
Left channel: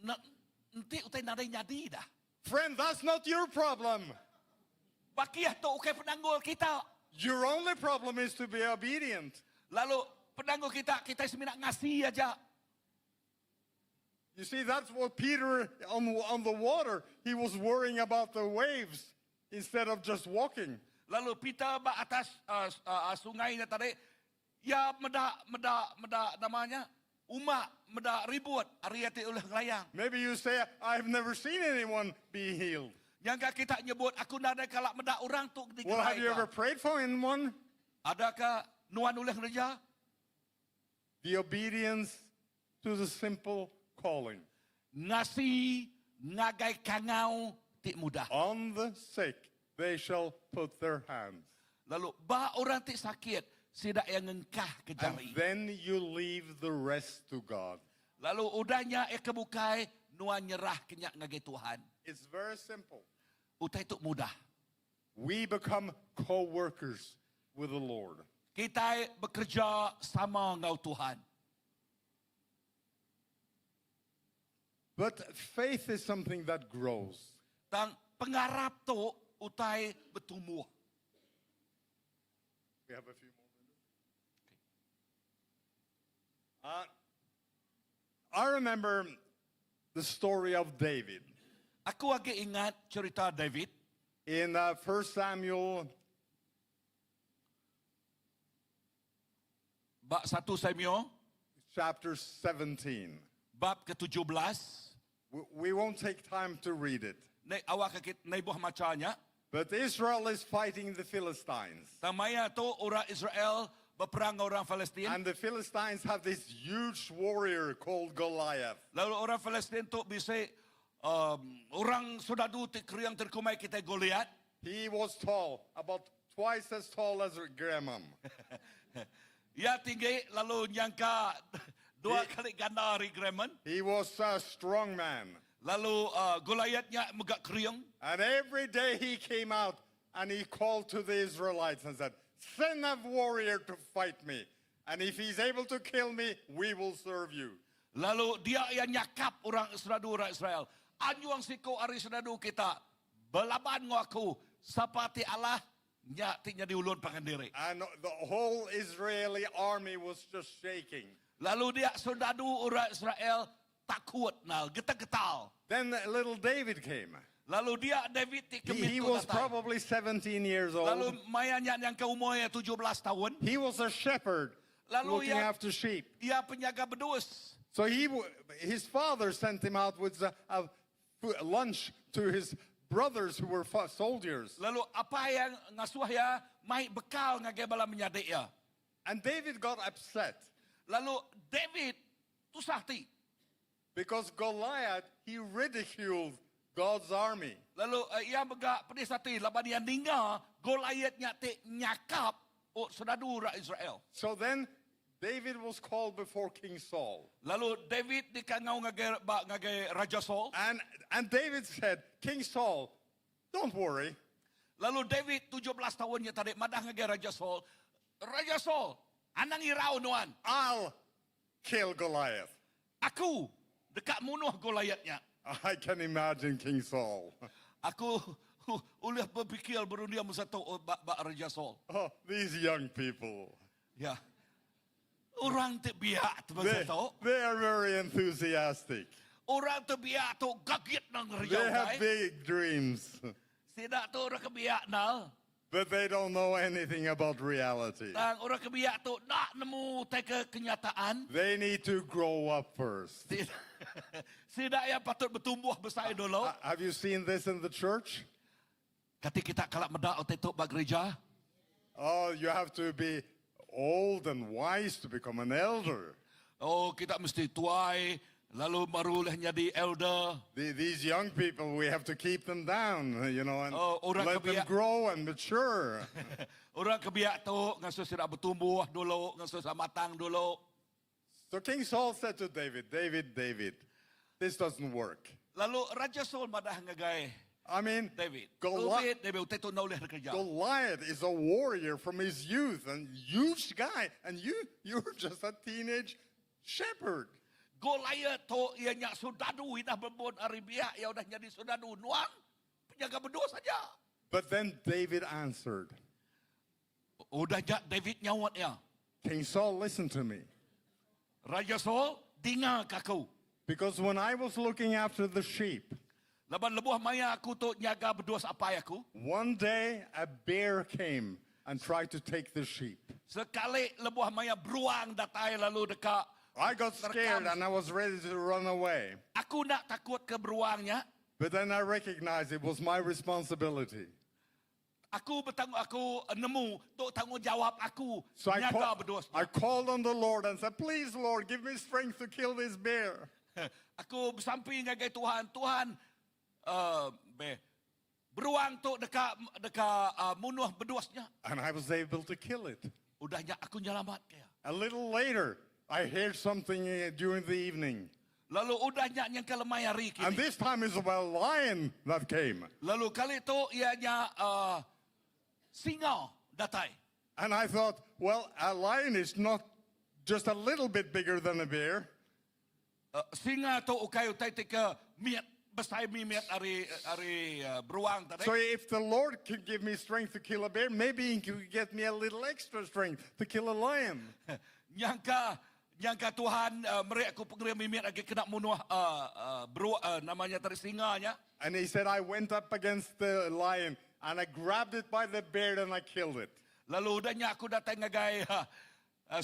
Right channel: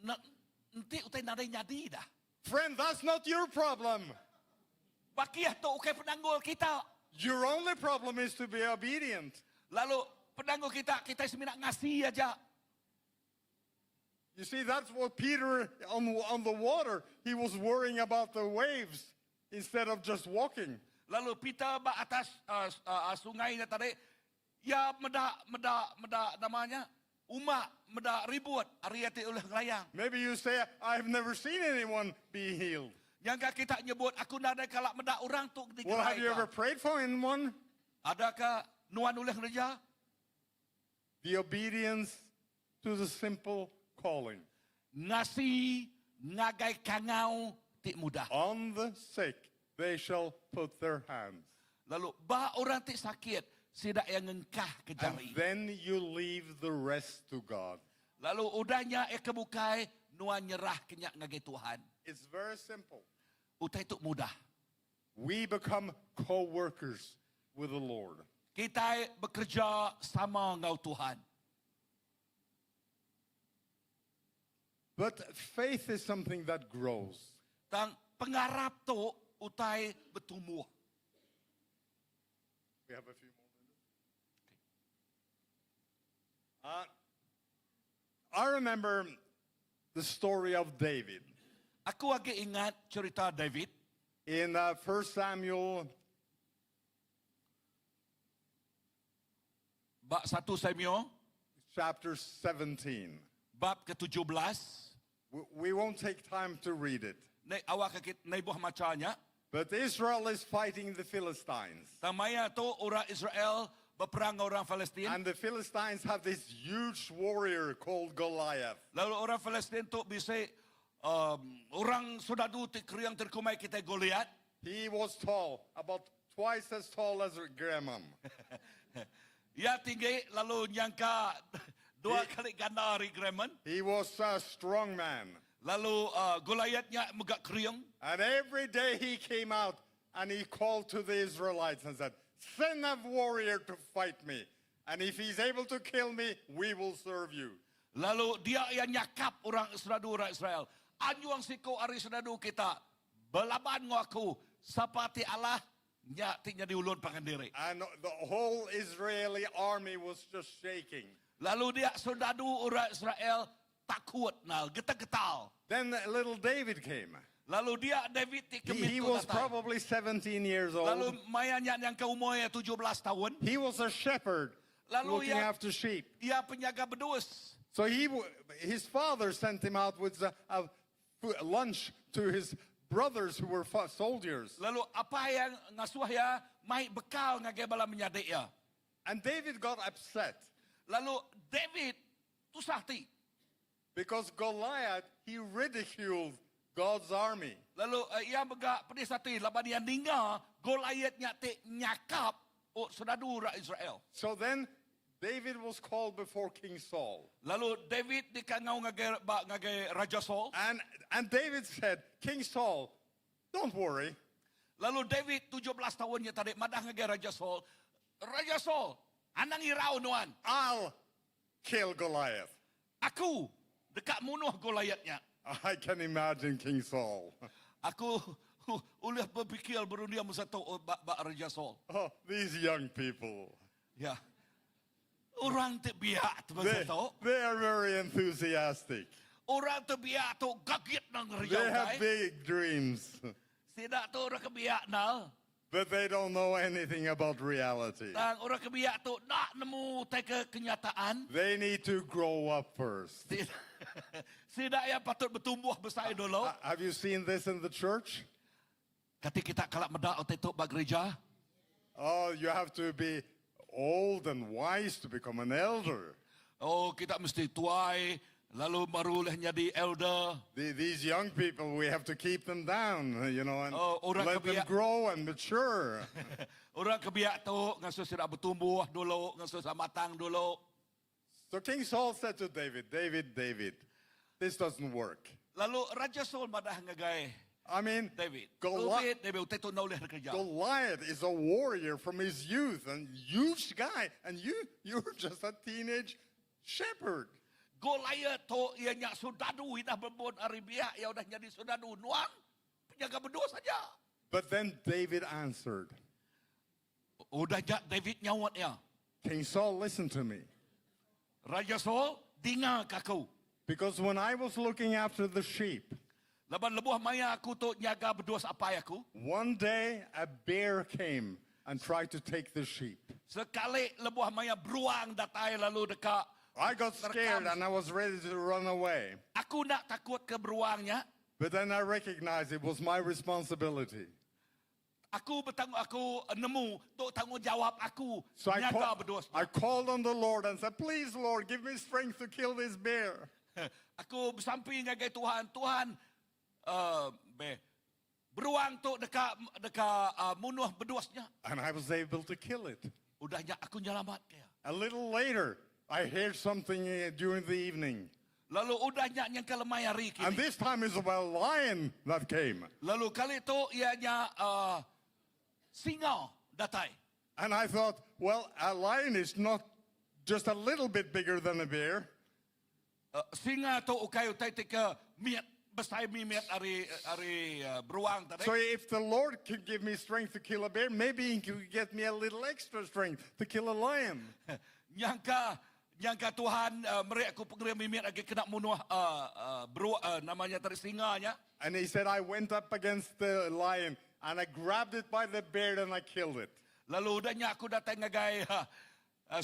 Nanti utai nadai nyadi dah. Friend, that's not your problem. Bakiah tu ukai penanggul kita. Your only problem is to be obedient. Lalu penanggul kita seminat ngasih aja. You see, that's what Peter on the water, he was worrying about the waves instead of just walking. Lalu Peter ba atas sungai tadi, ya meda namanya, meda ribut, ariati oleh layang. Maybe you say, I've never seen anyone be healed. Yang kita nyebut, aku nadai kalak meda orang tu di Well, have you ever prayed for anyone? Adakah nuan oleh reja? The obedience to the simple calling. Ngasih, ngagai kangau, tik mudah. On the sick, they shall put their hands. Lalu, ba orang tik sakit, sidak yang ngengkah ke And jari. then you leave the rest to God. Lalu udahnya kebukai, nuan nyerah kenyak ngagai Tuhan. It's very simple. Utai tu mudah. We become co-workers with the Lord. Kita bekerja sama ngau Tuhan. But faith is something that grows. Tang pengarap tu utai bertumbuh. We have a few more minutes. I remember the story of David. Aku lagi ingat cerita David In 1 Samuel bab 1 Samuel chapter 17. bab ke-17. We won't take time to read it. Nai awak kita nai buah macanya. But Israel is fighting the Philistines. Tamaya tu orang Israel berperang orang Palestin. And the Philistines have this huge warrior called Goliath. Lalu orang Palestin tu bisa orang sudadu kriang terkumai kita Goliat. He was tall, about twice as tall as Graham. Ya tinggi lalu nyangka dua kali ganda dari Gremon. He was a strong man. Lalu Goliatnya megak kriang. And every day he came out and he called to the Israelites and said, send a warrior to fight me. And if he's able to kill me, we will serve you. Lalu dia yang nyakap orang Israel. Anyu ang siko ari sedadu kita. Belaban ngo aku. Sapati Allah. Nya tinya diulun pangandiri. And the whole Israeli army was just shaking. Lalu dia sedadu orang Israel takut nal. Getal-getal. Then little David came. Lalu dia David He was probably 17 years old. Lalu mayanya yang ke umurnya 17 tahun. He was a shepherd Lalu looking after sheep. Ia penjaga bedus. So his father sent him out with a lunch to his brothers who were soldiers. Lalu apa yang ngasuh ya mai bekal ngage bala menyadek ya. And David got upset Lalu David tusahti. because Goliath, he ridiculed God's army. Lalu ia bega pedis hati laban dia ninga Goliatnya te nyakap o sedadu ra Israel. So then David was called before King Saul. Lalu David dikangau ngage Raja Saul. And David said, King Saul, don't worry. Lalu David 17 tahunnya tadi madah ngage Raja Saul. Raja Saul, anang irau nuan. I'll kill Goliath. Aku dekat munuh Goliatnya. I can imagine King Saul. Aku ulah berfikir baru dia masa tu Raja Saul. Oh, these young people. Ya. Orang terbiak tu masa tu. They are very enthusiastic. Orang terbiak tu gagit nang They Raja have big dreams, Tidak tu orang kebiak nal. but they don't know anything about reality. Dan orang kebiak tu nak nemu teka kenyataan. They need to grow up first. Tidak yang patut bertumbuh besar dulu. Have you seen this in the church? Ketika kita kalak medak otak tu bak gereja. Oh, you have to be old and wise to become an elder. Oh, kita mesti tuai Lalu barulah jadi elder. These young people, we have to keep them down, and orang let them kebiak- grow and mature. Orang kebiak tu ngaso sira bertumbuh dulu, ngaso sa matang dulu. So King Saul said to David, David, this doesn't work. Lalu Raja Saul madah ngagay I mean, David. Goliath David utai tu naulih kerja. is a warrior from his youth, and huge guy, and you're just a teenage shepherd. Goliath tu ia nyak sudadu dah berbon Arabia, ia dah jadi sudadu nuang. Penjaga berdua saja. But then David answered, Udah jak David nyawat ya. King Saul, listen to me. Raja Saul dengar kaku. Because when I was looking after the sheep, Laban lebuh maya aku tu nyaga berdua apa aku. one day a bear came and tried to take the sheep. Sekali lebuh maya beruang datai lalu dekat. I got scared and I was ready to run away. Aku nak takut ke beruangnya. But then I recognized it was my responsibility. Aku nemu tu tanggungjawab aku So nyaga berdua. I called on the Lord and said, please, Lord, give me strength to kill this bear. Aku bersamping dengan Tuhan, beruang tu dekat munuh berduasnya. And I was able to kill it. Udahnya aku nyelamat kaya. A little later, I heard something during the evening. Lalu udahnya yang kelemai hari And kini. this time it was a lion that came. Lalu kali itu ianya singa datai. And I thought, well, a lion is not just a little bit bigger than a bear. Singa tu utai tika miat besai miat hari beruang tadi. So if the Lord could give me strength to kill a bear, maybe he could get me a little extra strength to kill a lion. Nyangka Tuhan mereka aku pengeria mimiat lagi kena munuh namanya tadi singanya. And he said, I went up against the lion and I grabbed it by the beard and I killed it. Lalu udahnya aku datang ngagai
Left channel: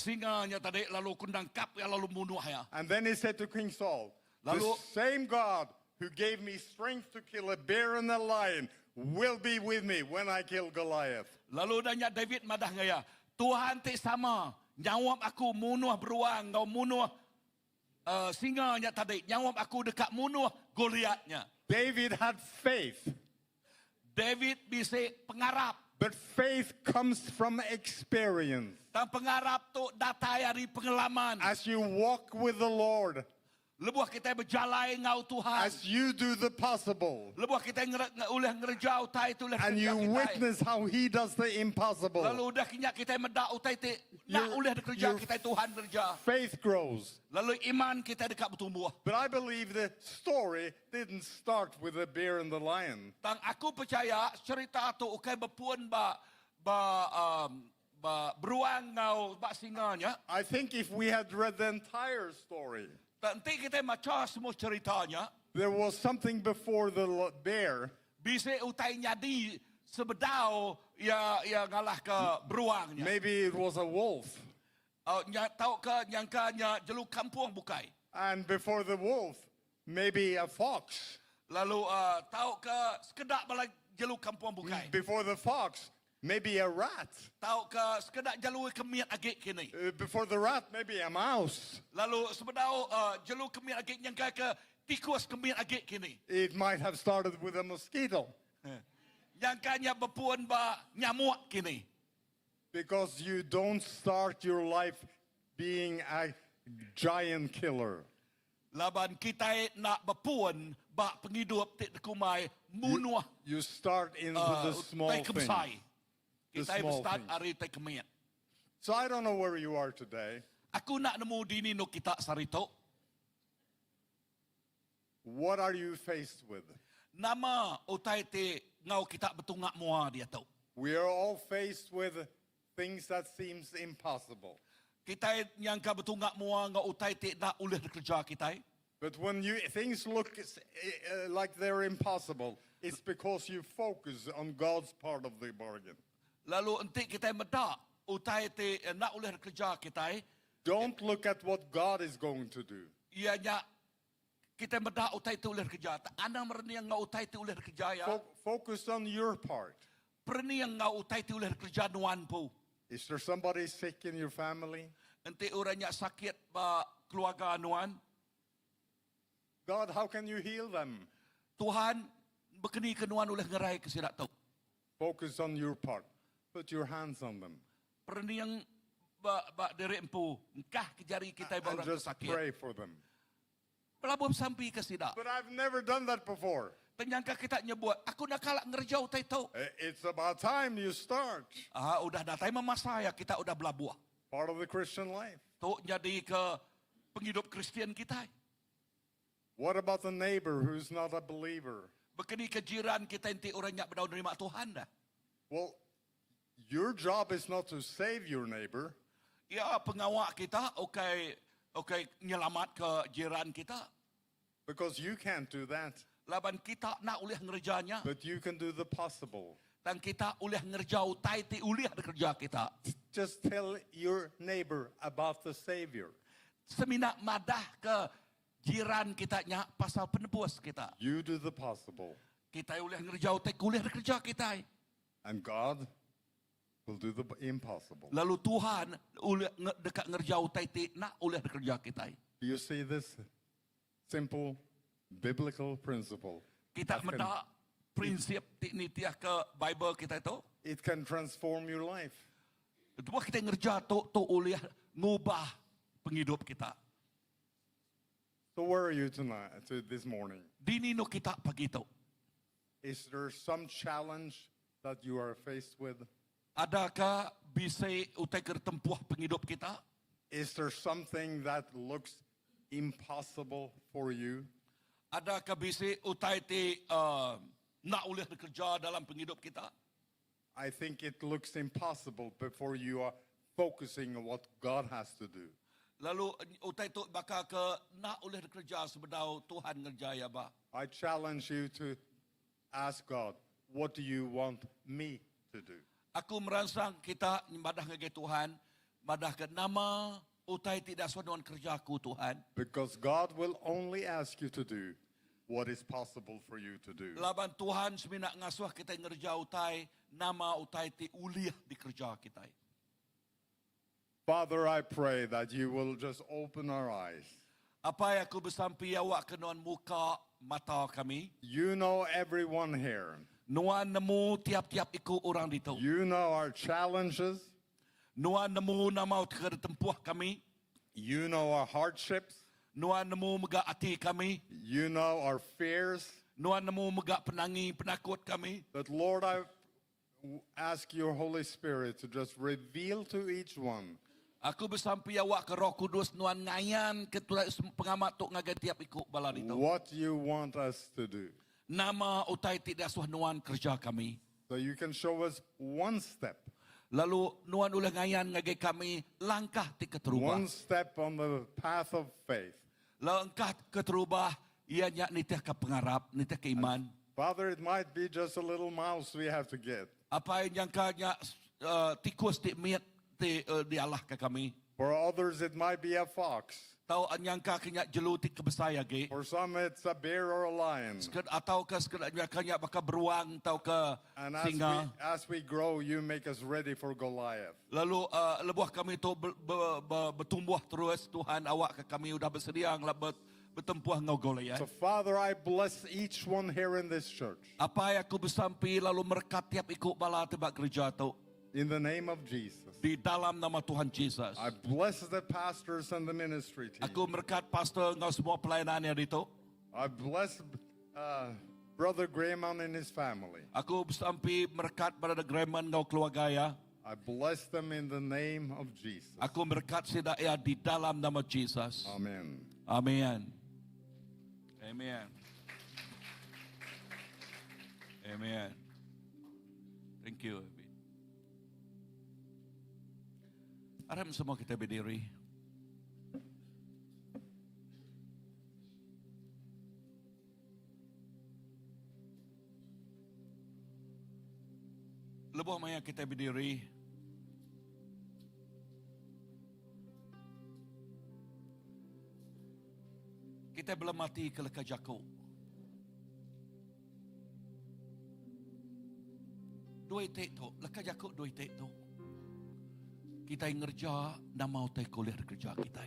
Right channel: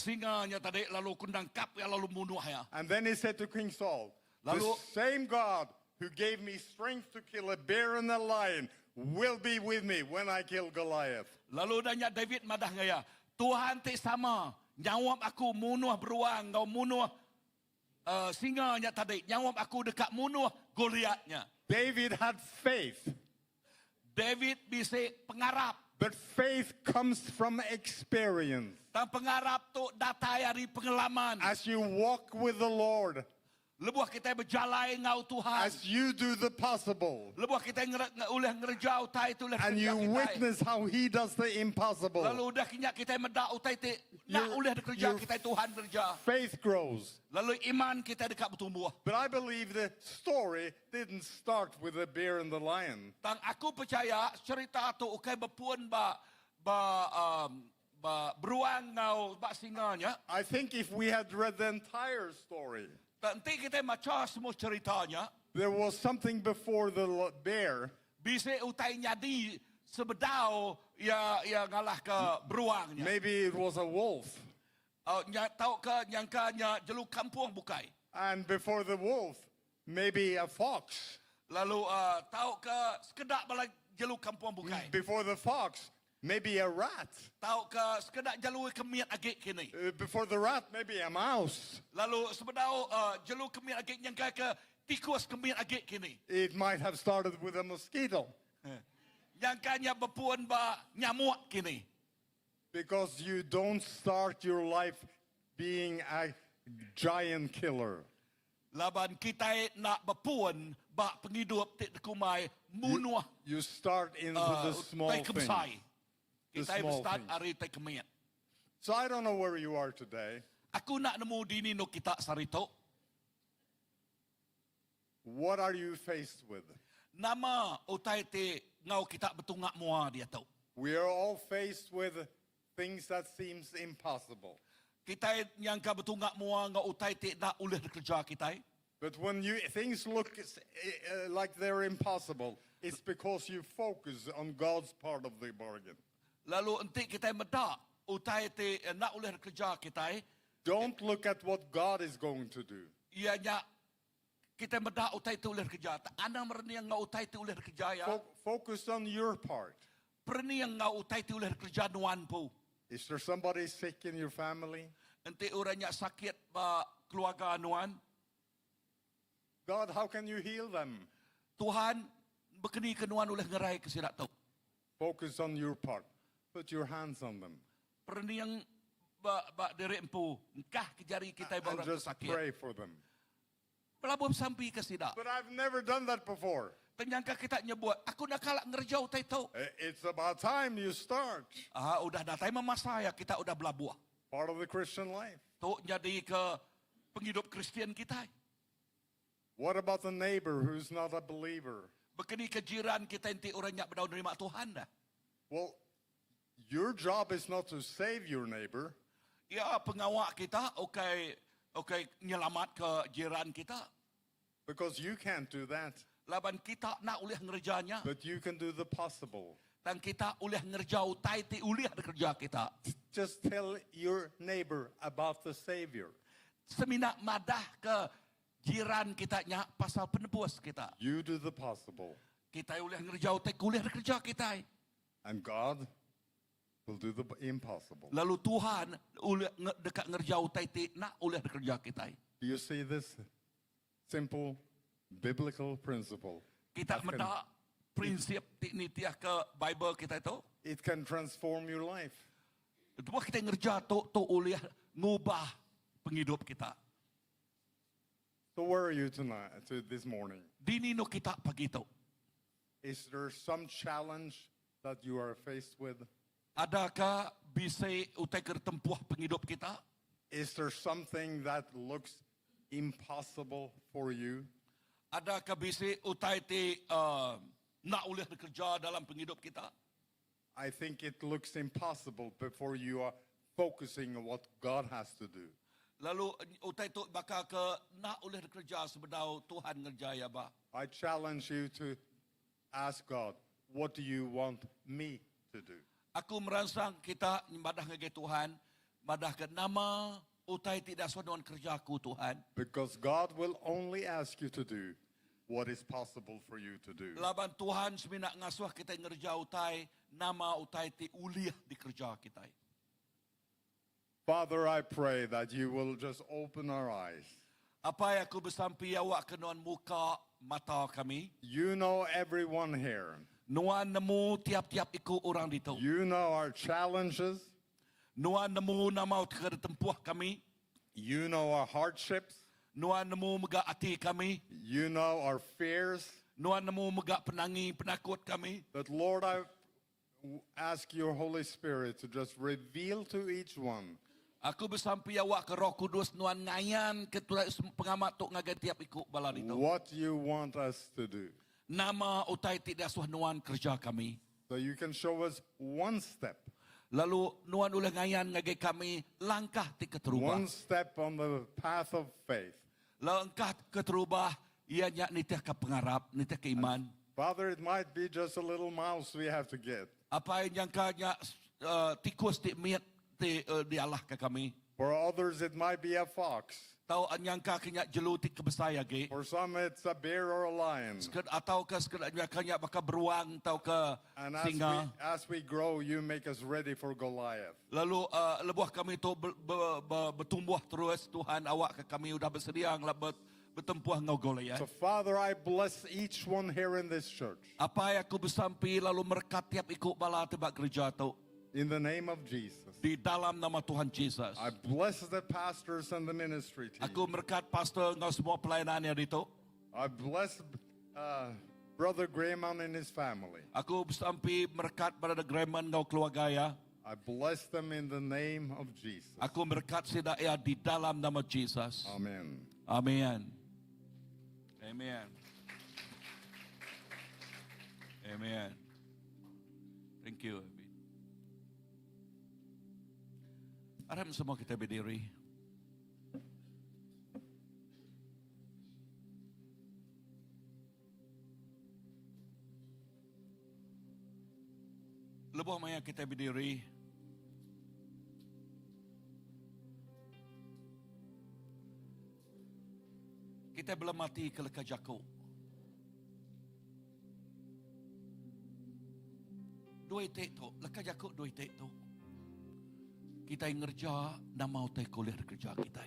singanya tadi lalu kundangkap ya lalu munuh ya. And then he said to King Saul, the Lalu- same God who gave me strength to kill a bear and a lion will be with me when I kill Goliath. Lalu udahnya David madah ngaya. Tuhan ti sama nyawap aku munuh beruang kau munuh singanya tadi nyawap aku dekat munuh Goliatnya. David had faith, David bisa pengarap. but faith comes from experience. Dan pengarap tu datai dari pengalaman. As you walk with the Lord, Lebuh kita berjalan ngau Tuhan. as you do the possible, Lebuh kita ulah ngerja utai tu ulah and kerja you kita. witness how he does the impossible, Lalu dah kinyak kita medak utai te nak Your- ulah kerja your- kita Tuhan kerja. faith grows. Lalu iman kita dekat bertumbuh. But I believe the story didn't start with the bear and the lion. Dan aku percaya cerita tu ukai berpuan ba beruang ngau ba singanya. I think if we had read the entire story, Dan nanti kita baca semua ceritanya. there was something before the bear, Bisa utai nyadi sebedau ya ngalah ke beruangnya. maybe it was a wolf. Tahu ke nyangkanya jeluk kampung bukai. And before the wolf, maybe a fox. Lalu tahu ke sekedak bala jeluk kampung bukai. Before the fox, maybe a rat. Tahu ke sekedak jalur kemiat agak kini. Before the rat, maybe a mouse. Lalu sebedau jalur kemiat agak nyangka ke tikus kemiat agak kini. It might have started with a mosquito Nyangkanya berpuan ba nyamuk kini. because you don't start your life being a giant killer. Laban kita nak berpuan ba penghidup tik kumai munuh You start into the small tai things. kebesai. The Kita small berstart things. hari tai kemiat. So I don't know where you are today. Aku nak nemu dini no kita sarito. What are you faced with? Nama utai te ngau kita betungak mua dia tahu. We are all faced with things that seems impossible. Kita nyangka betungak mua ngau utai te nak ulih kerja kita. But when things look like they're impossible, it's because you focus on God's part of the bargain. Lalu enti kita medak utai te nak ulih kerja kita. Don't look at what God is going to do. Ianya kita medak utai te ulih kerja. Ana merniang ngau utai te ulih kerja ya. Focus on your part. Perniang ngau utai te ulih kerja nuan pu. Is there somebody sick in your family? Enti orangnya sakit ba keluarga nuan. God, how can you heal them? Tuhan, berkeni kenuan oleh ngerai kesidak tau. Focus on your part. Put your hands on them. Perni yang ba derek empu, engkah kejari kita And barang just sakit. pray for them. Pelabuh sampai kesidak. But I've never done that before. Kenyangka kita nyebut, aku nak kalak ngerjau tai tau. It's about time you start. Udah datai mama saya, kita udah belabuh. Part of the Christian life. Tu jadi ke penghidup Kristian kita. What about the neighbor who's not a believer? Berkeni ke jiran kita inti orang yang berdau nerima Tuhan dah. Well, your job is not to save your neighbor. Ya, pengawak kita, okay, nyelamat ke jiran kita. Because you can't do that. Laban kita nak ulih ngerjanya. But you can do the possible. Dan kita ulih ngerjau taiti ulih kerja kita. Just tell your neighbor about the Savior. Seminak madah ke jiran kita nya pasal penebus kita. You do the possible. Kita ulih ngerjau tai ulih kerja kita. And God will do the impossible. Lalu Tuhan ulih dekat ngerjau taiti nak ulih kerja kita. Do you see this simple biblical principle? Kita That can- medak prinsip tiknitiah ke Bible kita itu. It can transform your life. Itu kita ngerja tu ulih ngubah penghidup kita. So where are you tonight, this morning? Dini no kita pagi itu. Is there some challenge that you are faced with? Adakah bisa utai kertempuh penghidup kita? Is there something that looks impossible for you? Adakah bisa utai ti nak ulih bekerja dalam penghidup kita? I think it looks impossible before you are focusing on what God has to do. Lalu utai tu bakal ke nak ulih bekerja sebedau Tuhan ngerjaya ba. I challenge you to ask God, what do you want me to do? Aku merangsang kita madah ngagai Tuhan, madah ke nama utai tidak sesuai kerjaku Tuhan. Because God will only ask you to do what is possible for you to do. Laban Tuhan seminak ngasuh kita ngerja utai, nama utai ti uliah di kerja kita. Father, I pray that you will just open our eyes. Apa yang aku bersampi awak kenuan muka mata kami. You know everyone here. Nuan nemu tiap-tiap iku orang itu. You know our challenges. Nuan nemu nama tempuh kami. You know our hardships. Nuan nemu megak hati kami. You know our fears. Nuan nemu megak penakut kami. But Lord, I ask your Holy Spirit to just reveal to each one Aku bersampi awak ke Roh Kudus nuan ngayan ketua pengamat tok ngagai tiap ikut bala itu. what you want us to do. Nama utai tidak suah nuan kerja kami. So you can show us one step. Lalu nuan ulah ngayan ngagai kami langkah ti keterubah. One step on the path of faith. Langkah keterubah ia nyak nitih ke pengarap, nitih ke iman. Father, it might be just a little mouse we have to get. Apa yang jangka tikus ti miat ti dialah ke kami. For others, it might be a fox. Tahu anyangka kenya jelutik kebesaya ge. For some, it's a bear or a lion. Atau ke sekedar kanya baka beruang tau ke And singa. as we grow, you make us ready for Goliath. Lalu lebuah kami itu bertumbuh terus. Tuhan awak ke kami udah bersedia bertempuh ngau Goliath. So, Father, I bless each one here in this church. Apa yang aku bersampi lalu merkat tiap ikut bala tebak gereja tu. In the name of Jesus. Di dalam nama Tuhan Yesus. I bless the pastors and the ministry team. Aku merkat pastor ngau semua pelayanannya itu. I bless Brother Grayman and his family. Aku bersampi merkat pada Grayman ngau keluarga ya. I bless them in the name of Jesus. Aku merkat sidaya di dalam nama Yesus. Amen. Amen. Amen. Amen. Thank you. Harap semua kita berdiri. Lebuh maya kita berdiri. Kita belum mati ke leka jaku. Dua itik tu, leka jaku dua itik tu. Kita yang ngerja, nama utai kuliah kerja kita.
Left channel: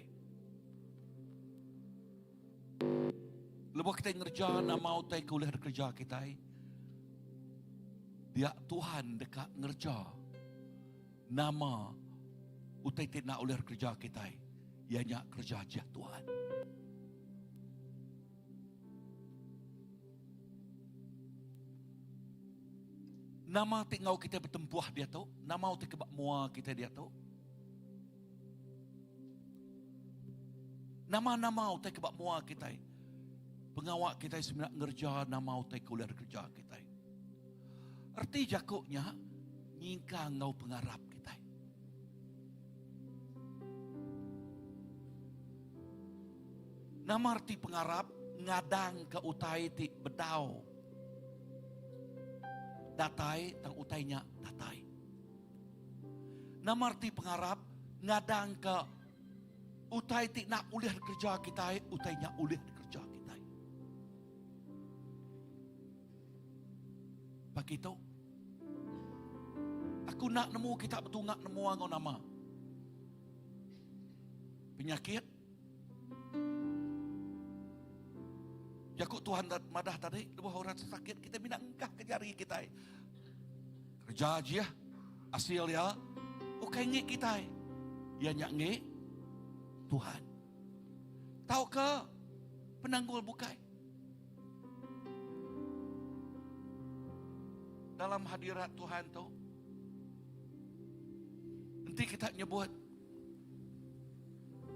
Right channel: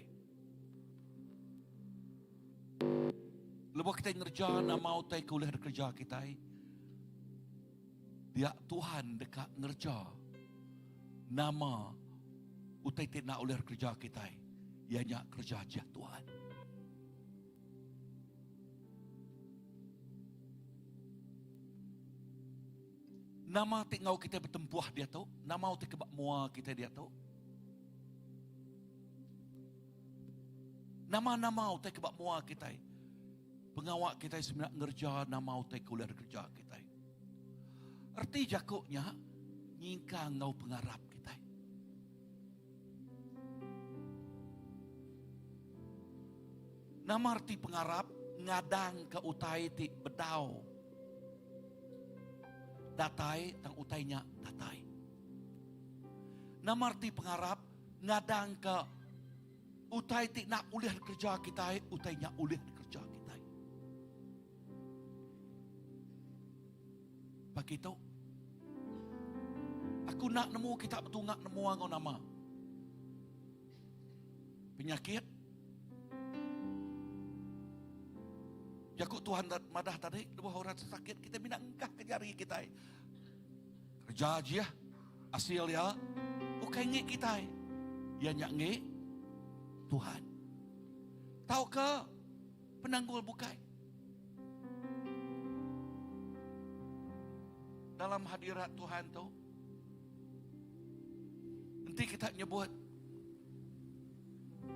Lepas kita ngerja nama utai kuliah kerja kita. Dia Tuhan dekat ngerja nama utai tidak uliah kerja kita. Ianya kerja aja Tuhan. Nama tinggal kita bertempuh dia tu, nama utai kebak mua kita dia tu. Nama-nama utai kebak mua kita. Pengawak kita sebenarnya ngerja nama utai kuliah kerja kita. Arti jakuknya nyingkang ngau pengarap kita. Nama arti pengarap ngadang ke utai ti bedau. Datai tang utainya datai. Nama arti pengarap ngadang ke utai ti nak uliah kerja kita, utainya uliah kerja kita. Begitu. Aku nak nemu kita betul nak nemu angau nama. Penyakit. Jakut Tuhan madah tadi, lebih orang sakit, kita minta engkah ke jari kita. Kerja aja, hasil ya, bukan ngik kita. Ya nyak ngik Tuhan. Tahu ke penanggul bukai? Dalam hadirat Tuhan tu, nanti kita nyebut,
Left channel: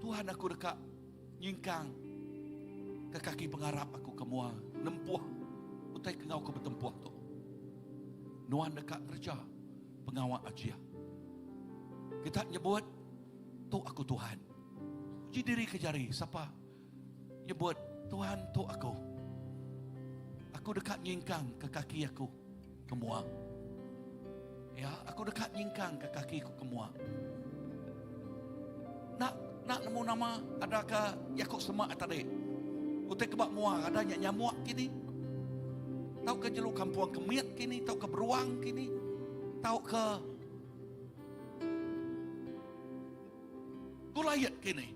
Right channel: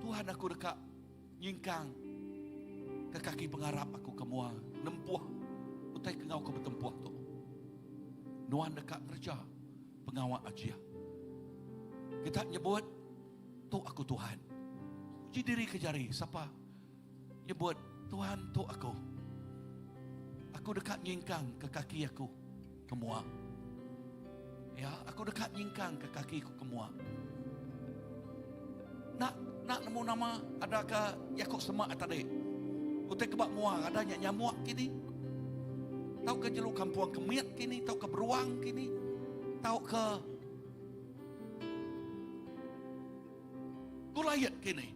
Tuhan aku dekat nyingkang ke kaki pengarap aku kemua nempuh utai kengau ke bertempuh tu. Nuan dekat kerja pengawal aja. Kita nyebut tu aku Tuhan. Uji diri ke jari siapa? Nyebut Tuhan tu aku. Aku dekat nyingkang ke kaki aku kemua. Ya, aku dekat nyingkang ke kaki aku kemua. Nak nemu nama adakah Yakub semak tadi? Utai kebak muang adanya nyamuk kini. Tahu ke jeluk kampuang kemiat kini, tahu ke beruang kini, tahu ke gulayat kini.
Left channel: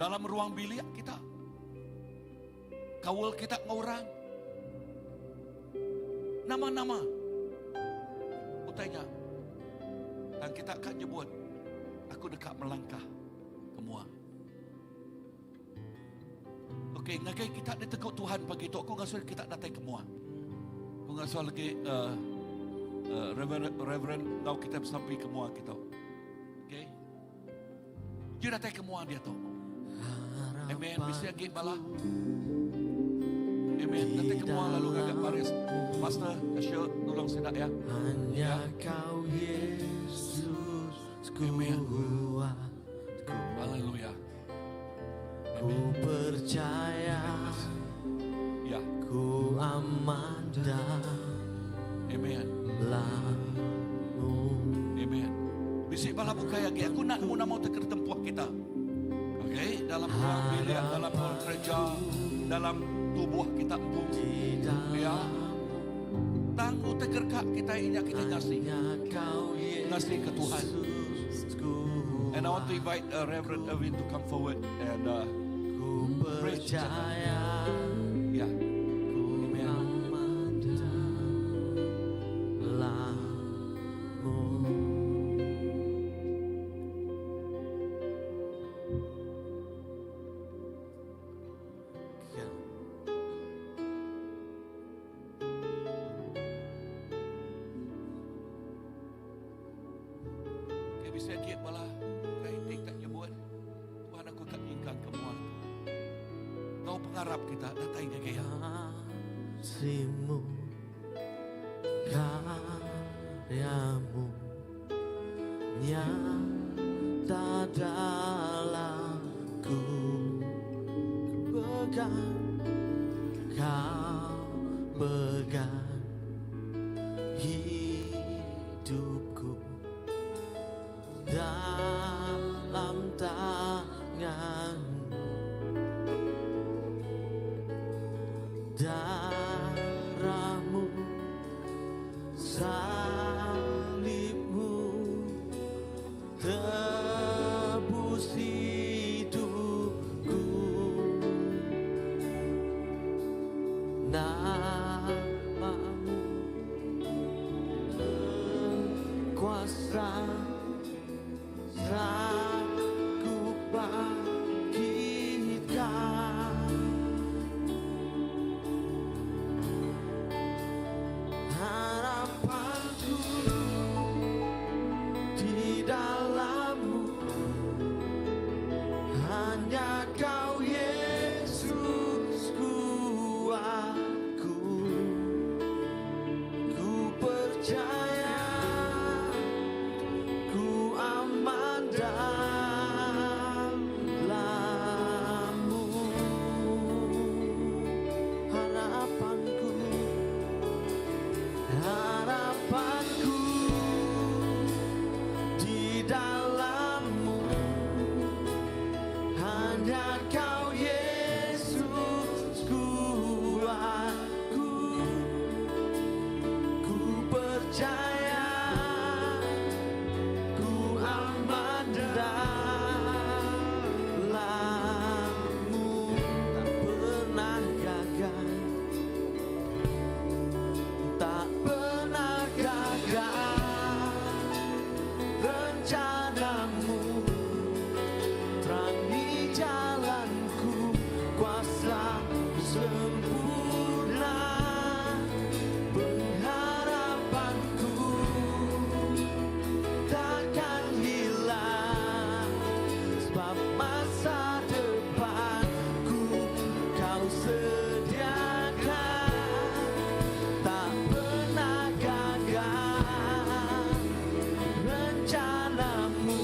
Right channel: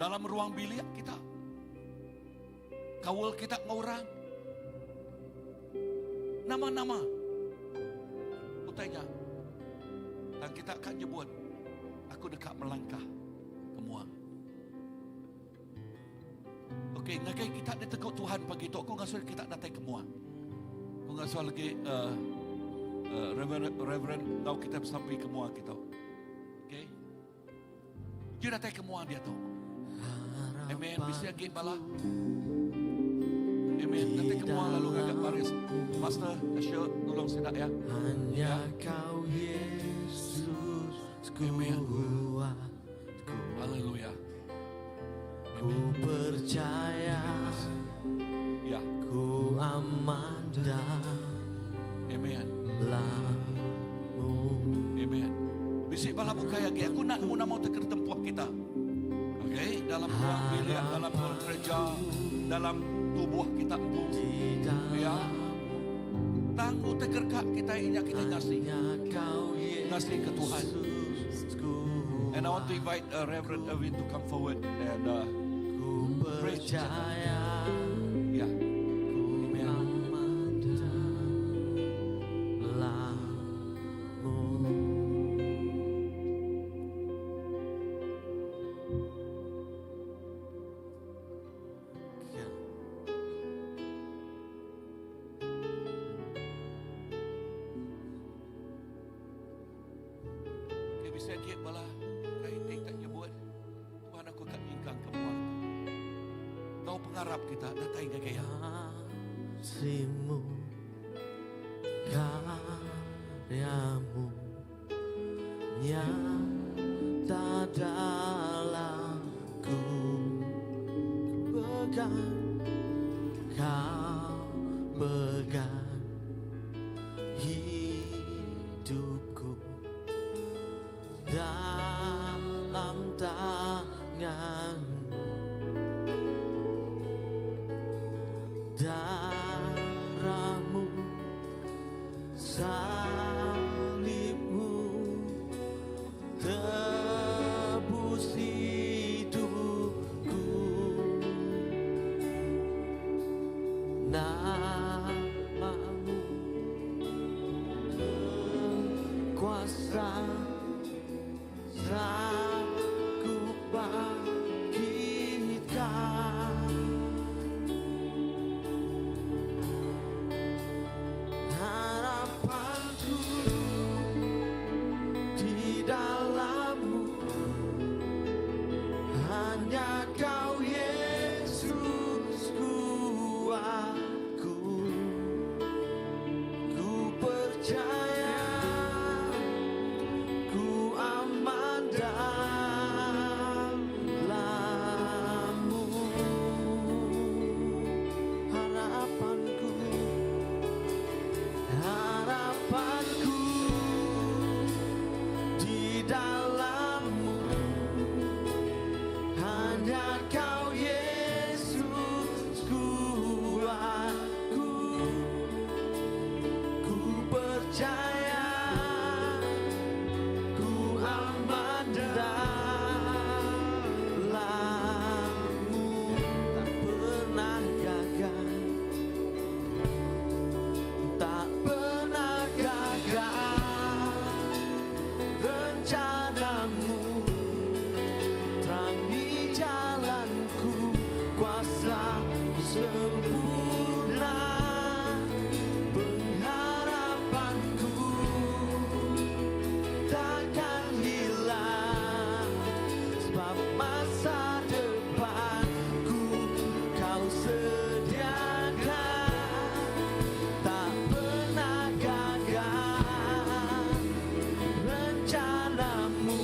Dalam ruang bilik kita, kawal kita ngorang, nama-nama utainya, dan kita akan nyebut, aku dekat melangkah kemuang. Okey, ngakai kita diteguk Tuhan begitu. Aku ngasuh kita datang kemuang. Aku ngasuh lagi Reverend tahu kita sampai kemuang kita. Okey. Dia datang kemuang dia tu. Amen. Bisa lagi bala. Amen. Datang kemuang lalu agak baris. Pastor, asyik tolong sidak ya. Hanya kau Yesus, Amen. Haleluya. Ku percaya, Ya. ku aman Amen. dalammu. Amen. Bisik bala buka lagi. Aku nak nemu nama teker tempuh kita. Okey, dalam ruang bilik, dalam ruang gereja, dalam tubuh kita pun. Ya. Tanggu teker kak kita ini kita ngasih. Ngasih ke Tuhan. And I want to invite Reverend Erwin to come forward and praise the Lord. Yeah. Amen. Okay, bisa dia bala. Kaiting tak nyebut. Tuhan aku tak ingkang kemuang. Kau pengharap kita datang ke kaya. Kasihmu, karyamu nyata dalamku. Pegang, kau pegang hidupku dalam tanganmu. Darahmu, salibmu, tebus hidupku. rencanamu, terangi jalanku, kuasa sempurna pengharapanku takkan hilang, sebab masa depanku kau sediakan, tak pernah gagal rencanamu.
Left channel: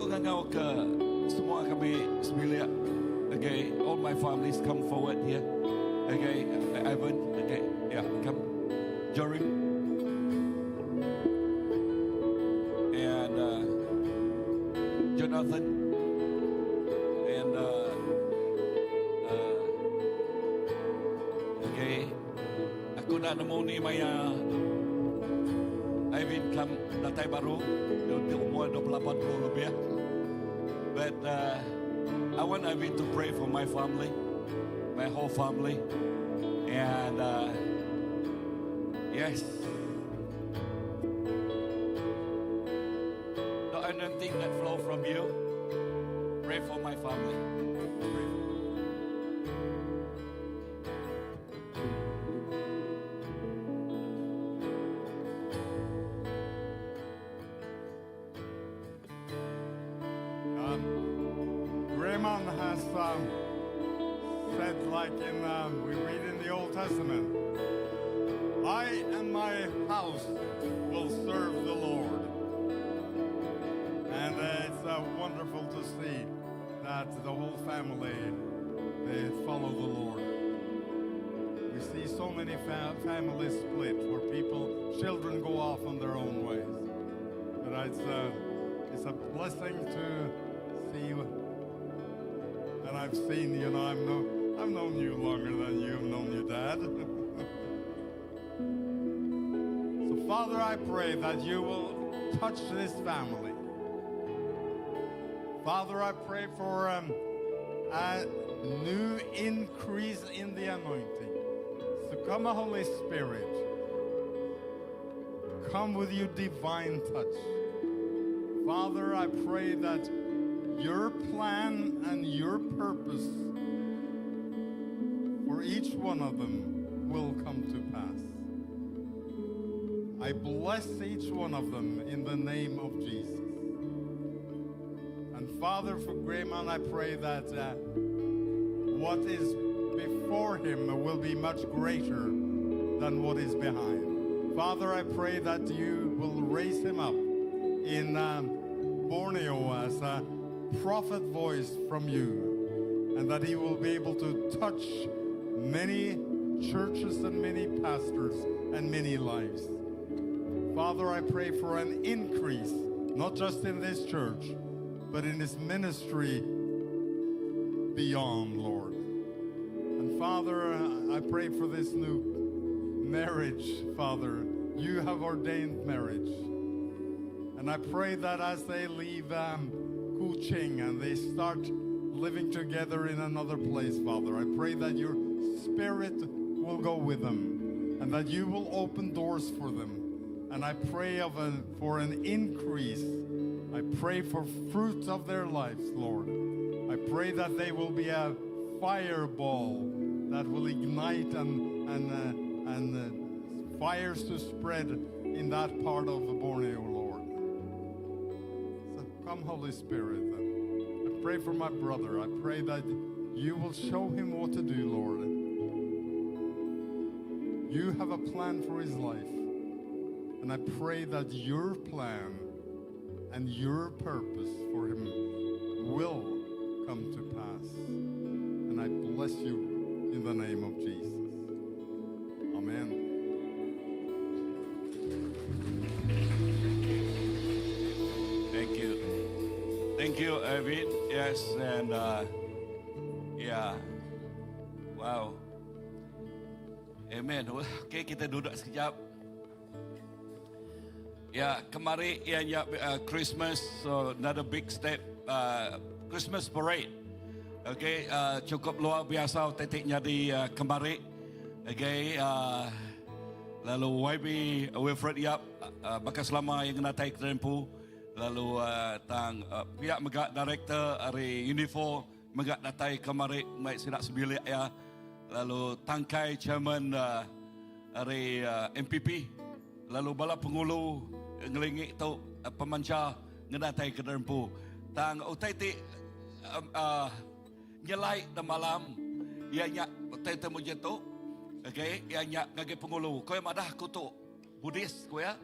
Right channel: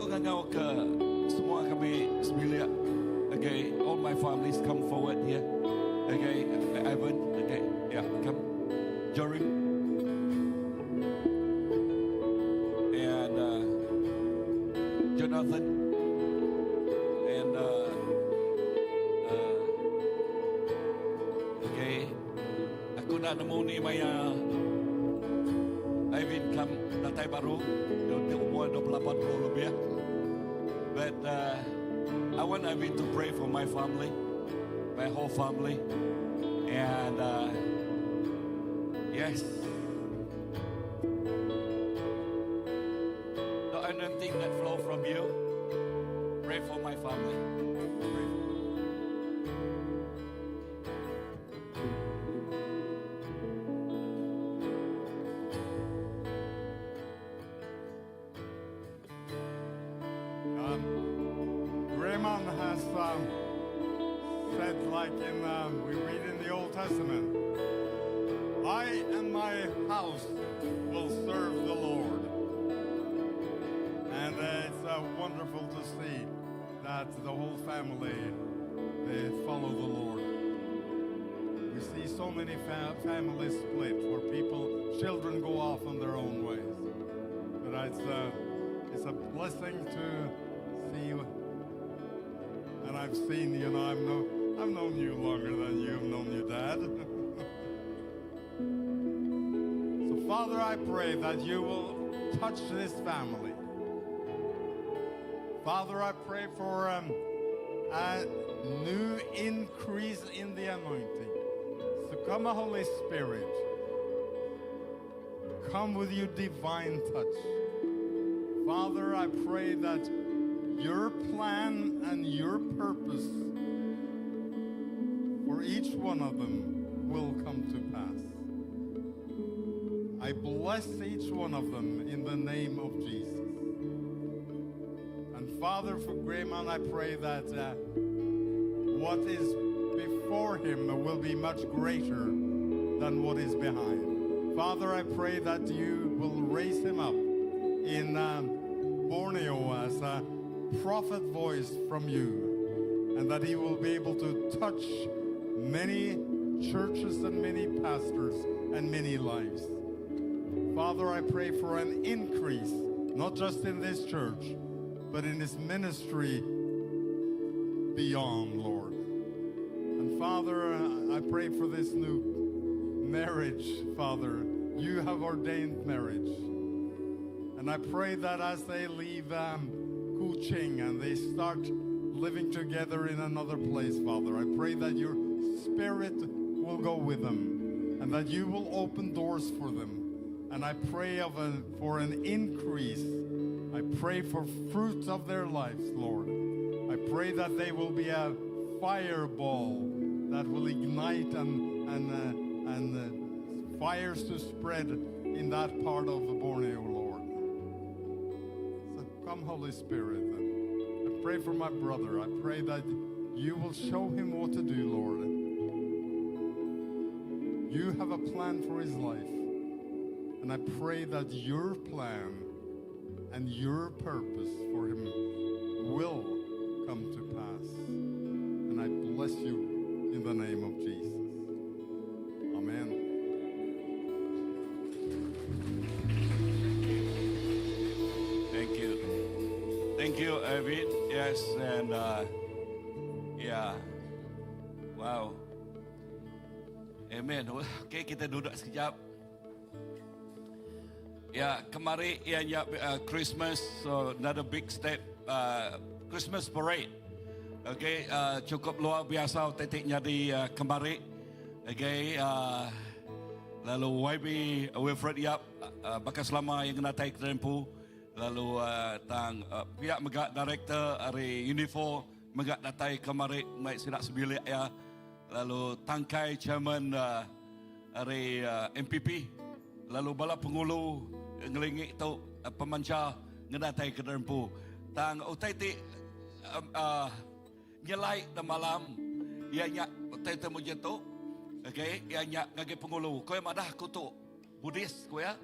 aku ngangau ke semua kami sembilan. Okay, all my families come forward here. Okay, Ivan. Okay, yeah, come. Jorim. And Jonathan. And okay, aku nak nemu ni Maya. Ivan come datang baru. Dia umur 28 tahun lebih. But I want Ivan to pray for my family, my whole family, and yes, the anointing that flow from you. Pray for my family. Pray for Raymond has said, like we read in the Old Testament, I and my house will serve the Lord. And it's wonderful to see that the whole family, they follow the Lord. We see so many families split where children go off on their own ways. But it's a blessing to see. And I've seen, I've known you longer than you've known your dad. So Father, I pray that you will touch this family. Father, I pray for a new increase in the anointing. So come, Holy Spirit. Come with your divine touch. Father, I pray that your plan and your purpose for each one of them will come to pass. I bless each one of them in the name of Jesus. And Father, for Grayman, I pray that what is before him will be much greater than what is behind. Father, I pray that you will raise him up in Borneo as a prophet voice from you, and that he will be able to touch many churches and many pastors and many lives. Father, I pray for an increase, not just in this church, but in his ministry beyond, Lord. And Father, I pray for this new marriage, Father. You have ordained marriage. And I pray that as they leave Kuching and they start living together in another place, Father, I pray that your Spirit will go with them and that you will open doors for them. And I pray for an increase. I pray for fruits of their lives, Lord. I pray that they will be a fireball that will ignite and fires to spread in that part of the Borneo, Lord. So come, Holy Spirit. I pray for my brother. I pray that you will show him what to do, Lord. You have a plan for his life. And I pray that your plan and your purpose for him will come to pass. And I bless you in the name of Jesus. Amen. Thank you. Thank you, Evan. Yes, and yeah. Wow. Amen. Okay, kita duduk sekejap. Ya, kemarin ianya Christmas, so another big step, Christmas parade. Okay, cukup luar biasa titiknya di kemarin. Okay, lalu YB Wilfred Yap, bakas lama yang kena taik tempu. Lalu tang pihak megak director dari Unifor megak datai kemarin naik sidak sebilik ya. Lalu tangkai chairman dari MPP. Lalu bala pengulu ngelingik tu pemancar ngedatai ke derempu. Tang utai ti nyelai de malam ia nyak utai temu jatuh. Okay, ia nyak ngage pengulu. Kau madah kutu Buddhis kau ya.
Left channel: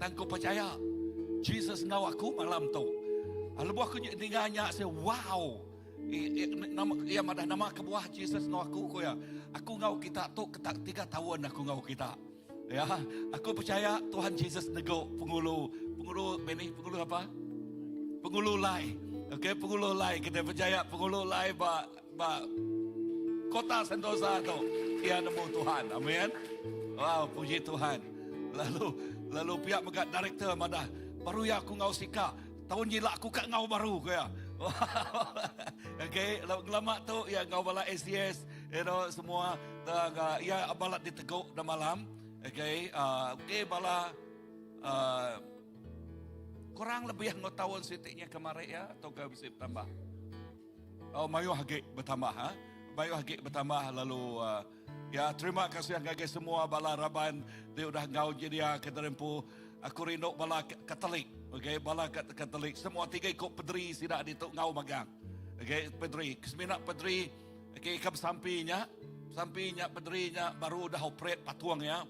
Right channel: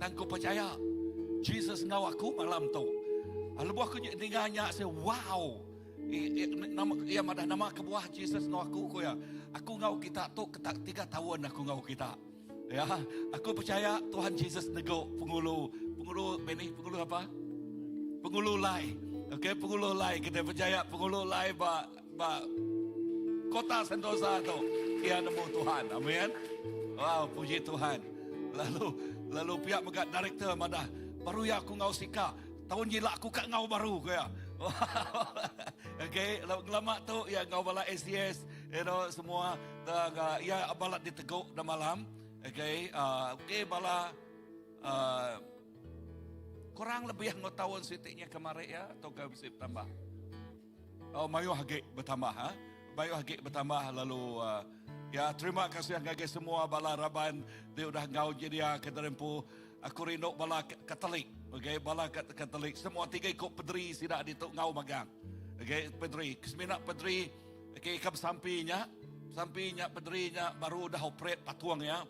Tang ku percaya Jesus ngau aku malam tu. Lebuh aku dengarnya saya wow. Nama kebuah Jesus no aku ko ya. Aku ngau kita tu ketak 3 tahun aku ngau kita. Ya, aku percaya Tuhan Yesus nego pengulu apa? Pengulu lai. Okey, pengulu lai. Kita percaya pengulu lai ba kota Sentosa tu. Ia nemu Tuhan. Amin. Wow, puji Tuhan. Lalu pihak megat director mana baru ya aku ngau sika. Tahun jila aku kat ngau baru ko ya. Okay, lama tu ya ngau bala SCS, semua ya balat diteguk dah malam. Okay, bala kurang lebih yang tahun sitiknya kemarin ya atau ke bisa bertambah. Oh, mayu hagik bertambah ha. Mayu hagik bertambah lalu ya terima kasih ngage semua bala raban dia udah ngau jadi kita rempu aku rindu bala Katolik. Okay, bala Katolik semua 3 ikut pedri sidak di tok ngau magang. Okay, pedri keseminak pedri okay, ke sampingnya pedrinya baru dah operate patuang ya.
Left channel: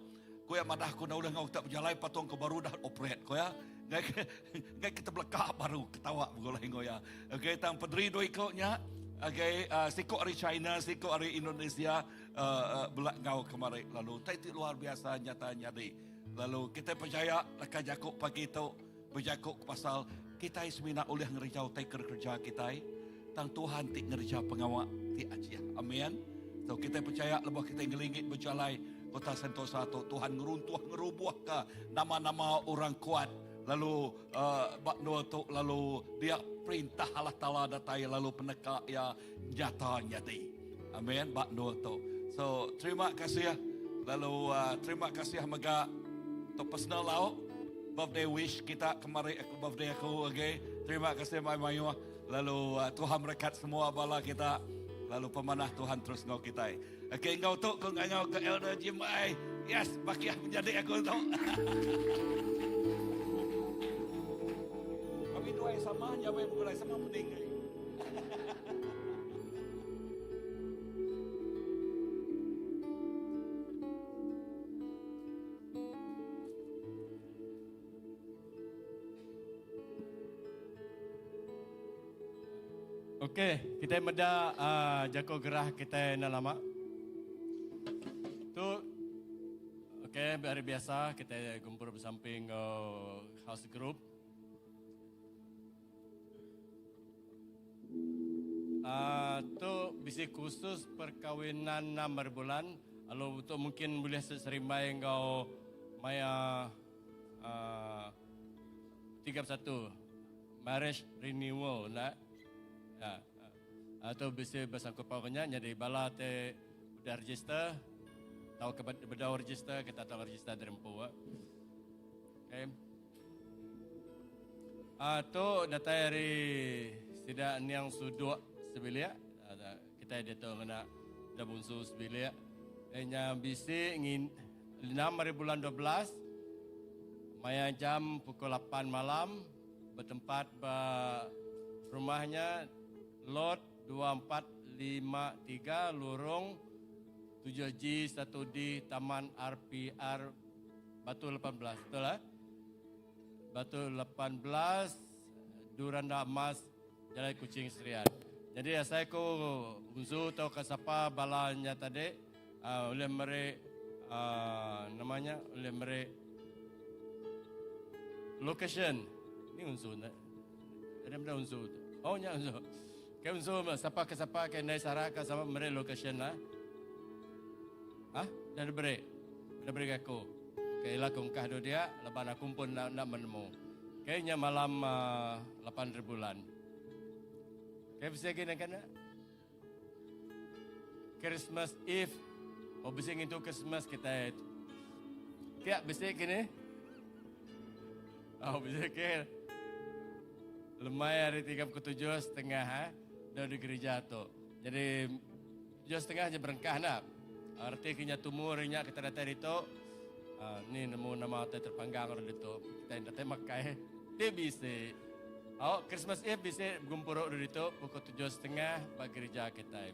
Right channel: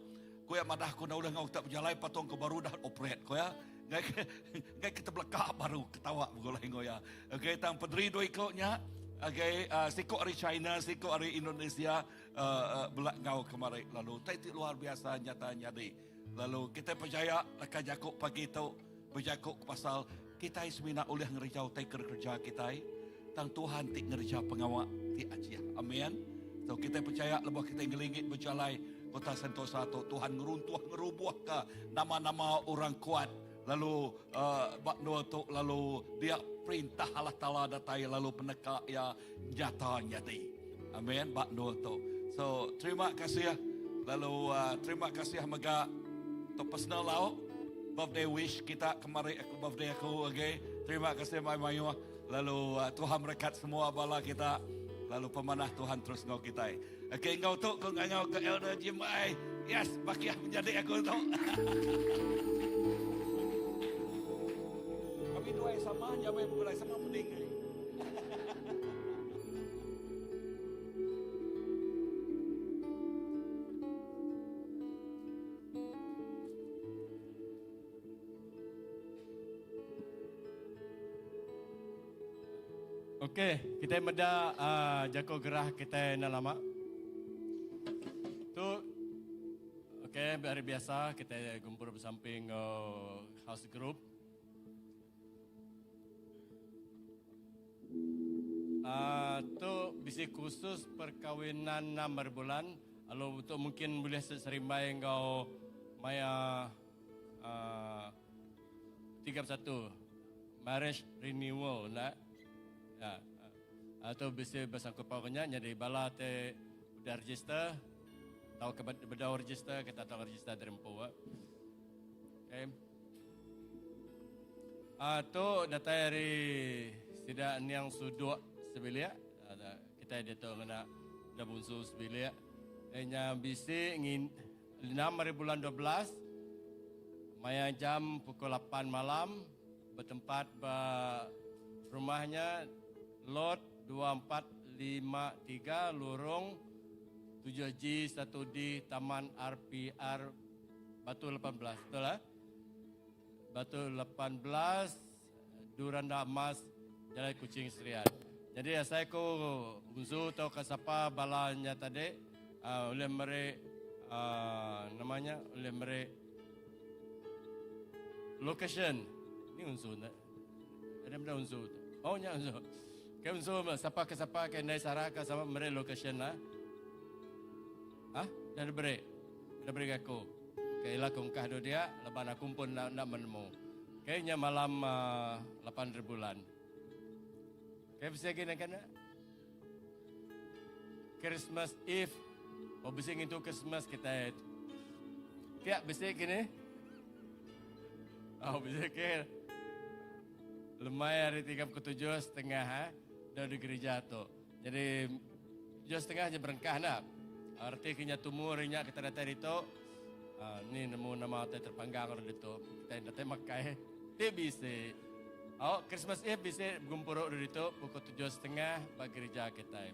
Ko ya madah ko dah ngau tak berjalan patuang ko baru dah operate ko ya. Ngai kita belakang baru ketawa begolai ngoya. Okay, tang pedri do ikutnya. Okay, sikok dari China, sikok dari Indonesia belak ngau kemarin lalu. Itu luar biasa nyata nyadi. Lalu kita percaya akan jakuk pagi itu berjakuk pasal kita semina oleh ngerjau taker kerja kita. Tang Tuhan tik ngerja pengawak ti ajian. Amin. So kita percaya lebih kita ngelingit berjalai kota Sentosa tu Tuhan ngeruntuh ngerubuh ke nama-nama orang kuat. Lalu bakno tu lalu dia perintah Allah Taala datai lalu peneka ya nyata nyati. Amin. Bakno tu. So terima kasih. Lalu terima kasih mega to personal lau birthday wish kita kemarin aku birthday aku okay. Terima kasih Mayu. Lalu Tuhan berkat semua bala kita. Lalu pemanah Tuhan terus ngau kita. Okay, ngau tu kau ngau ke Elder Jim ai. Yes, bakiah menjadi aku tu. Kami dua sama jawab mulai sama penting. Okey, kita meda jako gerah kita nak lama. Tu okey, hari biasa kita kumpul bersamping house group. Tu bisi khusus perkawinan 6 bulan. Kalau tu mungkin boleh serimbai engkau maya 31 marriage renewal nak. Atau bisa bersangkut paunya jadi bala te udah register tahu ke beda register kita tahu register derempu okay. Atau data dari tidak yang sudut sebelia kita dia tahu mana dah musuh sebelia hanya bisa ingin 6 bulan 12 maya jam pukul 8 malam bertempat rumahnya Lot 2453 Lorong 7G 1D Taman RPR Batu 18 betul lah Batu 18 Duranda Emas Jalan Kucing Serian. Jadi saya ko guzu tau kasapa balanya tadi oleh mere namanya oleh mere location ni unsur ada benda unsur oh nya unsur ke unsur siapa ke siapa ke nai saraka sama mere location lah dah beri aku ke ila kungkah do dia leban aku pun nak menemu kayaknya malam 8 bulan kayak bisa gini kan Christmas Eve bisa itu Christmas kita kayak bisa gini bisa kayak lemai hari 37.30 dari gereja tu. Jadi 7.30 je berengkah nak. Artinya tumurnya kita datang itu. Ni nemu nama terpanggang orang itu. Kita datang makai. Dia bisa. Christmas Eve bisa gumpuruk dari itu pukul 7.30 bagi gereja kita.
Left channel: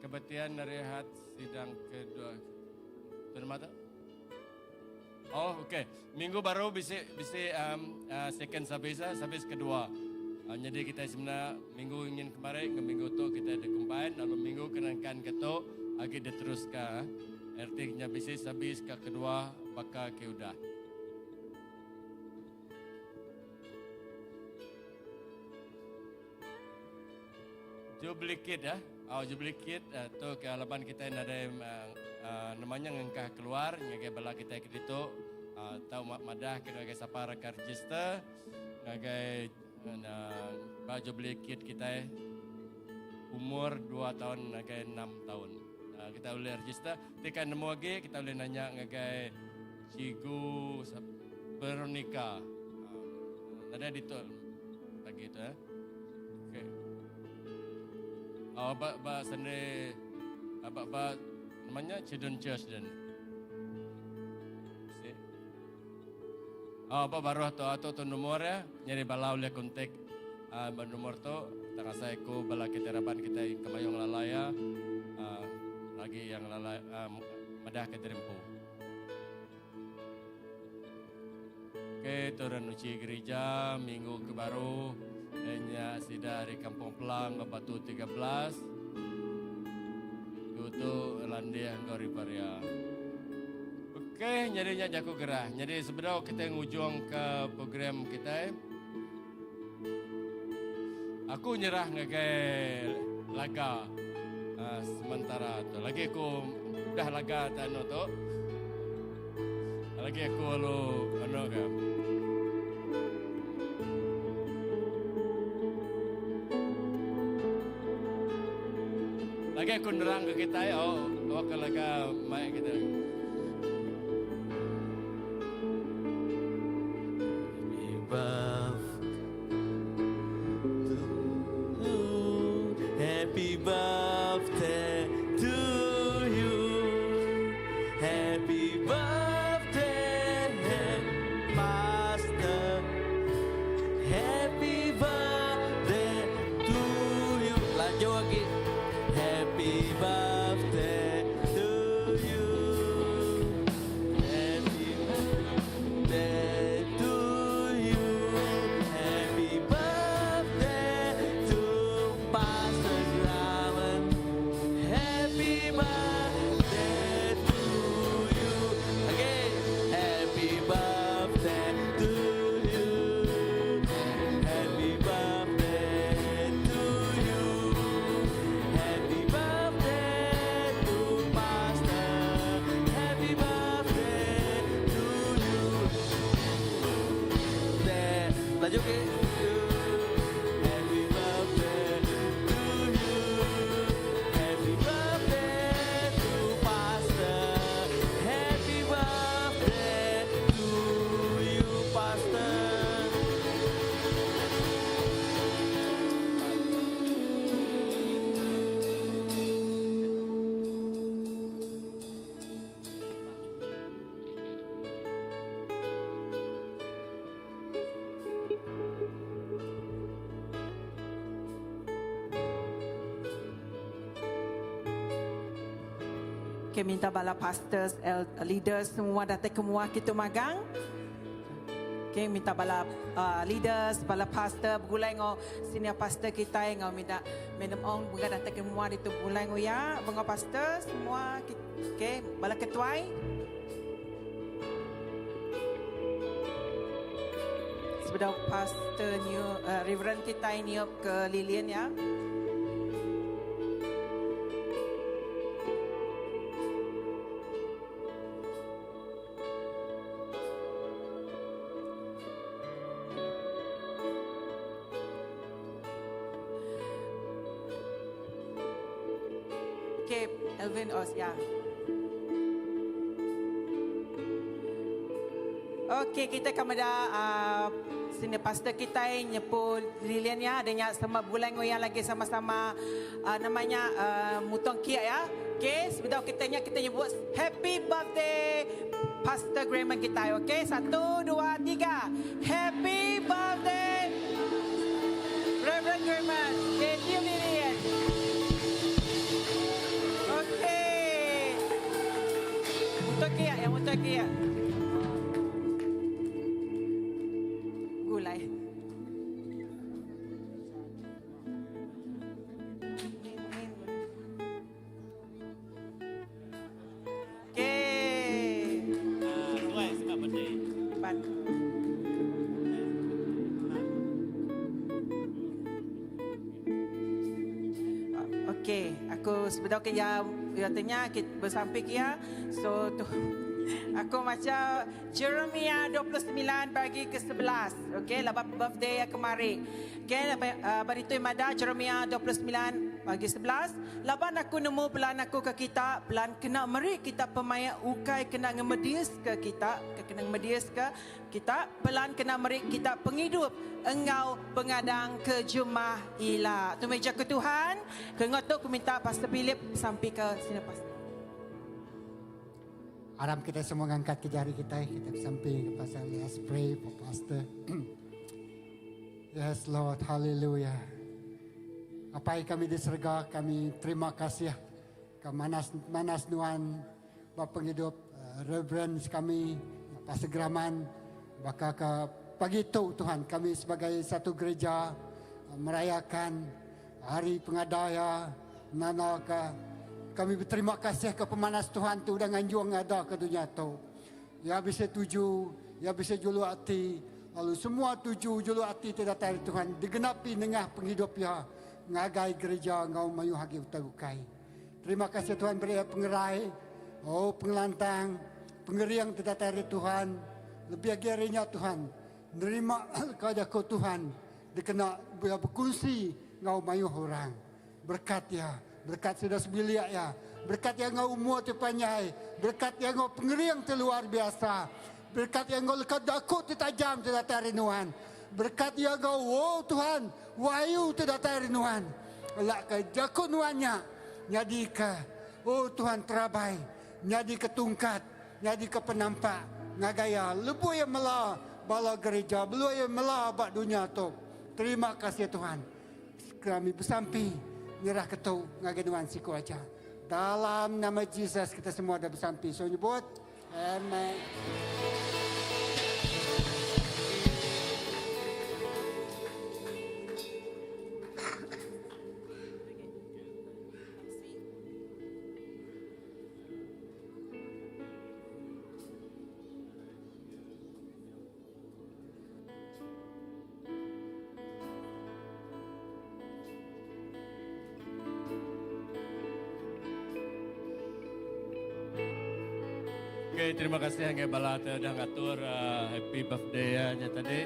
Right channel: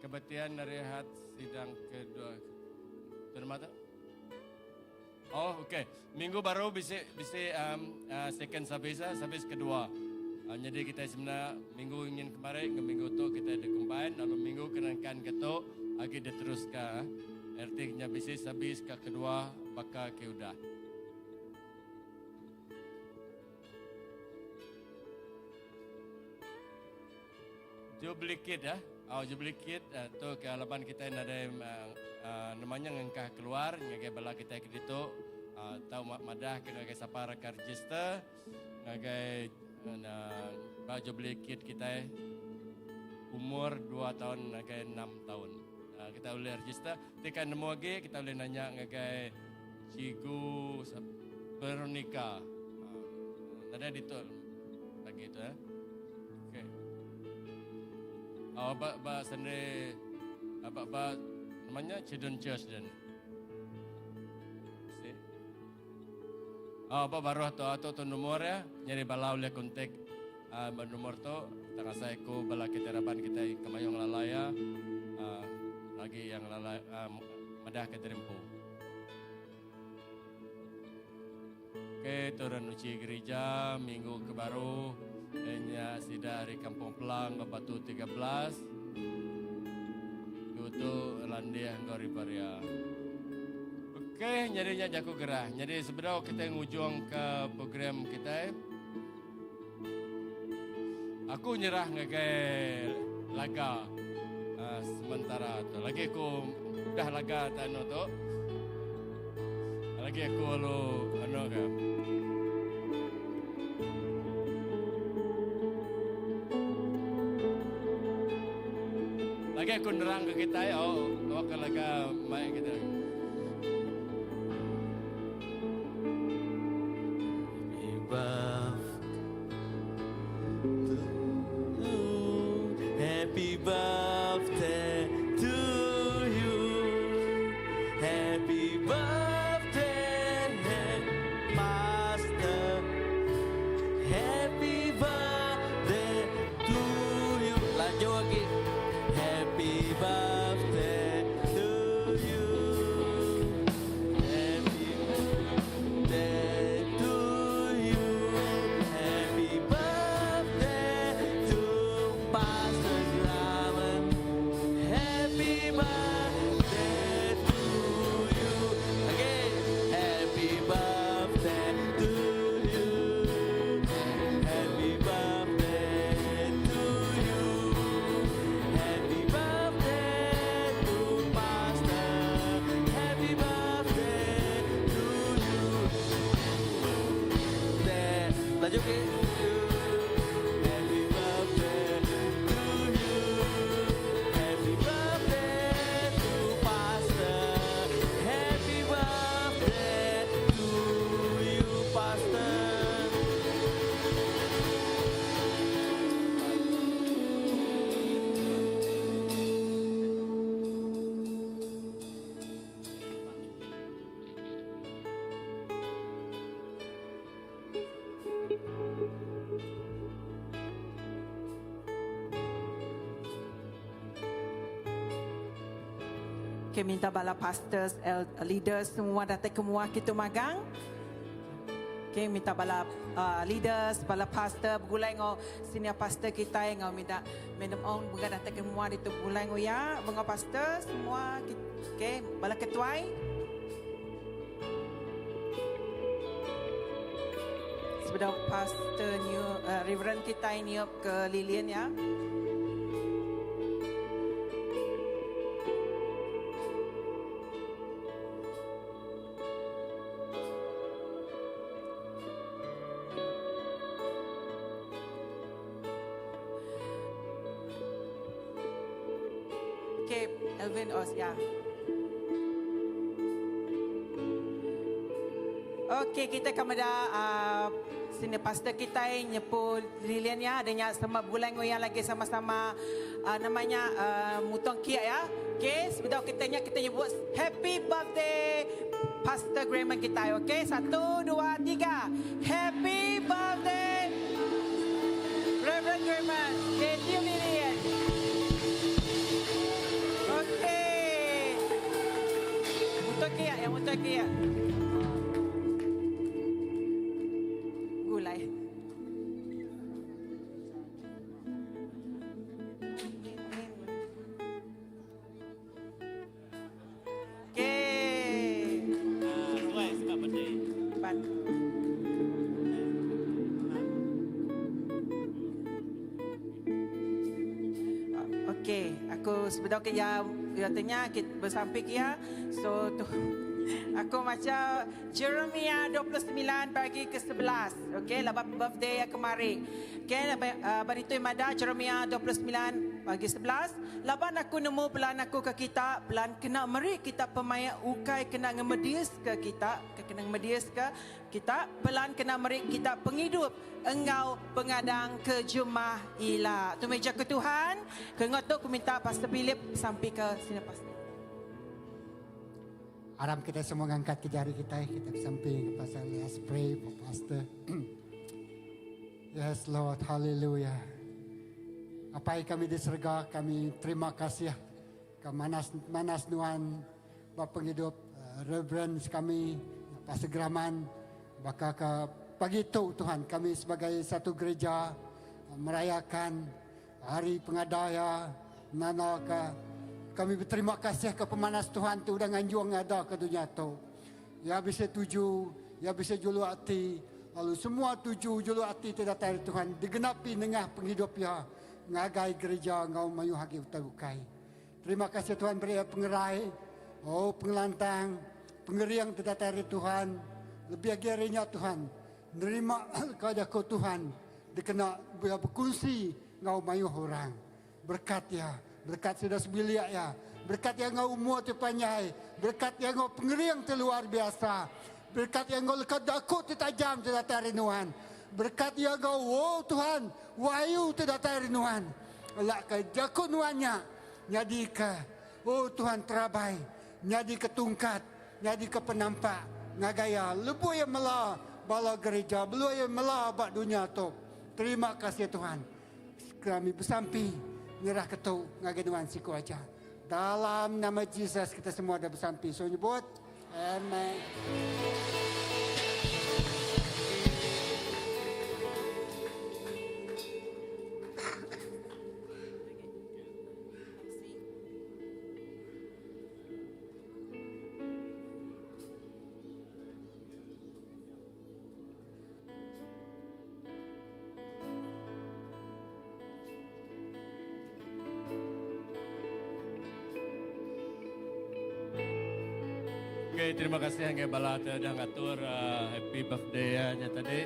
Kebatian rehat sidang kedua. Tuan mata? Oh, okey. Minggu baru bisa second service kedua. Jadi kita sebenarnya minggu ingin kemarin ke minggu tu kita ada combine, lalu minggu kenangkan ketuk lagi diteruskan. Artinya bisa service ke kedua bakal ke udah. Jubilee Kid ya. Jubilee Kid tu ke halaman kita yang ada namanya ngengkah keluar ngagai bala kita ke ditu tahu madah ke ngagai sapa raka register ngagai Jubilee Kid kita umur 2 tahun ngagai 6 tahun. Kita boleh register. Tekan nemu lagi kita boleh nanya ngagai Cigu Veronica. Ada ditu lagi tu ya. Okey. Ba sendiri ba namanya Children Church dan ba baru atau nomor ya nyari bala oleh kontak nomor tu tak rasa aku bala kita harapan kita kemayong lalaya lagi yang lalaya madah ke terempu. Okey, turun uci gereja minggu ke baru hanya sida dari Kampung Pelang ke Batu 13 itu Landia Ngori Paria. Okey, nyarinya jago gerah. Jadi sebenarnya kita ngujung ke program kita. Aku nyerah ngagai laga sementara tu. Lagi aku dah laga tanu tu. Lagi aku lalu anu ke. Lagi aku nerang ke kita ke laga main kita. Happy birthday to you. Happy birthday, Master. Happy birthday to you. Lanjut lagi. Happy birthday to you. Happy birthday to you. Happy birthday to Pastor Slaven. Happy birthday to you. Again. Happy birthday to you. Happy birthday to you. Happy birthday to Pastor. Happy birthday to you. Lanjut ke. Happy birthday to you. Happy birthday to Pastor. Happy birthday to you, Pastor. Okay, minta bala pastors, leaders semua datang semua kita magang. Okay, minta bala leaders, bala pastor bulai ngo senior pastor kita yang minta minum ong bunga datang semua di tu bulai ngo ya, bunga pastor semua. Okay, bala ketuai. Sebentar pastor new reverend kita ini ke Lilian ya. Okay, Elvin Os, ya. Okay, kita kepada sini pastor kita yang nyepul Lilian ya, adanya sama bulan yang lagi sama-sama namanya mutong kia ya. Okay, sebentar kita nyebut happy birthday Pastor Grayman kita. Okay, 1, 2, 3. Happy birthday Reverend Grayman. Okay, cium Lilian. Okay. Mutong kia ya, mutong kia. Okey, aku sebenarnya ya tanya kita bersamping ya. So tu aku macam Jeremia 29 bagi ke 11. Okey, lepas birthday yang kemarin. Okey, bari tu mada Jeremia 29 bagi 11. Laban aku nemu pelan aku ke kita, pelan kena meri kita pemaya ukai kena ngemedius ke kita, kena ngemedius ke kita, pelan kena meri kita penghidup engau pengadang ke jumah ila. Tu meja ke Tuhan. Kengot tu aku minta Pastor Philip sampai ke sini Pastor. Harap kita semua angkat ke jari kita sampai ke pasal let's pray for Pastor. Yes Lord, hallelujah. Apa yang kami di surga, kami terima kasih ke manas Nuan Bapa Penghidup, Reverend kami Pastor Graman, bakal ke pagi itu Tuhan kami sebagai satu gereja merayakan hari pengadaya nana ke kami berterima kasih ke pemanas Tuhan tu dengan juang ada ke dunia tu. Ya bisa tuju, ya bisa julu hati, lalu semua tuju julu hati tidak dari Tuhan digenapi dengan penghidup ya ngagai gereja ngau mayu hagi utabukai. Terima kasih Tuhan beri pengerai, oh pengelantang, pengeriang tidak dari Tuhan. Lebih akhirnya Tuhan nerima keadaku Tuhan dikena berkongsi ngau mayu orang. Berkat ya, berkat sudah sebilia ya, berkat yang ngau umur terpanjang, berkat yang ngau pengeriang terluar biasa, berkat yang ngau lekat dakut tajam tidak dari Tuhan. Berkat yang kau, oh Tuhan, wayu tidak terinuan. Lak ke jakun nuannya, jadi ke, oh Tuhan terabai, jadi ke tungkat, jadi ke penampak, ngagaya, lebu yang melah, bala gereja, belu yang melah bak dunia tu. Terima kasih Tuhan. Kami bersampi, nyerah ketu, ngagaduan siku aja. Dalam nama Yesus kita semua dah bersampi. So nyebut, amen. Okay, terima kasih yang balata dah ngatur happy birthday nya tadi.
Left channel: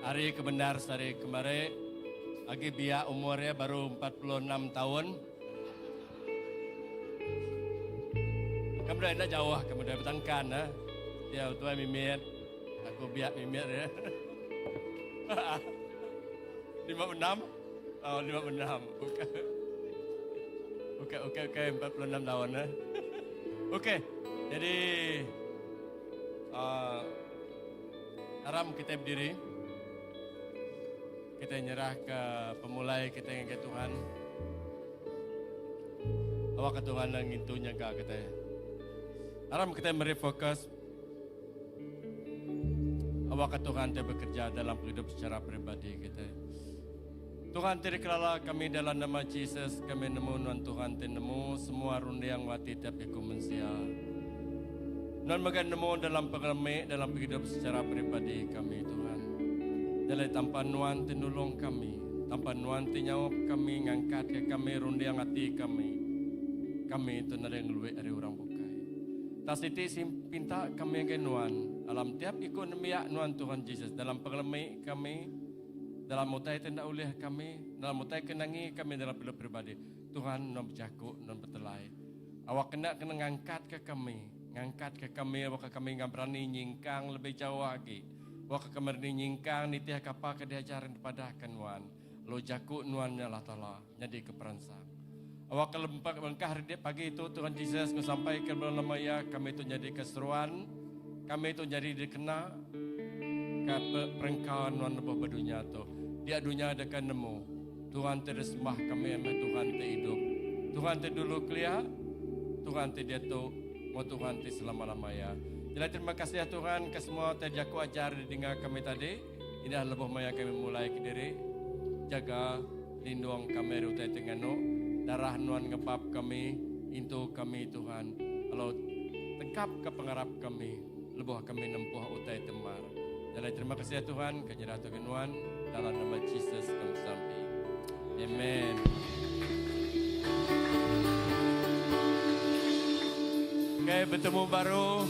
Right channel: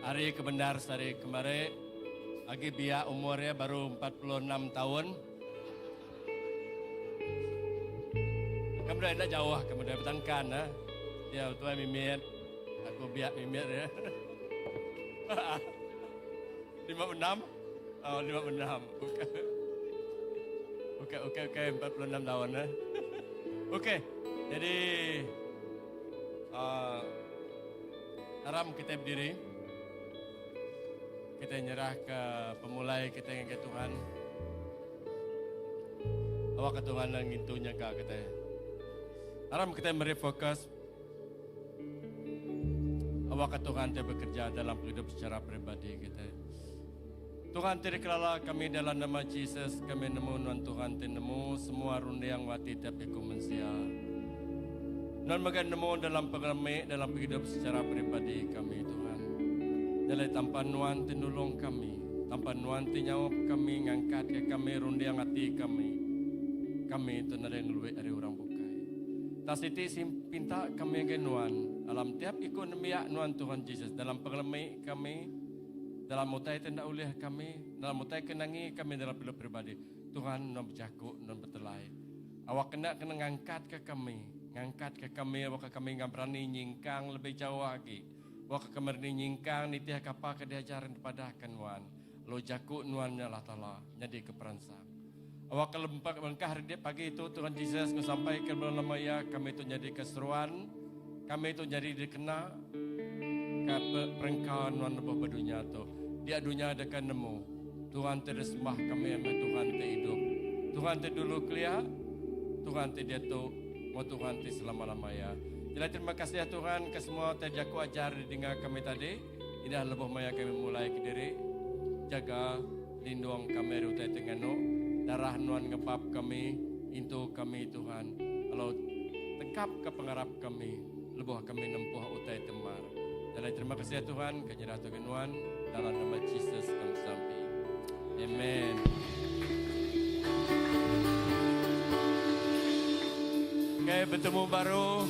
Hari kebenar hari kemarin lagi biak umurnya baru 46 tahun. Kamu dah jauh, kamu dah bertangkan dia tuan mimit, aku biak mimit ya. 56? Oh 56. Okey 46 tahun Okey, jadi haram kita berdiri, kita nyerah ke pemulai kita yang ke Tuhan. Awak ke Tuhan yang itu nyaga kita. Haram kita merefokus. Awak ke Tuhan kita bekerja dalam hidup secara pribadi kita. Tuhan terikelala kami dalam nama Yesus, kami nemu Tuhan Tuhan nemu semua rundi yang wati tapi kumensia. Non magan nemu dalam pengalami dalam hidup secara pribadi kami Tuhan. Dalam tanpa Tuhan tinulung kami, tanpa Tuhan tinyawap kami ngangkat ke kami rundi yang hati kami. Kami itu nada yang luwe dari orang bukai. Tasiti simpinta kami genuan alam tiap ikut nemiak Tuhan Yesus dalam pengalami kami. Dalam mutai tidak oleh kami, dalam mutai kenangi kami dalam hidup pribadi. Tuhan non berjaku, non bertelai. Awak kena ngangkat ke kami, awak kami nggak berani nyingkang lebih jauh lagi. Awak kami berani nyingkang nitiah kapal ke diajaran kepada kanuan. Lo jaku nuannya lah tala, jadi keperansa. Awak kelempar langkah pagi itu Tuhan Yesus sampai ke bulan Maya kami itu jadi keseruan, kami itu jadi dikena ke perengkawan nuan lebih berdunia tu. Dia dunia akan nemu. Tuhan tersembah kami sama Tuhan hidup. Tuhan dulu kelia, Tuhan dia tu, mau Tuhan selama-lamanya. Jadi terima kasih ya Tuhan ke semua terjaku ajar dengan kami tadi. Inilah lebih maya kami mulai ke diri. Jaga lindung kami utai tengano. Darah nuan ngepap kami, into kami Tuhan. Kalau tegap ke pengarap kami, lebih kami nempuh utai temar. Jadi terima kasih ya Tuhan, kenyerah Tuhan dalam nama Yesus kami sampai. Amen. Okay, bertemu baru